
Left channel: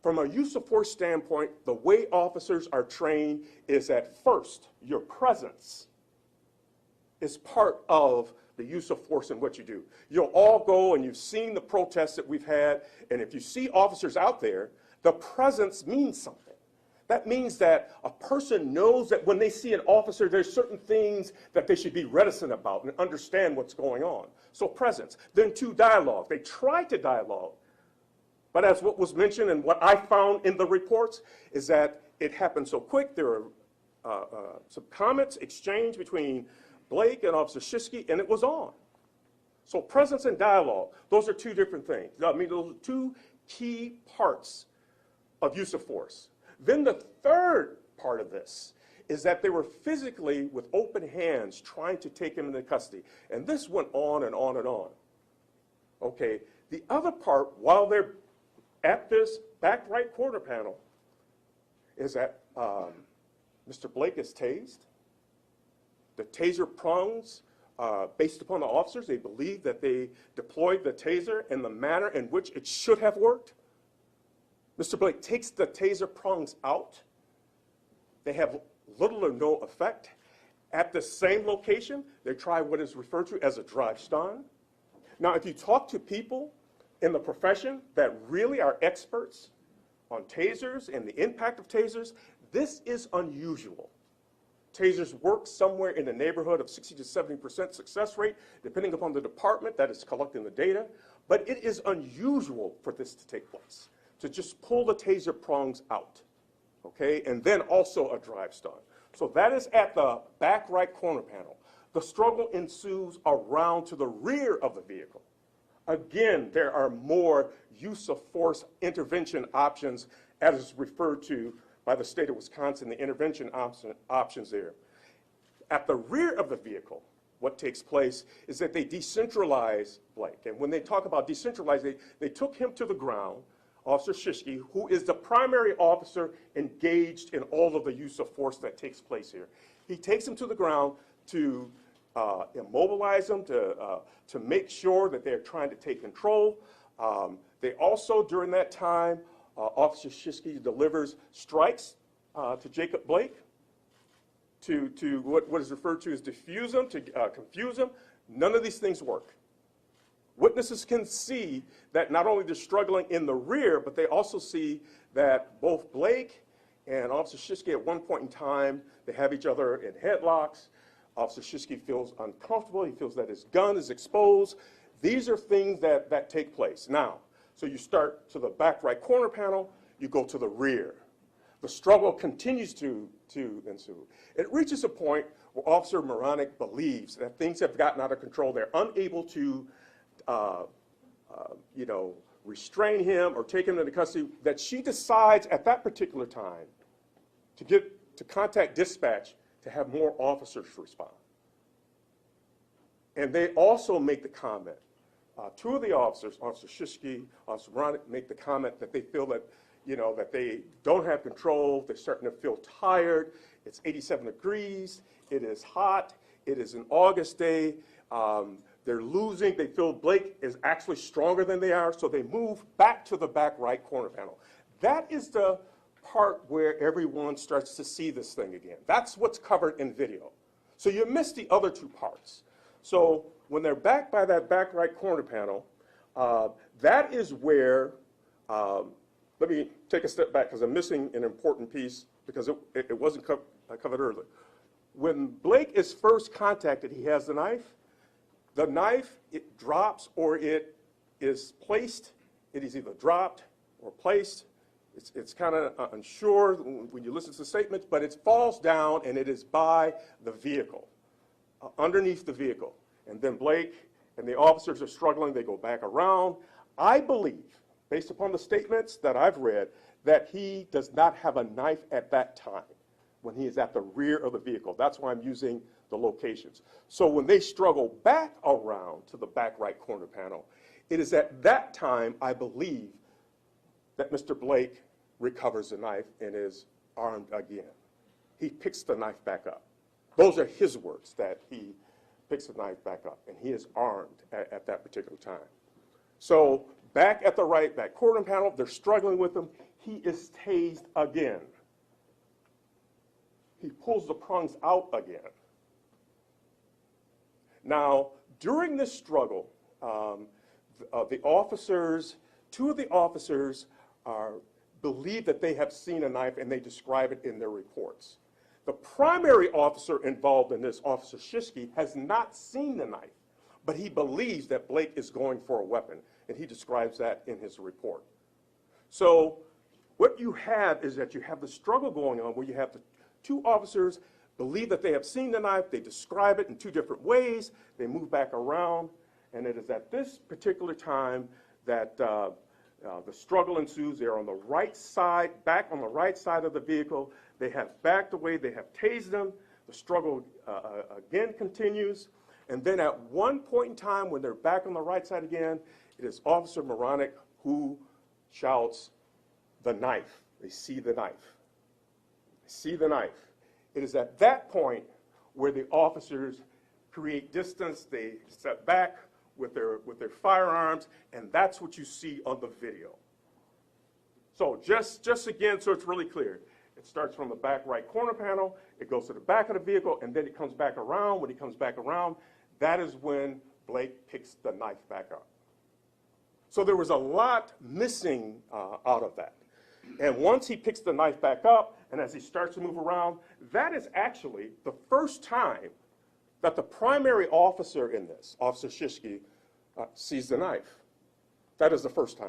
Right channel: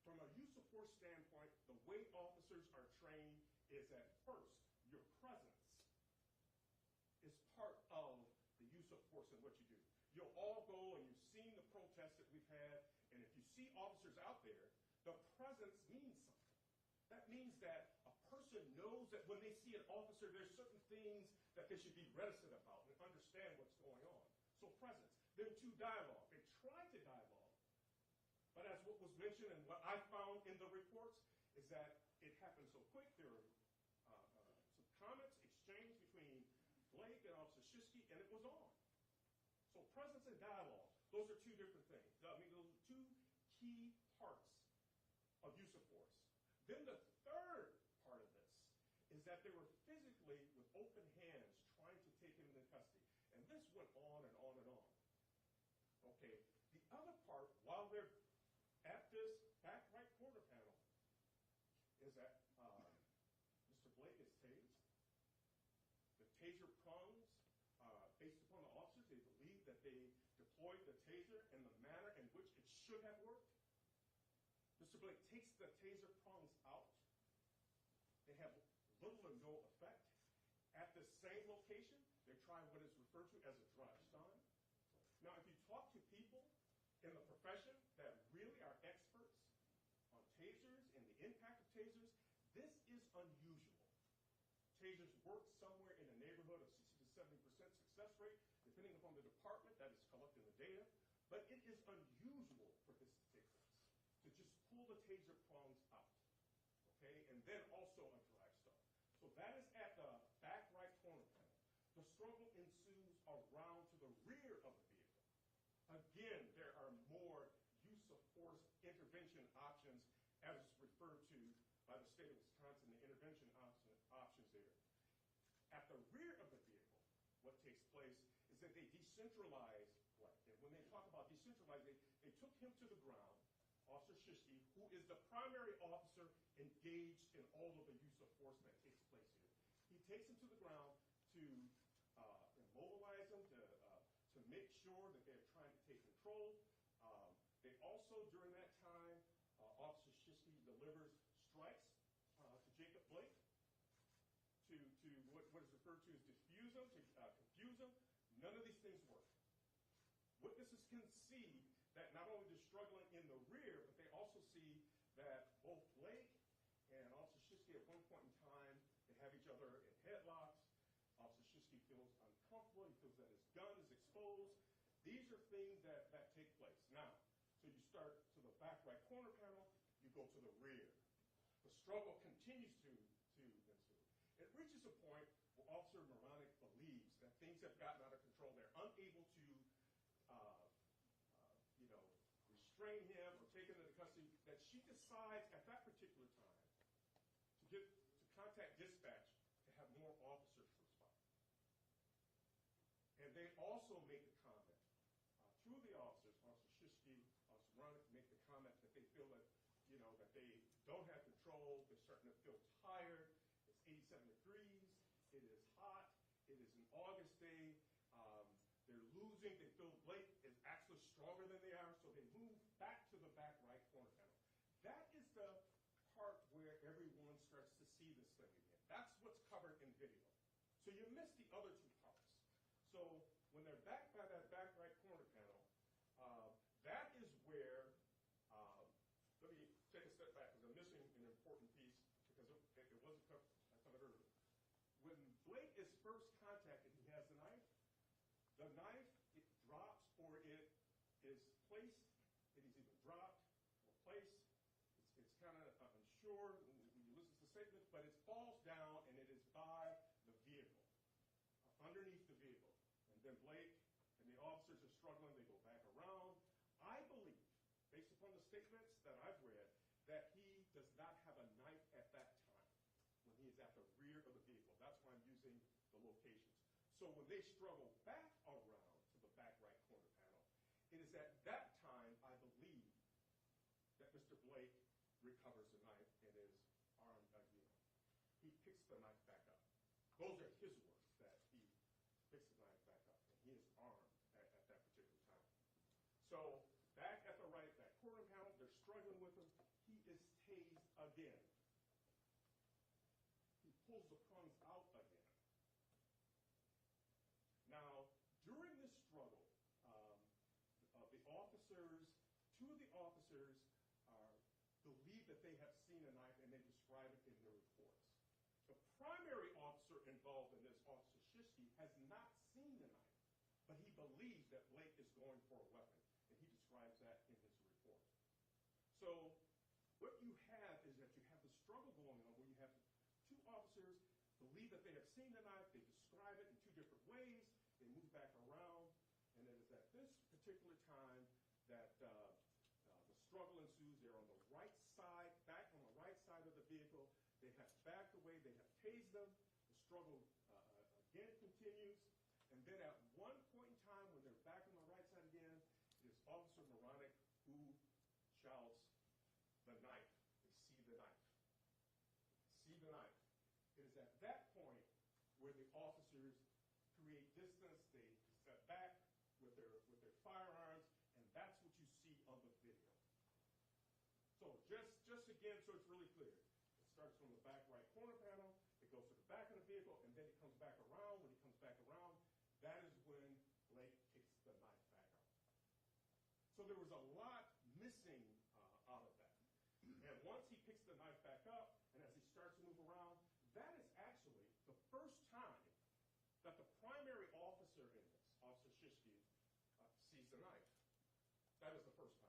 From a use of force standpoint, the way officers are trained is that first, your presence is part of the use of force in what you do. You'll all go, and you've seen the protests that we've had, and if you see officers out there, the presence means something. That means that a person knows that when they see an officer, there's certain things that they should be reticent about and understand what's going on. So presence. Then 2, dialogue. They try to dialogue. But as what was mentioned and what I found in the reports is that it happened so quick. There were some comments exchanged between Blake and Officer Shishke, and it was on. So presence and dialogue, those are 2 different things. I mean, those are 2 key parts of use of force. Then the third part of this is that they were physically, with open hands, trying to take him into custody. And this went on and on and on. Okay, the other part, while they're at this back right quarter panel, is that Mr. Blake is tased. The taser prongs based upon the officers, they believe that they deployed the taser in the manner in which it should have worked. Mr. Blake takes the taser prongs out. They have little or no effect. At the same location, they try what is referred to as a drive stun. Now, if you talk to people in the profession that really are experts on tasers and the impact of tasers, this is unusual. Tasers work somewhere in the neighborhood of 60 to 70% success rate, depending upon the department that is collecting the data. But it is unusual for this to take place, to just pull the taser prongs out, okay? And then also a drive stun. So that is at the back right corner panel. The struggle ensues around to the rear of the vehicle. Again, there are more use of force intervention options, as is referred to by the state of Wisconsin, the intervention options there. At the rear of the vehicle, what takes place is that they decentralize Blake. And when they talk about decentralize, they took him to the ground, Officer Shishke, who is the primary officer engaged in all of the use of force that takes place here. He takes him to the ground to immobilize him, to make sure that they're trying to take control. They also, during that time, Officer Shishke delivers strikes to Jacob Blake to what is referred to as diffuse him, to confuse him. None of these things work. Witnesses can see that not only they're struggling in the rear, but they also see that both Blake and Officer Shishke at one point in time, they have each other in headlocks. Officer Shishke feels uncomfortable. He feels that his gun is exposed. These are things that take place. Now, so you start to the back right corner panel, you go to the rear. The struggle continues to ensue. It reaches a point where Officer Moronic believes that things have gotten out of control. They're unable to restrain him or take him into custody, that she decides at that particular time to contact dispatch to have more officers respond. And they also make the comment, two of the officers, Officer Shishke, Officer Moronic, make the comment that they feel that, that they don't have control, they're starting to feel tired, it's 87 degrees, it is hot, it is an August day, they're losing, they feel Blake is actually stronger than they are, so they move back to the back right corner panel. That is the part where everyone starts to see this thing again. That's what's covered in video. So you miss the other two parts. So when they're back by that back right corner panel, that is where, let me take a step back because I'm missing an important piece because it wasn't covered earlier. When Blake is first contacted, he has the knife. The knife, it drops or it is placed. It is either dropped or placed. It's kind of unsure when you listen to the statements, but it falls down and it is by the vehicle, underneath the vehicle. And then Blake and the officers are struggling. They go back around. I believe, based upon the statements that I've read, that he does not have a knife at that time when he is at the rear of the vehicle. That's why I'm using the locations. So when they struggle back around to the back right corner panel, it is at that time, I believe, that Mr. Blake recovers the knife and is armed again. He picks the knife back up. Those are his words, that he picks the knife back up, and he is armed at that particular time. So back at the right back corner panel, they're struggling with him. He is tased again. He pulls the prongs out again. Now, during this struggle, the officers, two of the officers believe that they have seen a knife and they describe it in their reports. The primary officer involved in this, Officer Shishke, has not seen the knife, but he believes that Blake is going for a weapon, and he describes that in his report. So what you have is that you have the struggle going on where you have the two officers believe that they have seen the knife, they describe it in two different ways, they move back around, and it is at this particular time that the struggle ensues. They're on the right side, back on the right side of the vehicle. They have backed away, they have tased them. The struggle again continues. And then at one point in time, when they're back on the right side again, it is Officer Moronic who shouts, "The knife." They see the knife. They see the knife. It is at that point where the officers create distance, they step back with their firearms, and that's what you see on the video. So just again, so it's really clear, it starts from the back right corner panel, it goes to the back of the vehicle, and then it comes back around. When he comes back around, that is when Blake picks the knife back up. So there was a lot missing out of that. And once he picks the knife back up, and as he starts to move around, that is actually the first time that the primary officer in this, Officer Shishki, sees the knife. That is the first time.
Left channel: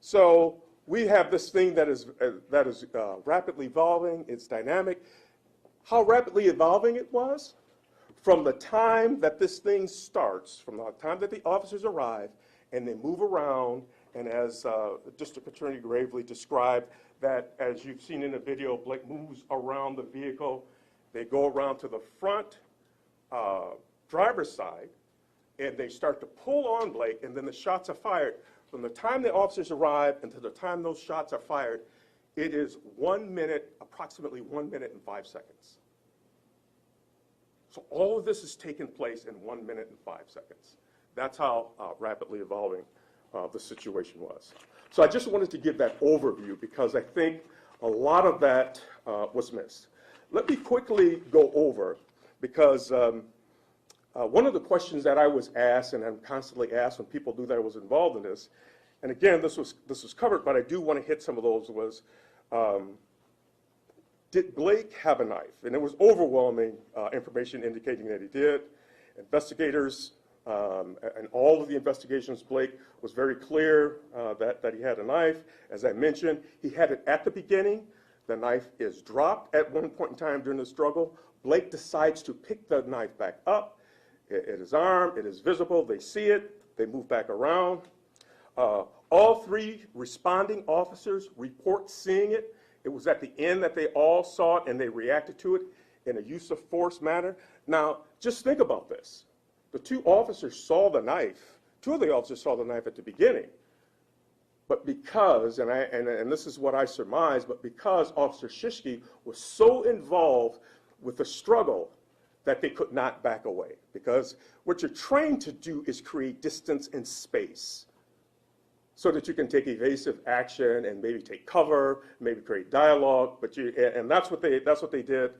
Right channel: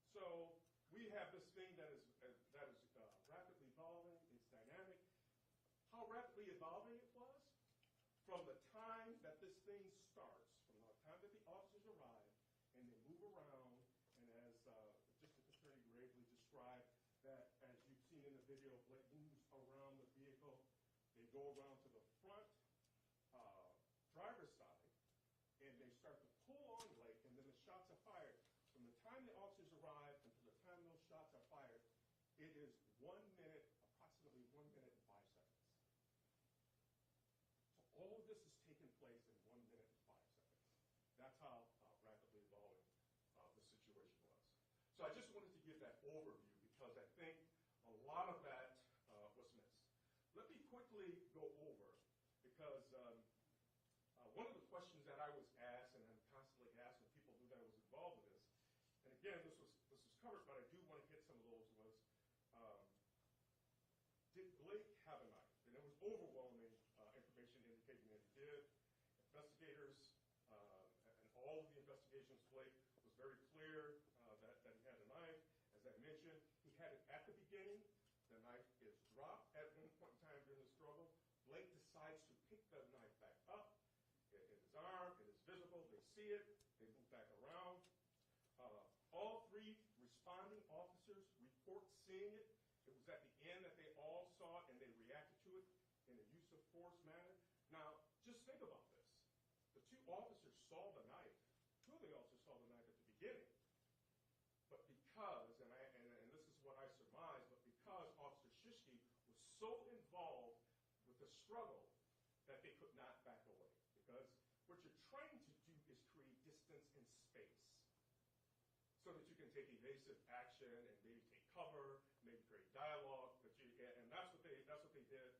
So we have this thing that is rapidly evolving. It's dynamic. How rapidly evolving it was? From the time that this thing starts, from the time that the officers arrive and they move around, and as District Attorney Gravely described, that as you've seen in the video, Blake moves around the vehicle. They go around to the front driver's side, and they start to pull on Blake, and then the shots are fired. From the time the officers arrive until the time those shots are fired, it is 1 minute, approximately 1 minute and 5 seconds. So all of this has taken place in 1 minute and 5 seconds. That's how rapidly evolving the situation was. So I just wanted to give that overview because I think a lot of that was missed. Let me quickly go over, because one of the questions that I was asked, and I'm constantly asked when people do that I was involved in this, and again, this was covered, but I do want to hit some of those, was did Blake have a knife? And there was overwhelming information indicating that he did. Investigators, and all of the investigations, Blake was very clear that he had a knife. As I mentioned, he had it at the beginning. The knife is dropped at one point in time during the struggle. Blake decides to pick the knife back up. It is armed, it is visible, they see it, they move back around. All three responding officers report seeing it. It was at the end that they all saw it and they reacted to it in a use of force manner. Now, just think about this. The two officers saw the knife. Two of the officers saw the knife at the beginning. But because, and this is what I surmise, but because Officer Shishki was so involved with the struggle that they could not back away. Because what you're trained to do is create distance and space so that you can take evasive action and maybe take cover, maybe create dialogue. And that's what they did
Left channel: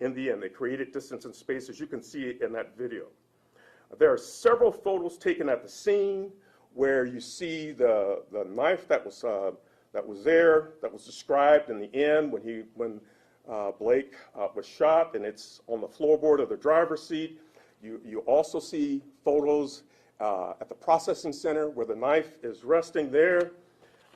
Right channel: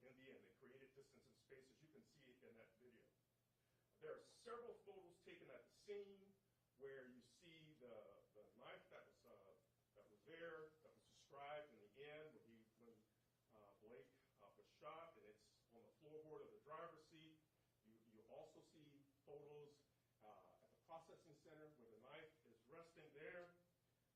in the end. They created distance and space, as you can see in that video. There are several photos taken at the scene where you see the knife that was there, that was described in the end when Blake was shot, and it's on the floorboard of the driver's seat. You also see photos at the processing center where the knife is resting there.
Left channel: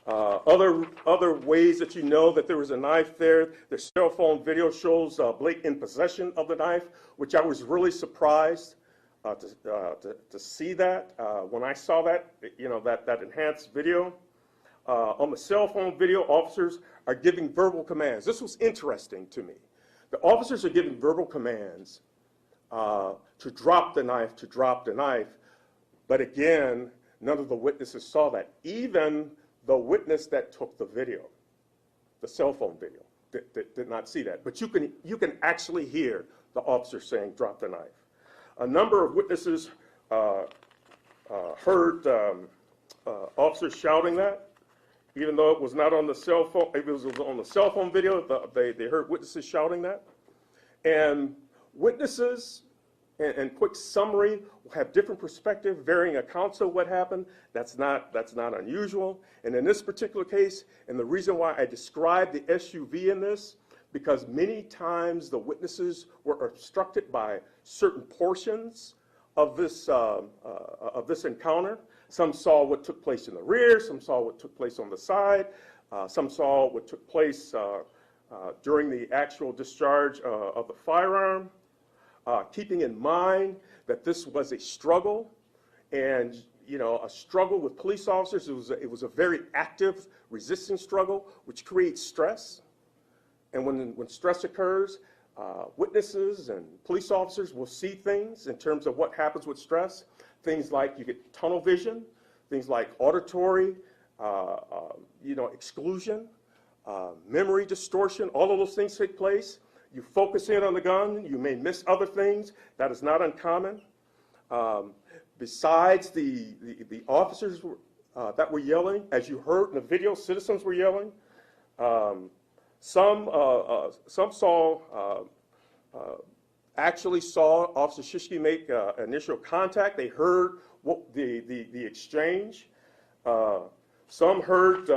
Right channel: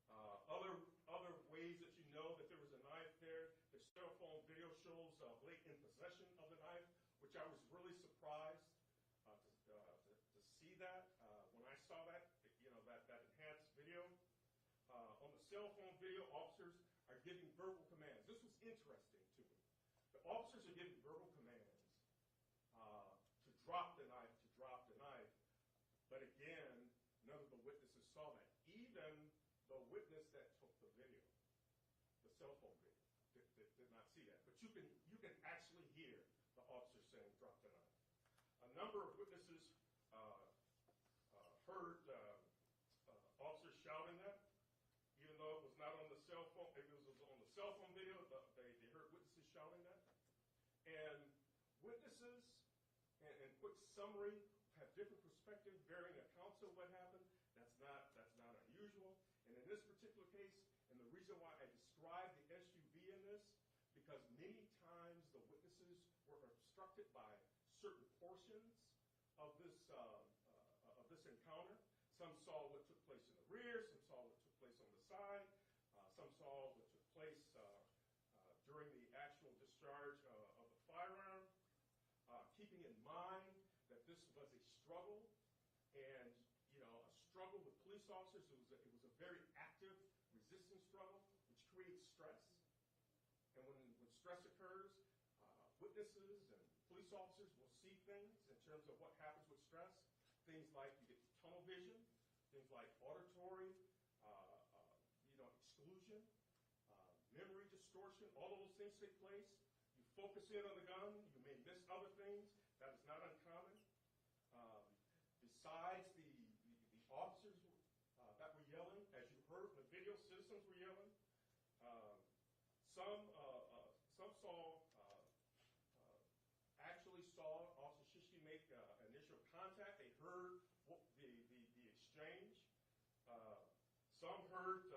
Other ways that you know that there was a knife there, the cell phone video shows Blake in possession of the knife, which I was really surprised to see that. When I saw that, that enhanced video. On the cell phone video, officers are giving verbal commands. This was interesting to me. The officers are giving verbal commands to drop the knife, but again, none of the witnesses saw that. Even the witness that took the video, the cell phone video, did not see that. But you can actually hear the officer saying, "Drop the knife." A number of witnesses heard officers shouting that, even though it was not on the cell phone. It was on the cell phone video. They heard witnesses shouting that, and witnesses, and quick summary, have different perspective, varying accounts of what happened. That's not unusual. And in this particular case, and the reason why I described the SUV in this, because many times the witnesses were obstructed by certain portions of this encounter. Some saw what took place in the rear, some saw what took place on the side, some saw what took place during the actual discharge of the firearm. Keeping in mind that this was a struggle, and a struggle with police officers. It was a very active, resisting struggle, which creates stress. And when stress occurs, witnesses and police officers will see things in terms of what happens with stress. Things like you get tunnel vision, things like auditory, exclusion, memory distortion. All of those things take place. You focus in on the gun, you may miss other things. That is not uncommon. Besides the officers that were yelling, as you heard in the video, citizens were yelling. Some actually saw Officer Shishki make initial contact. They heard the exchange. Some heard,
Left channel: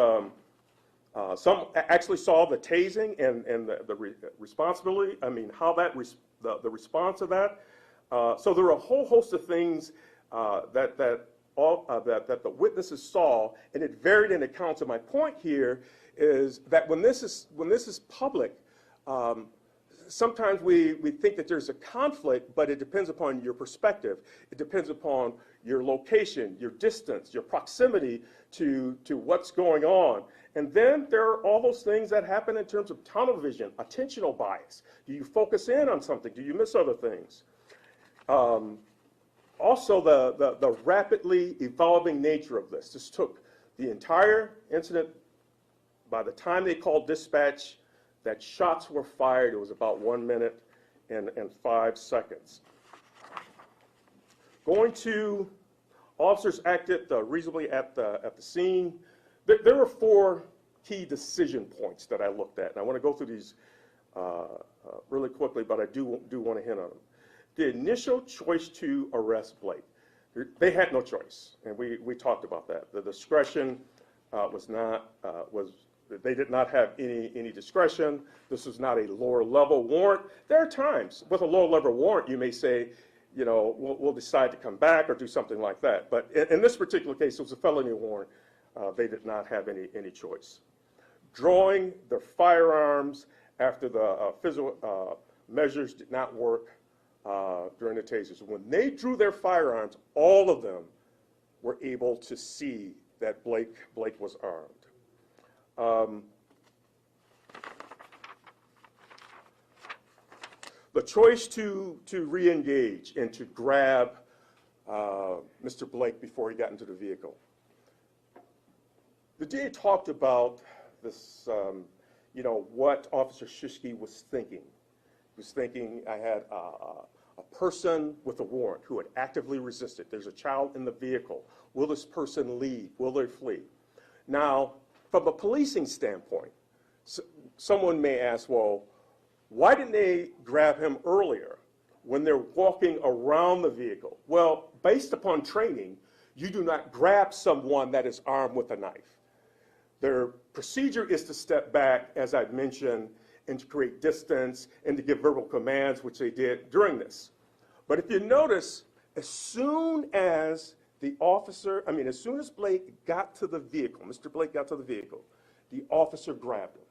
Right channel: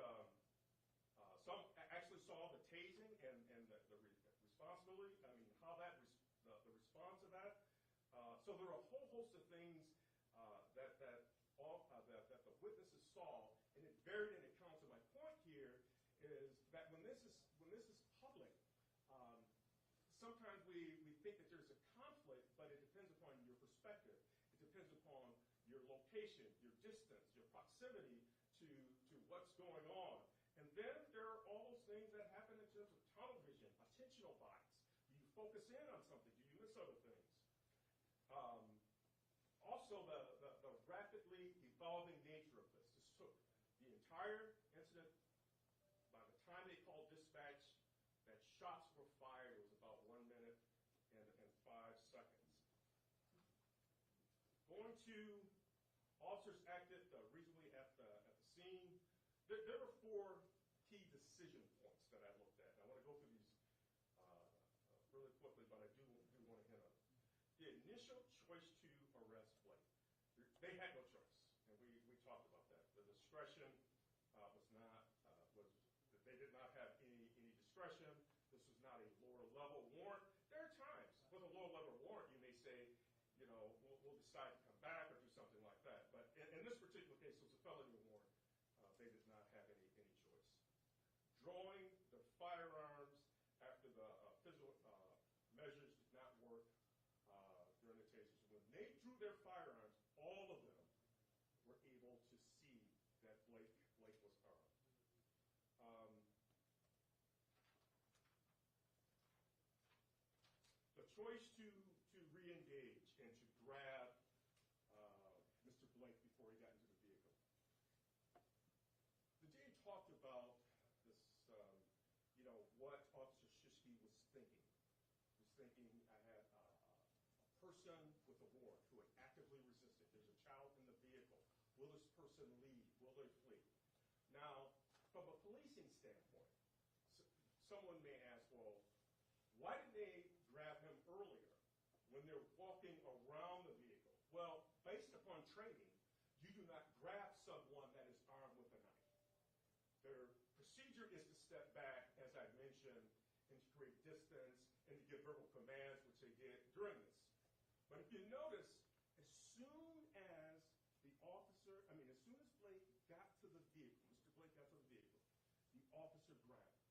some actually saw the tasing and the responsibility, how that, the response of that. So there were a whole host of things that the witnesses saw, and it varied in accounts. And my point here is that when this is public, sometimes we think that there's a conflict, but it depends upon your perspective. It depends upon your location, your distance, your proximity to what's going on. And then there are all those things that happen in terms of tunnel vision, attentional bias. Do you focus in on something? Do you miss other things? Also, the rapidly evolving nature of this. This took the entire incident. By the time they called dispatch, that shots were fired. It was about 1 minute and 5 seconds. Going to officers acted reasonably at the scene. There were 4 key decision points that I looked at, and I want to go through these really quickly, but I do want to hint on them. The initial choice to arrest Blake, they had no choice, and we talked about that. The discretion they did not have any discretion. This was not a lower level warrant. There are times with a lower level warrant you may say, you know, we'll decide to come back or do something like that. But in this particular case, it was a felony warrant. They did not have any choice. Drawing the firearms after the physical measures did not work during the tasers. When they drew their firearms, all of them were able to see that Blake was armed. The choice to re-engage and to grab Mr. Blake before he got into the vehicle. The DA talked about this, you know, what Officer Shishki was thinking. He was thinking, I had a person with a warrant who had actively resisted. There's a child in the vehicle. Will this person leave? Will they flee? Now, from a policing standpoint, someone may ask, well, why didn't they grab him earlier when they're walking around the vehicle? Well, based upon training, you do not grab someone that is armed with a knife. Their procedure is to step back, as I've mentioned, and to create distance and to give verbal commands, which they did during this. But if you notice, as soon as as soon as Blake got to the vehicle, Mr. Blake got to the vehicle, the officer grabbed him.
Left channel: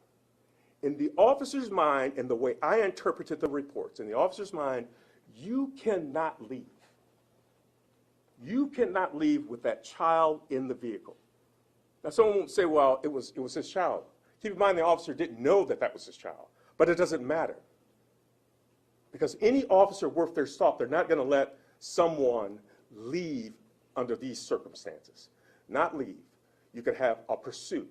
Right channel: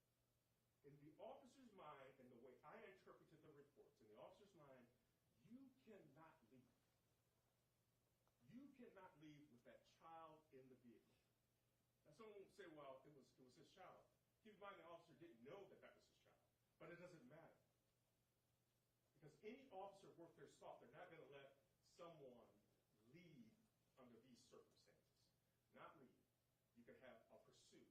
In the officer's mind, and the way I interpreted the reports, in the officer's mind, you cannot leave. You cannot leave with that child in the vehicle. Now, someone won't say, well, it was his child. Keep in mind, the officer didn't know that was his child, but it doesn't matter. Because any officer worth their salt, they're not going to let someone leave under these circumstances. Not leave. You could have a pursuit.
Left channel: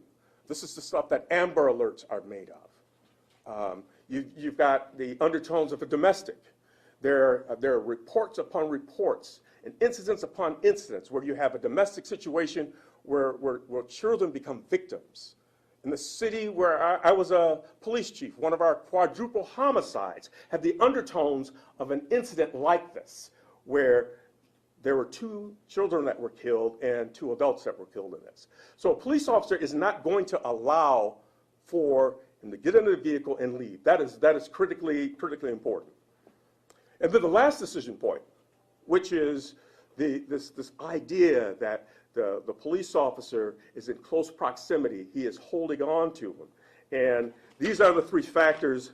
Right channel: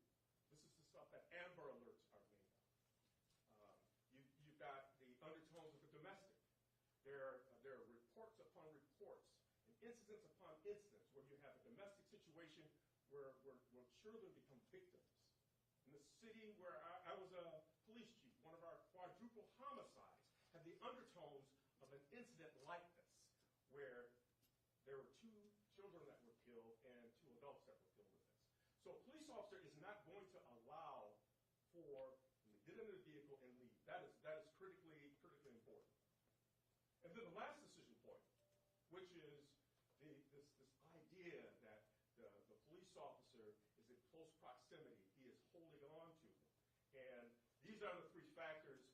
This is the stuff that Amber Alerts are made of. You've got the undertones of a domestic. There are reports upon reports and incidents upon incidents where you have a domestic situation where children become victims. In the city where I was a police chief, one of our quadruple homicides had the undertones of an incident like this, where there were 2 children that were killed and 2 adults that were killed in this. So a police officer is not going to allow for him to get into the vehicle and leave. That is critically important. And then the last decision point, which is this idea that the police officer is in close proximity. He is holding on to him. And these are the 3 factors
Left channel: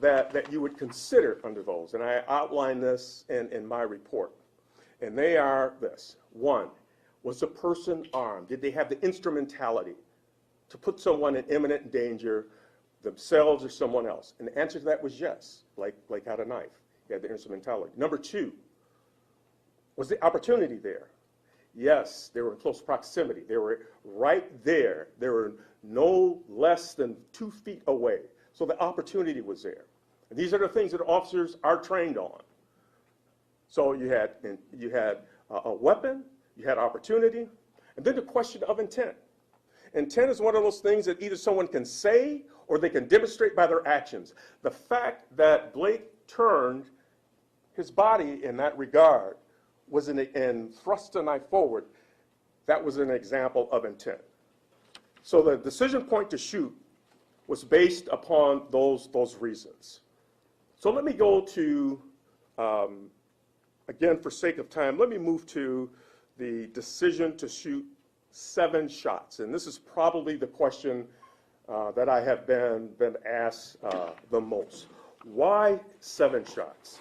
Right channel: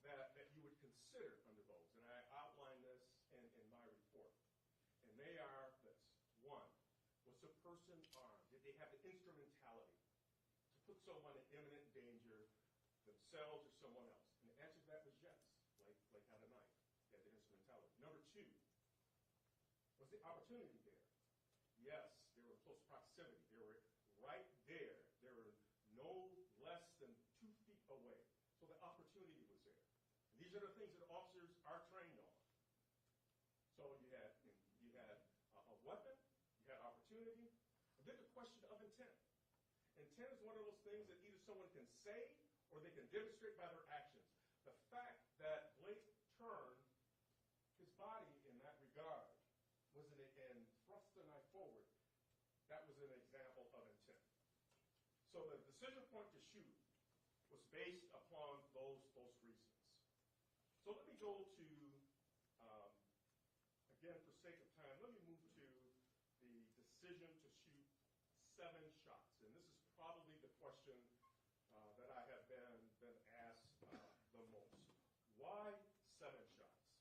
that you would consider under those. And I outline this in my report. And they are this. 1, was the person armed? Did they have the instrumentality to put someone in imminent danger, themselves or someone else? And the answer to that was yes. Blake had a knife. He had the instrumentality. Number 2, was the opportunity there? Yes, they were in close proximity. They were right there. They were no less than 2 feet away. So the opportunity was there. And these are the things that officers are trained on. So you had a weapon, you had opportunity, and then the question of intent. Intent is one of those things that either someone can say or they can demonstrate by their actions. The fact that Blake turned his body in that regard was and thrust the knife forward, that was an example of intent. So the decision point to shoot was based upon those reasons. So let me go to, again, for sake of time, let me move to the decision to shoot 7 shots. And this is probably the question that I have been asked the most. Why 7 shots?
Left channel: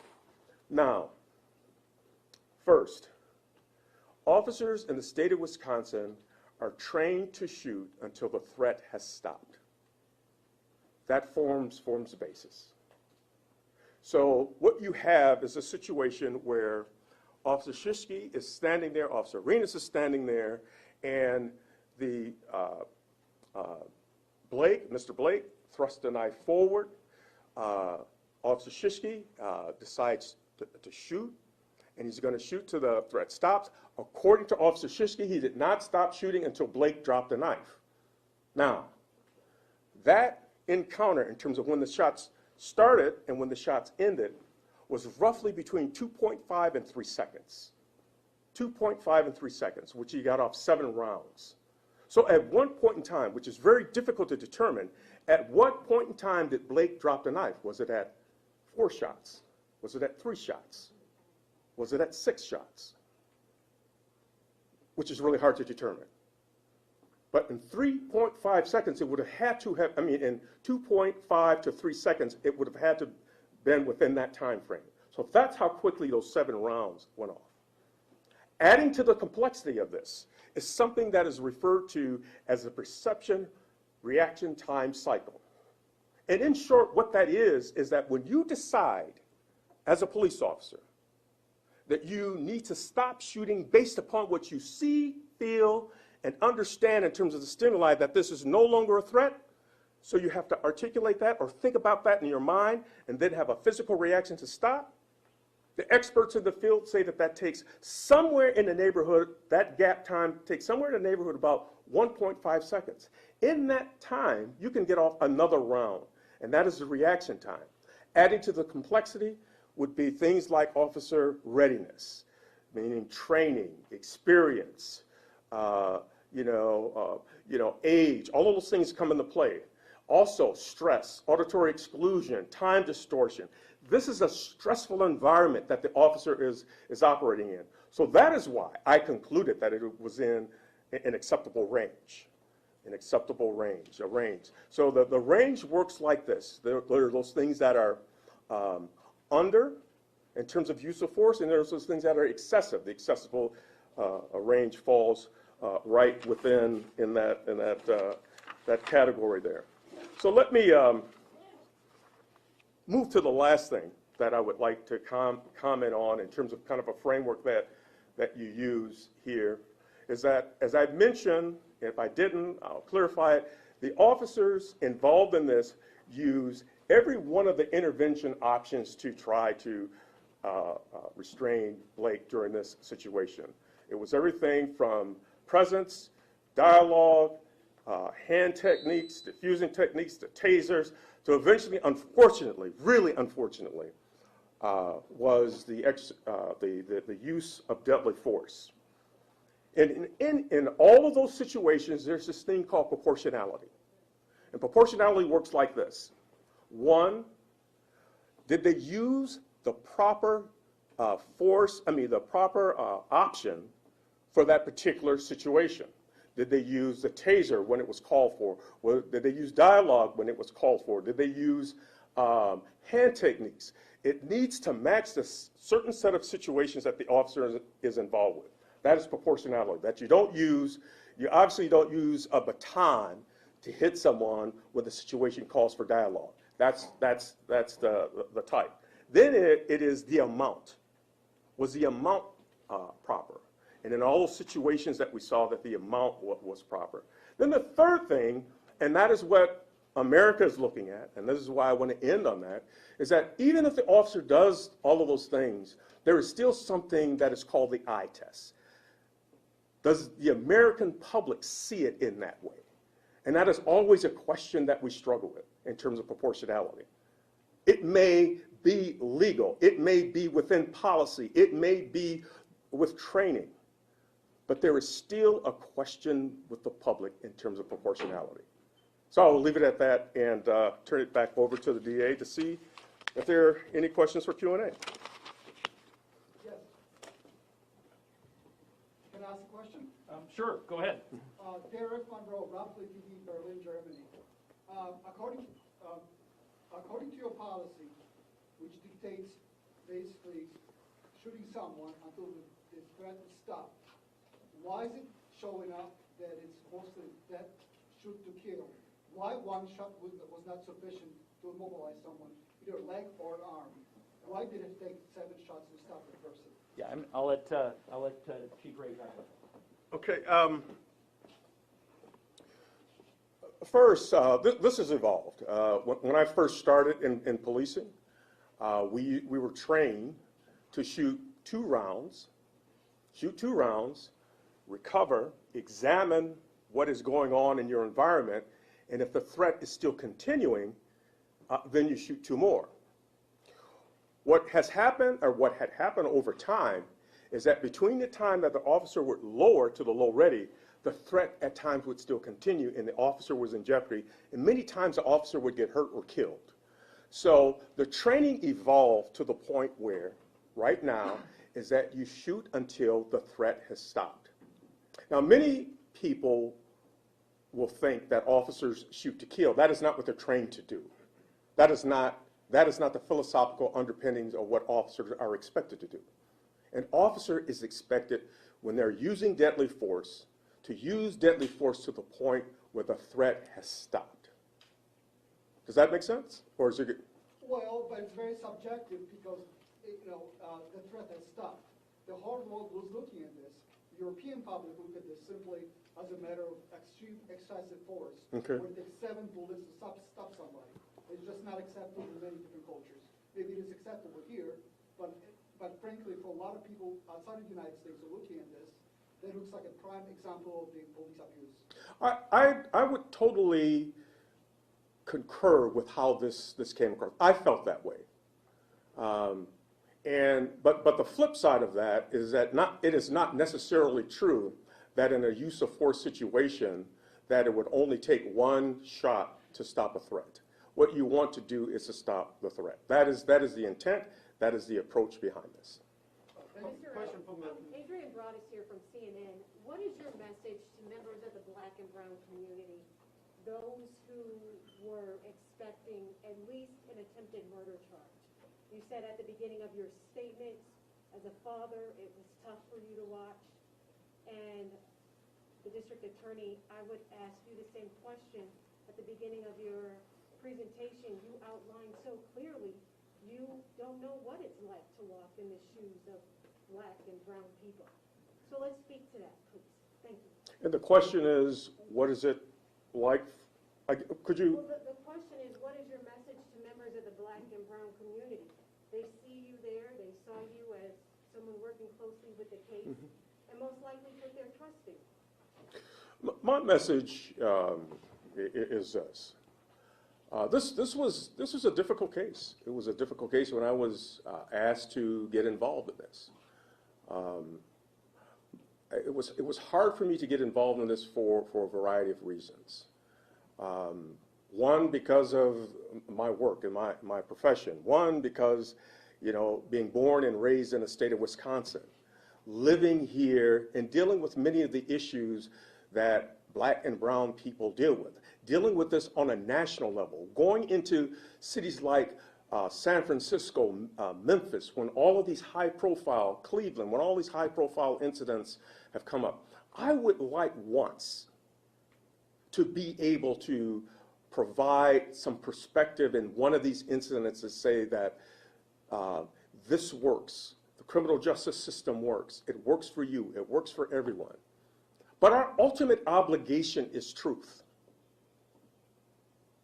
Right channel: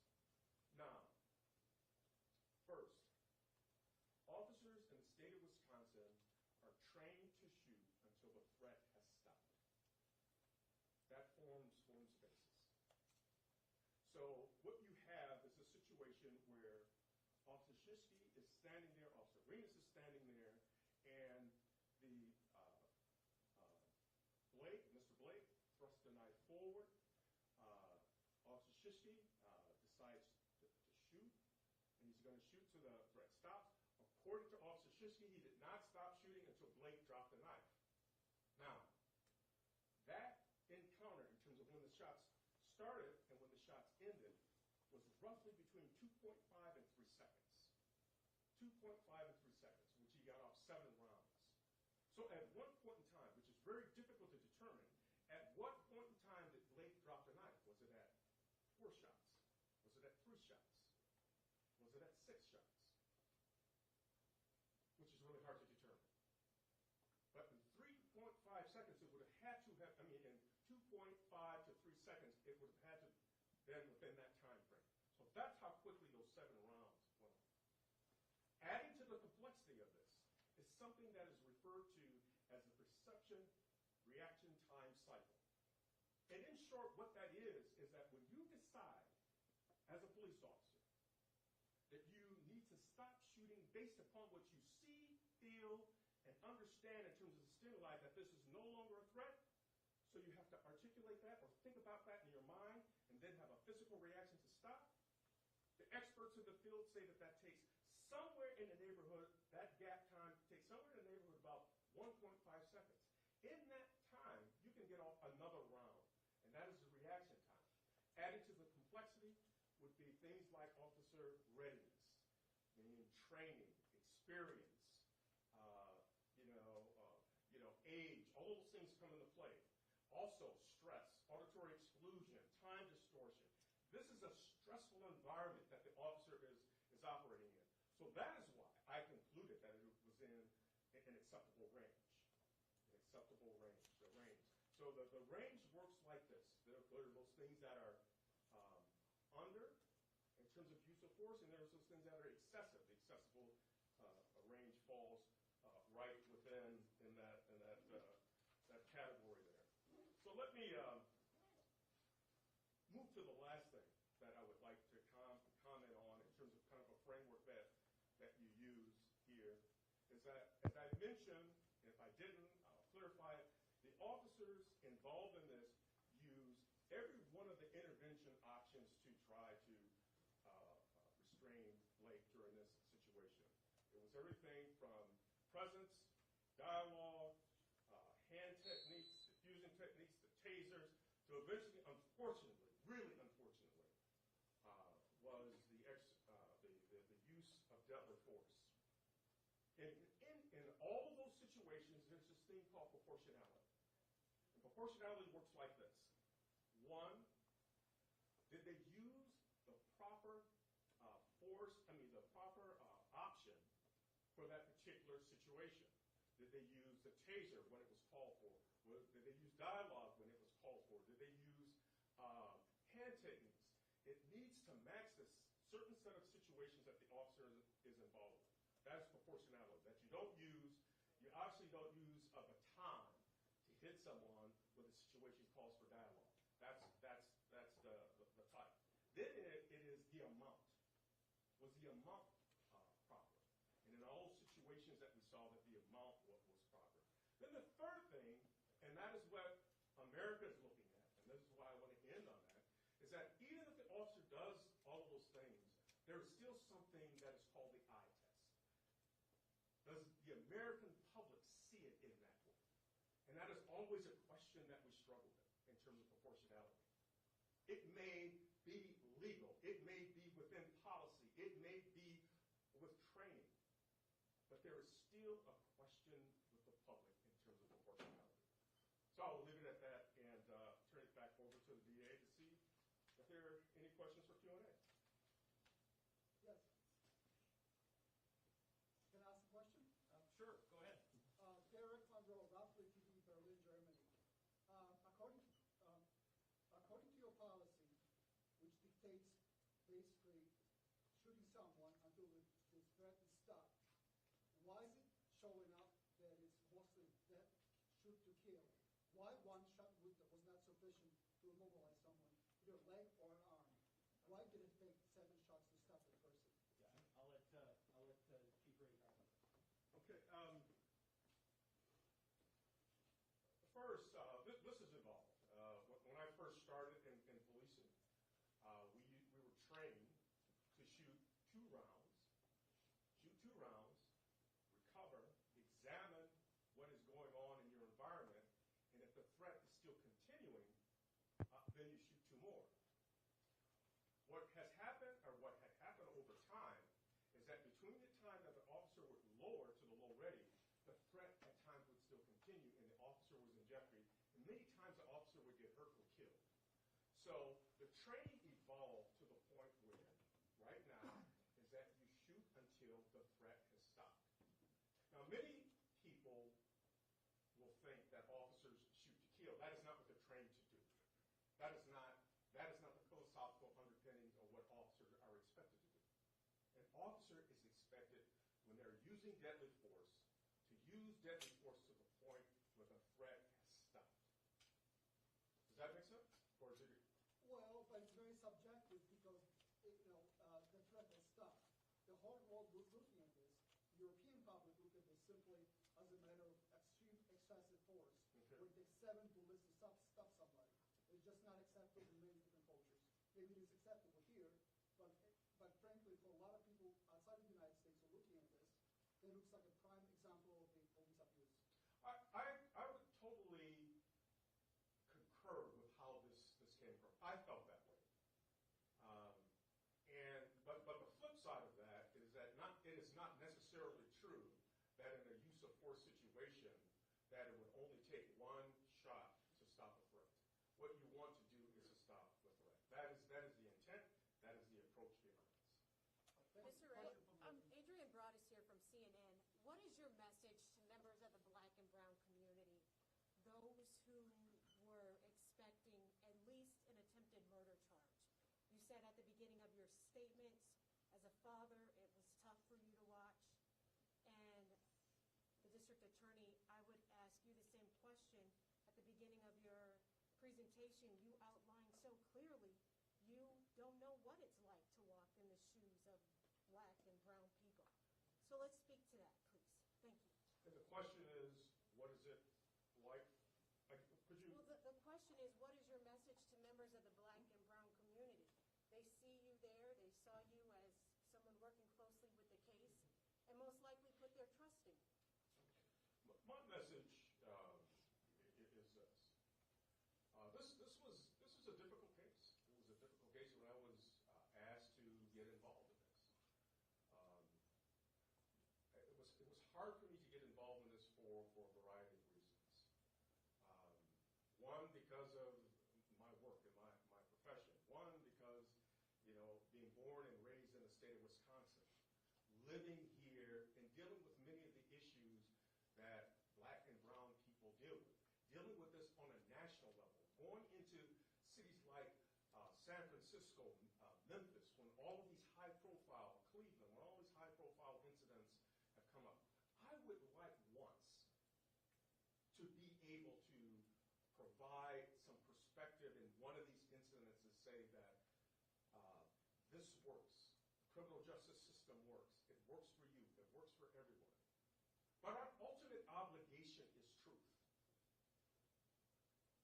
Now, first, officers in the state of Wisconsin are trained to shoot until the threat has stopped. That forms the basis. So what you have is a situation where Officer Shishki is standing there, Officer Arenas is standing there, and the Mr. Blake thrusts the knife forward. Officer Shishki decides to shoot, and he's going to shoot till the threat stops. According to Officer Shishki, he did not stop shooting until Blake dropped the knife. Now, that encounter in terms of when the shots started and when the shots ended was roughly between 2.5 and 3 seconds. 2.5 and 3 seconds, which he got off 7 rounds. So at one point in time, which is very difficult to determine, at what point in time did Blake drop the knife? Was it at 4 shots? Was it at 3 shots? Was it at 6 shots? Which is really hard to determine. But in 3.5 seconds, it would have had to have, in 2.5 to 3 seconds, it would have had to been within that time frame. So that's how quickly those 7 rounds went off. Adding to the complexity of this is something that is referred to as the perception reaction time cycle. And in short, what that is that when you decide as a police officer that you need to stop shooting based upon what you see, feel, and understand in terms of the stimuli that this is no longer a threat, so you have to articulate that or think about that in your mind and then have a physical reaction to stop. The experts in the field say that that takes somewhere in the neighborhood, that gap time takes somewhere in the neighborhood about 1.5 seconds. In that time, you can get off another round, and that is the reaction time. Adding to the complexity would be things like officer readiness, meaning training, experience, age, all of those things come into play. Also, stress, auditory exclusion, time distortion. This is a stressful environment that the officer is operating in. So that is why I concluded that it was in an acceptable range. An acceptable range, a range. So the range works like this. There are those things that are under in terms of use of force, and there's those things that are excessive. The accessible range falls right within that category there. So let me move to the last thing that I would like to comment on in terms of kind of a framework that you use here, is that, as I mentioned, if I didn't, I'll clarify it, the officers involved in this use every one of the intervention options to try to restrain Blake during this situation. It was everything from presence, dialogue, hand techniques, diffusing techniques, to tasers, to eventually, unfortunately, really unfortunately, was the use of deadly force. And in all of those situations, there's this thing called proportionality. And proportionality works like this. 1, did they use the proper option for that particular situation? Did they use the taser when it was called for? Did they use dialogue when it was called for? Did they use hand techniques? It needs to match the certain set of situations that the officer is involved with. That is proportionality. That you obviously don't use a baton to hit someone when the situation calls for dialogue. That's the type. Then it is the amount. Was the amount proper? And in all those situations that we saw, that the amount was proper. Then the third thing, and that is what America is looking at, and this is why I want to end on that, is that even if the officer does all of those things, there is still something that is called the eye test. Does the American public see it in that way? And that is always a question that we struggle with in terms of proportionality. It may be legal, it may be within policy, it may be with training, but there is still a question with the public in terms of proportionality. So I'll leave it at that and turn it back over to the DA to see if there are any questions for Q&A. Yes. Can I ask a question? Sure, go ahead. Derek Monroe, Rapid TV, Berlin, Germany. According to your policy, which dictates basically shooting someone until the threat is stopped, why is it showing up that it's mostly death, shoot to kill? Why one shot was not sufficient to immobilize someone, either leg or arm? Why did it take 7 shots to stop the person? Yeah, I'll let Chief Ray comment. Okay. First, this has evolved. When I first started in policing, we were trained to shoot 2 rounds, recover, examine what is going on in your environment, and if the threat is still continuing, then you shoot 2 more. What has happened, or what had happened over time, is that between the time that the officer would lower to the low ready, the threat at times would still continue and the officer was in jeopardy, and many times the officer would get hurt or killed. So the training evolved to the point where, right now, is that you shoot until the threat has stopped. Now, many people will think that officers shoot to kill. That is not what they're trained to do. That is not the philosophical underpinnings of what officers are expected to do. An officer is expected, when they're using deadly force, to use deadly force to the point where the threat has stopped. Does that make sense? Or is it? Well, but it's very subjective because, the threat has stopped. The whole world was looking at this. European public looked at this simply as a matter of extreme excessive force. Okay. Where it takes 7 bullets to stop somebody. It's just not acceptable in many different cultures. Maybe it is acceptable here, but frankly, for a lot of people outside of the United States who are looking at this, that looks like a prime example of the police abuse. I would totally concur with how this came across. I felt that way. But the flip side of that is that it is not necessarily true that in a use of force situation that it would only take 1 shot to stop a threat. What you want to do is to stop the threat. That is the intent. That is the approach behind this. Adrian Broadus here from CNN. What is your message to members of the Black and brown community, those who were expecting at least an attempted murder charge? You said at the beginning of your statements, as a father, it was tough for you to watch. And the district attorney, I would ask you the same question. At the beginning of your presentation, you outlined so clearly you don't know what it's like to walk in the shoes of Black and brown people. So let's speak to that, please. Thank you. And the question is, what is it like? Could you? Well, the question is, what is your message to members of the Black and brown community? They see you there, they saw you as someone working closely with the case, and most likely put their trust in you. My message is this. This was a difficult case. It was a difficult case when I was asked to get involved in this. It was hard for me to get involved in this for a variety of reasons. One, because of my work and my profession. One, because, being born and raised in the state of Wisconsin, living here and dealing with many of the issues that Black and brown people deal with. Dealing with this on a national level, going into cities like San Francisco, Memphis, when all of these high-profile, Cleveland, when all these high-profile incidents have come up. I would like once to be able to provide some perspective in one of these incidents to say that this works. The criminal justice system works. It works for you. It works for everyone. But our ultimate obligation is truth.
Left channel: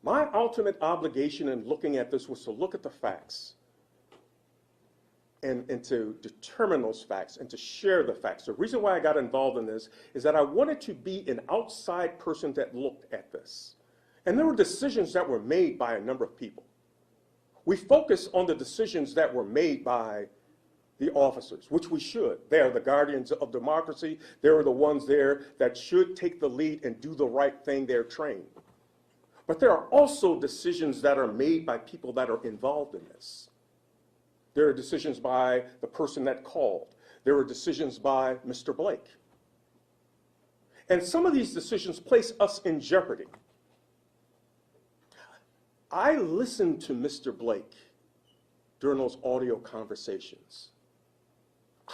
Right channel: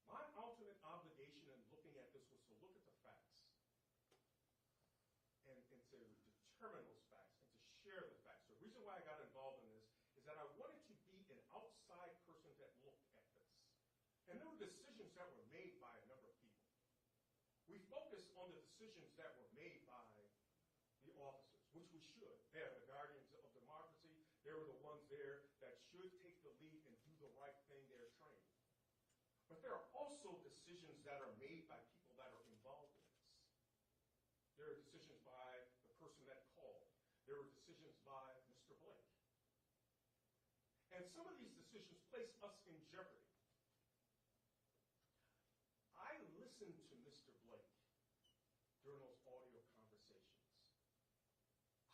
My ultimate obligation in looking at this was to look at the facts and to determine those facts and to share the facts. The reason why I got involved in this is that I wanted to be an outside person that looked at this. And there were decisions that were made by a number of people. We focus on the decisions that were made by the officers, which we should. They are the guardians of democracy. They are the ones there that should take the lead and do the right thing. They're trained. But there are also decisions that are made by people that are involved in this. There are decisions by the person that called. There are decisions by Mr. Blake. And some of these decisions place us in jeopardy. I listened to Mr. Blake during those audio conversations.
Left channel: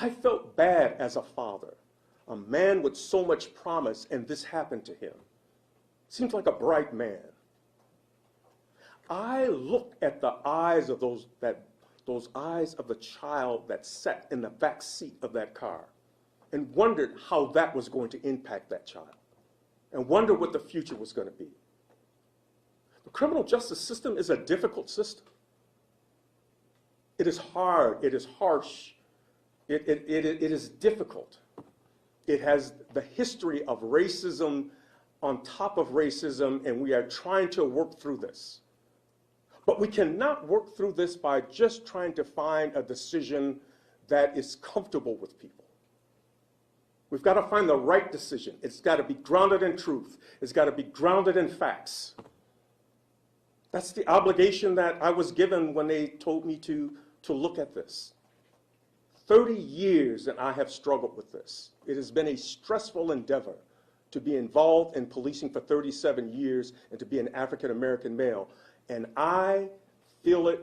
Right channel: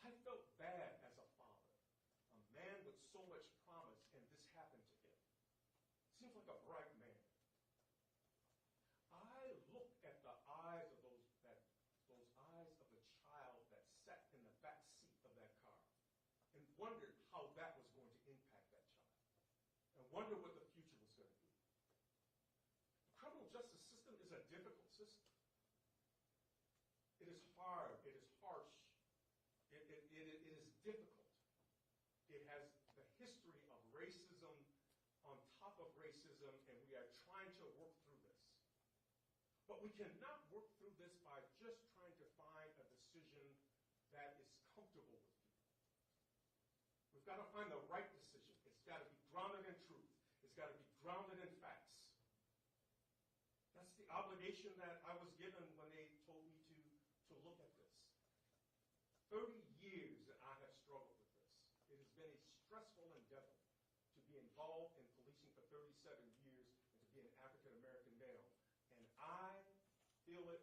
I felt bad as a father, a man with so much promise, and this happened to him. Seems like a bright man. I looked at the eyes of those eyes of the child that sat in the back seat of that car and wondered how that was going to impact that child and wondered what the future was going to be. The criminal justice system is a difficult system. It is hard. It is harsh. It is difficult. It has the history of racism on top of racism, and we are trying to work through this. But we cannot work through this by just trying to find a decision that is comfortable with people. We've got to find the right decision. It's got to be grounded in truth. It's got to be grounded in facts. That's the obligation that I was given when they told me to look at this. 30 years that I have struggled with this. It has been a stressful endeavor to be involved in policing for 37 years and to be an African American male. And I feel it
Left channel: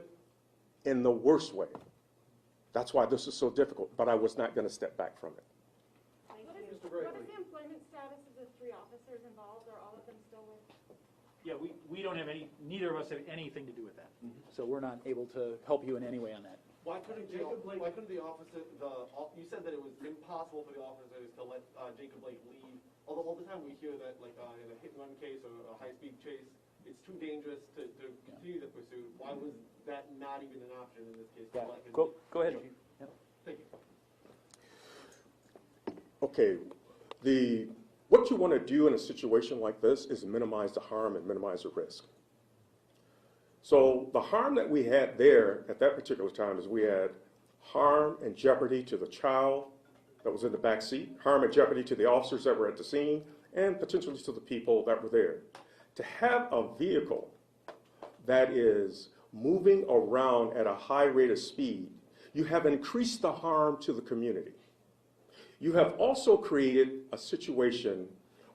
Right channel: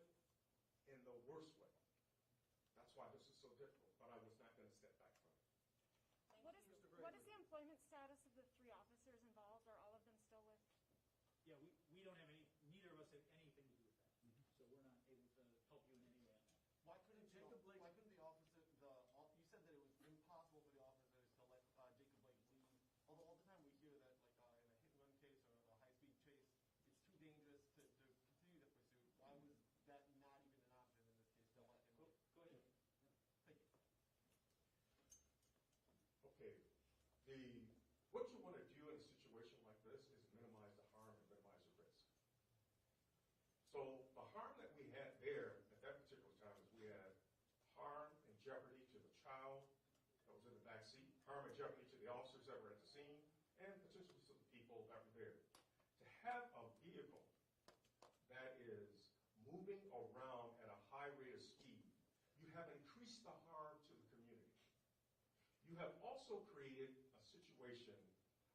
in the worst way. That's why this is so difficult, but I was not going to step back from it. What is the employment status of the 3 officers involved? Are all of them still with? Yeah, we don't have neither of us have anything to do with that. So we're not able to help you in any way on that. Why couldn't the officer, you said that it was impossible for the officers to let Jacob Blake leave, although all the time we hear that, like, in a hit-and-run case or a high-speed chase, it's too dangerous to continue the pursuit. Why was that not even an option in this case? Yeah. Go ahead. Yeah. Thank you. Okay, what you want to do in a situation like this is minimize the harm and minimize the risk. So the harm that we had there at that particular time is we had harm and jeopardy to the child that was in the back seat, harm and jeopardy to the officers that were at the scene, and potentially to the people that were there. To have a vehicle that is moving around at a high rate of speed, you have increased the harm to the community. You have also created a situation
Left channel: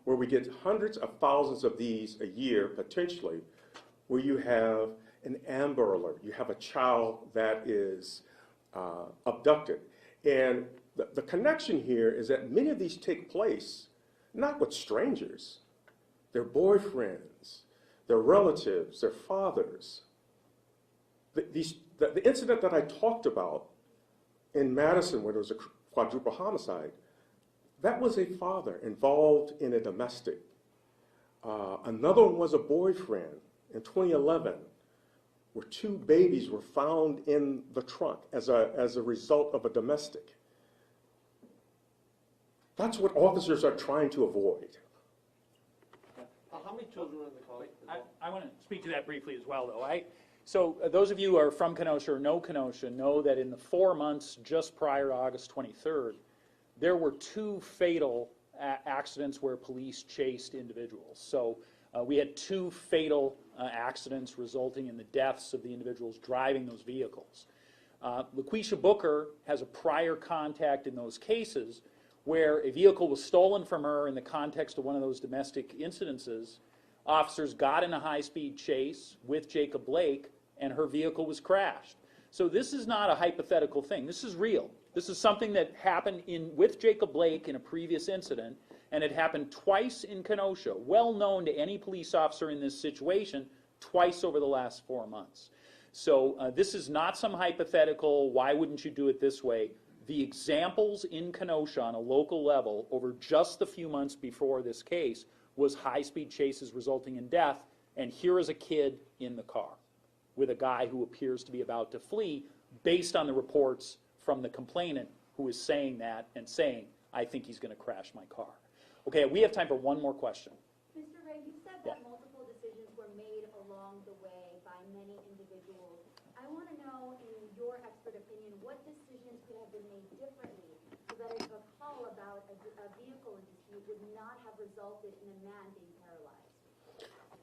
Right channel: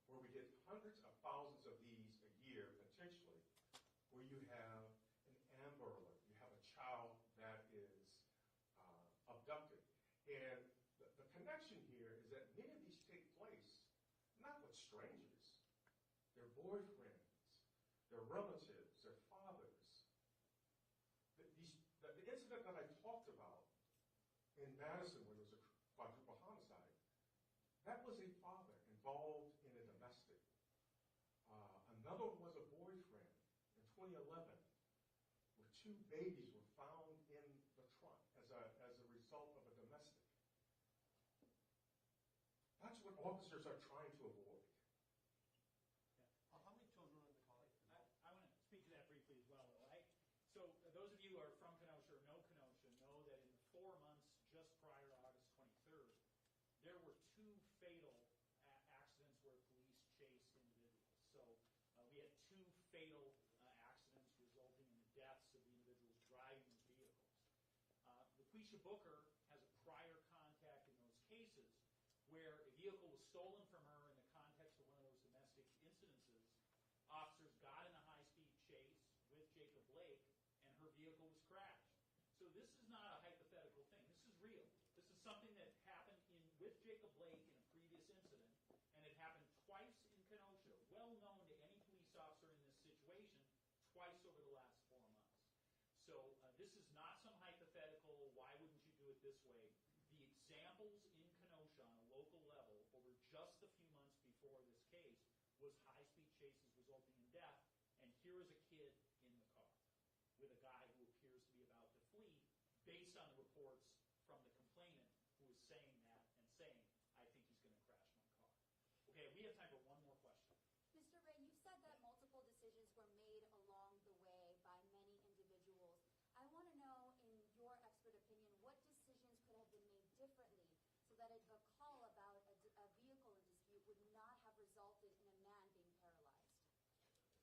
where we get hundreds of thousands of these a year, potentially, where you have an Amber Alert, you have a child that is abducted. And the connection here is that many of these take place not with strangers, their boyfriends, their relatives, their fathers. The incident that I talked about in Madison where there was a quadruple homicide, that was a father involved in a domestic. Another one was a boyfriend in 2011 where 2 babies were found in the trunk as a result of a domestic. That's what officers are trying to avoid. How many children were in the car? I want to speak to that briefly as well, though. So those of you who are from Kenosha or know Kenosha know that in the 4 months just prior to August 23rd, there were 2 fatal accidents where police chased individuals. So we had 2 fatal accidents resulting in the deaths of the individuals driving those vehicles. LaQuisha Booker has a prior contact in those cases where a vehicle was stolen from her in the context of one of those domestic incidences. Officers got in a high-speed chase with Jacob Blake, and her vehicle was crashed. So this is not a hypothetical thing. This is real. This is something that happened with Jacob Blake in a previous incident, and it happened twice in Kenosha, well known to any police officer in this situation, twice over the last 4 months. So this is not some hypothetical, why wouldn't you do it this way? The examples in Kenosha on a local level over just the few months before this case was high-speed chases resulting in death, and here is a kid in the car with a guy who appears to be about to flee based on the reports from the complainant who is saying that and saying, I think he's going to crash my car. Okay, we have time for one more question. Mr. Ray, you said that multiple decisions were made along the way by many individuals. I want to know, in your expert opinion, what decisions could have been made differently so that a call about a vehicle dispute would not have resulted in a man being paralyzed?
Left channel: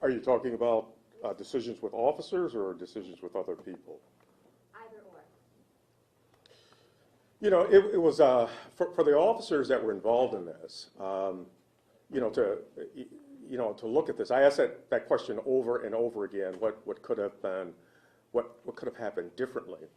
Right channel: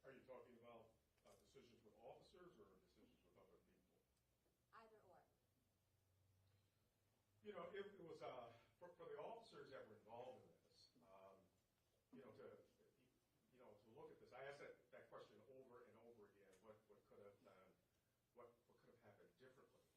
Are you talking about decisions with officers or decisions with other people? Either or. You know, it was, for the officers that were involved in this, to look at this, I asked that question over and over again, what could have been, what could have happened differently?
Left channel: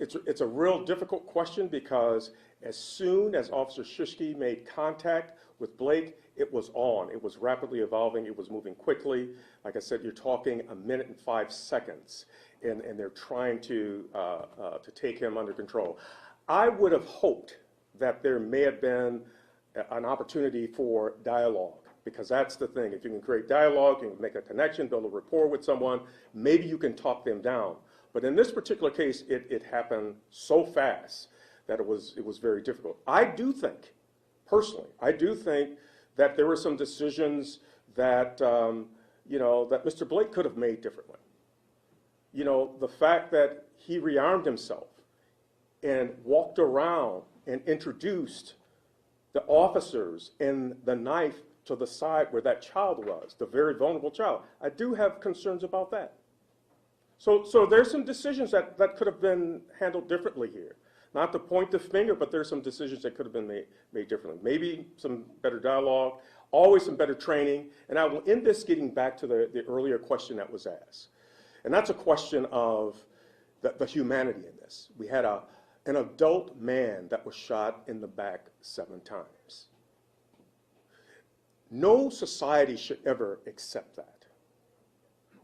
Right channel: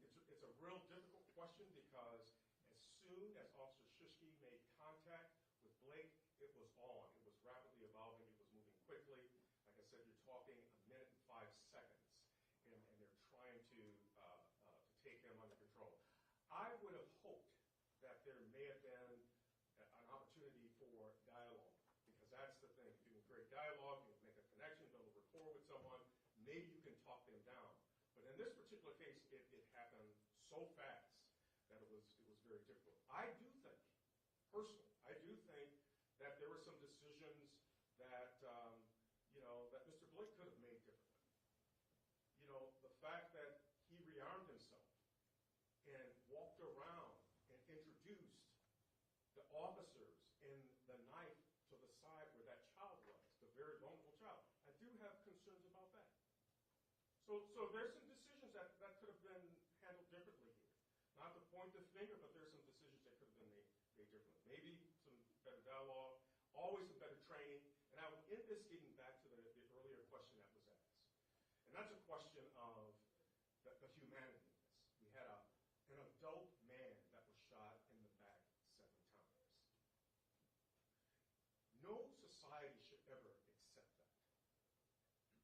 It's a real difficult question because as soon as Officer Shishki made contact with Blake, it was on. It was rapidly evolving. It was moving quickly. Like I said, you're talking 1 minute and 5 seconds, and they're trying to take him under control. I would have hoped that there may have been an opportunity for dialogue, because that's the thing. If you can create dialogue, you can make a connection, build a rapport with someone, maybe you can talk them down. But in this particular case, it happened so fast that it was very difficult. I do think, personally, that there were some decisions that, that Mr. Blake could have made differently. You know, the fact that he rearmed himself and walked around and introduced the officers and the knife to the side where that child was, the very vulnerable child. I do have concerns about that. So there's some decisions that could have been handled differently here. Not to point the finger, but there's some decisions that could have been made differently. Maybe some better dialogue, always some better training. And I will end this getting back to the earlier question that was asked. And that's a question of the humanity in this. We had an adult man that was shot in the back 7 times. No society should ever accept that.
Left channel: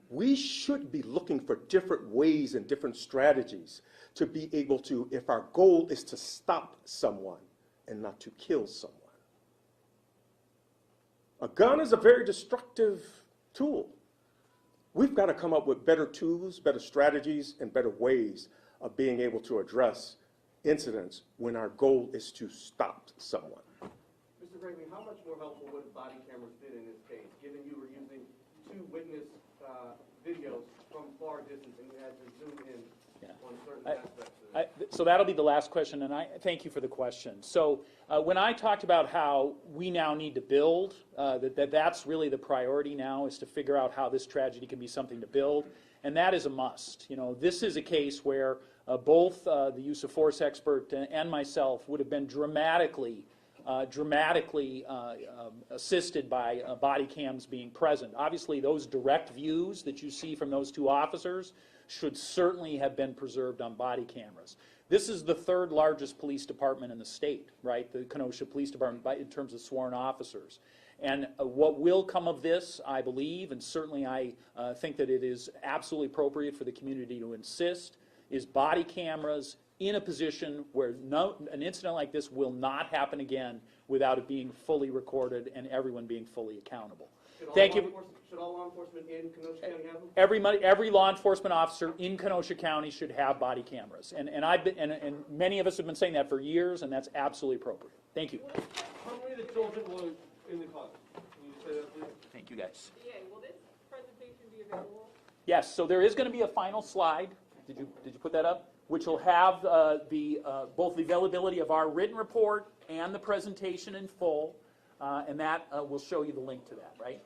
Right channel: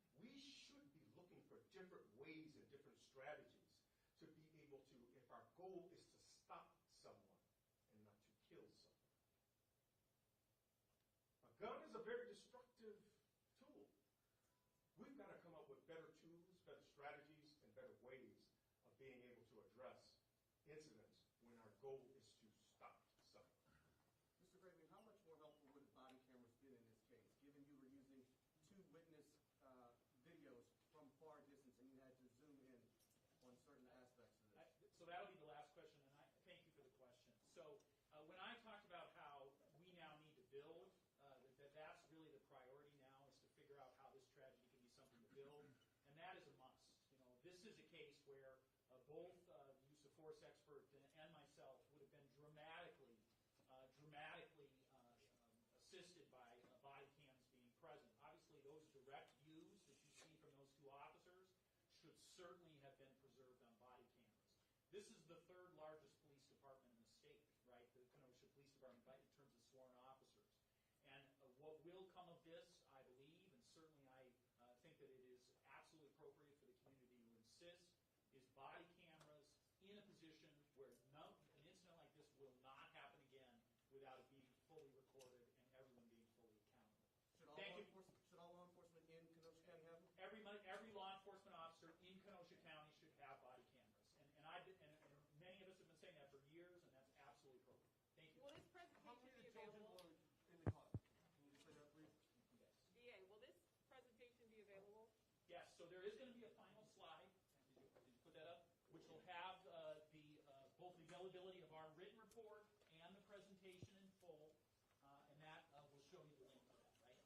We should be looking for different ways and different strategies to be able to, if our goal is to stop someone and not to kill someone. A gun is a very destructive tool. We've got to come up with better tools, better strategies, and better ways of being able to address incidents when our goal is to stop someone. Mr. Gregory, how much more helpful would body cameras been in this case, given you were using 2 witness videos from far distance and you had to zoom in on certain aspects of it? So that'll be the last question, and I thank you for the question. So when I talked about how we now need to build, that's really the priority now, is to figure out how this tragedy can be something to build, and that is a must. You know, this is a case where both the use of force expert and myself would have been dramatically assisted by body cams being present. Obviously, those direct views that you see from those 2 officers should certainly have been preserved on body cameras. This is the 3rd largest police department in the state, right? The Kenosha Police Department in terms of sworn officers. And what will come of this, I believe, and certainly I think that it is absolutely appropriate for the community to insist, is body cameras in a position where an incident like this will not happen again without it being fully recorded and everyone being fully accountable. Thank you. Should all law enforcement in Kenosha County have them? Every law enforcement officer in Kenosha County should have body cameras, and many of us have been saying that for years, and that's absolutely appropriate. Thank you. How many of the children were in the car? Can you say that, please? Thank you, guys. Will this presentation be available? Yes. So there is going to be a final slide. Did you put that up? Which will have both the availability of our written report and the presentation in full, and that will show you the link to that, right?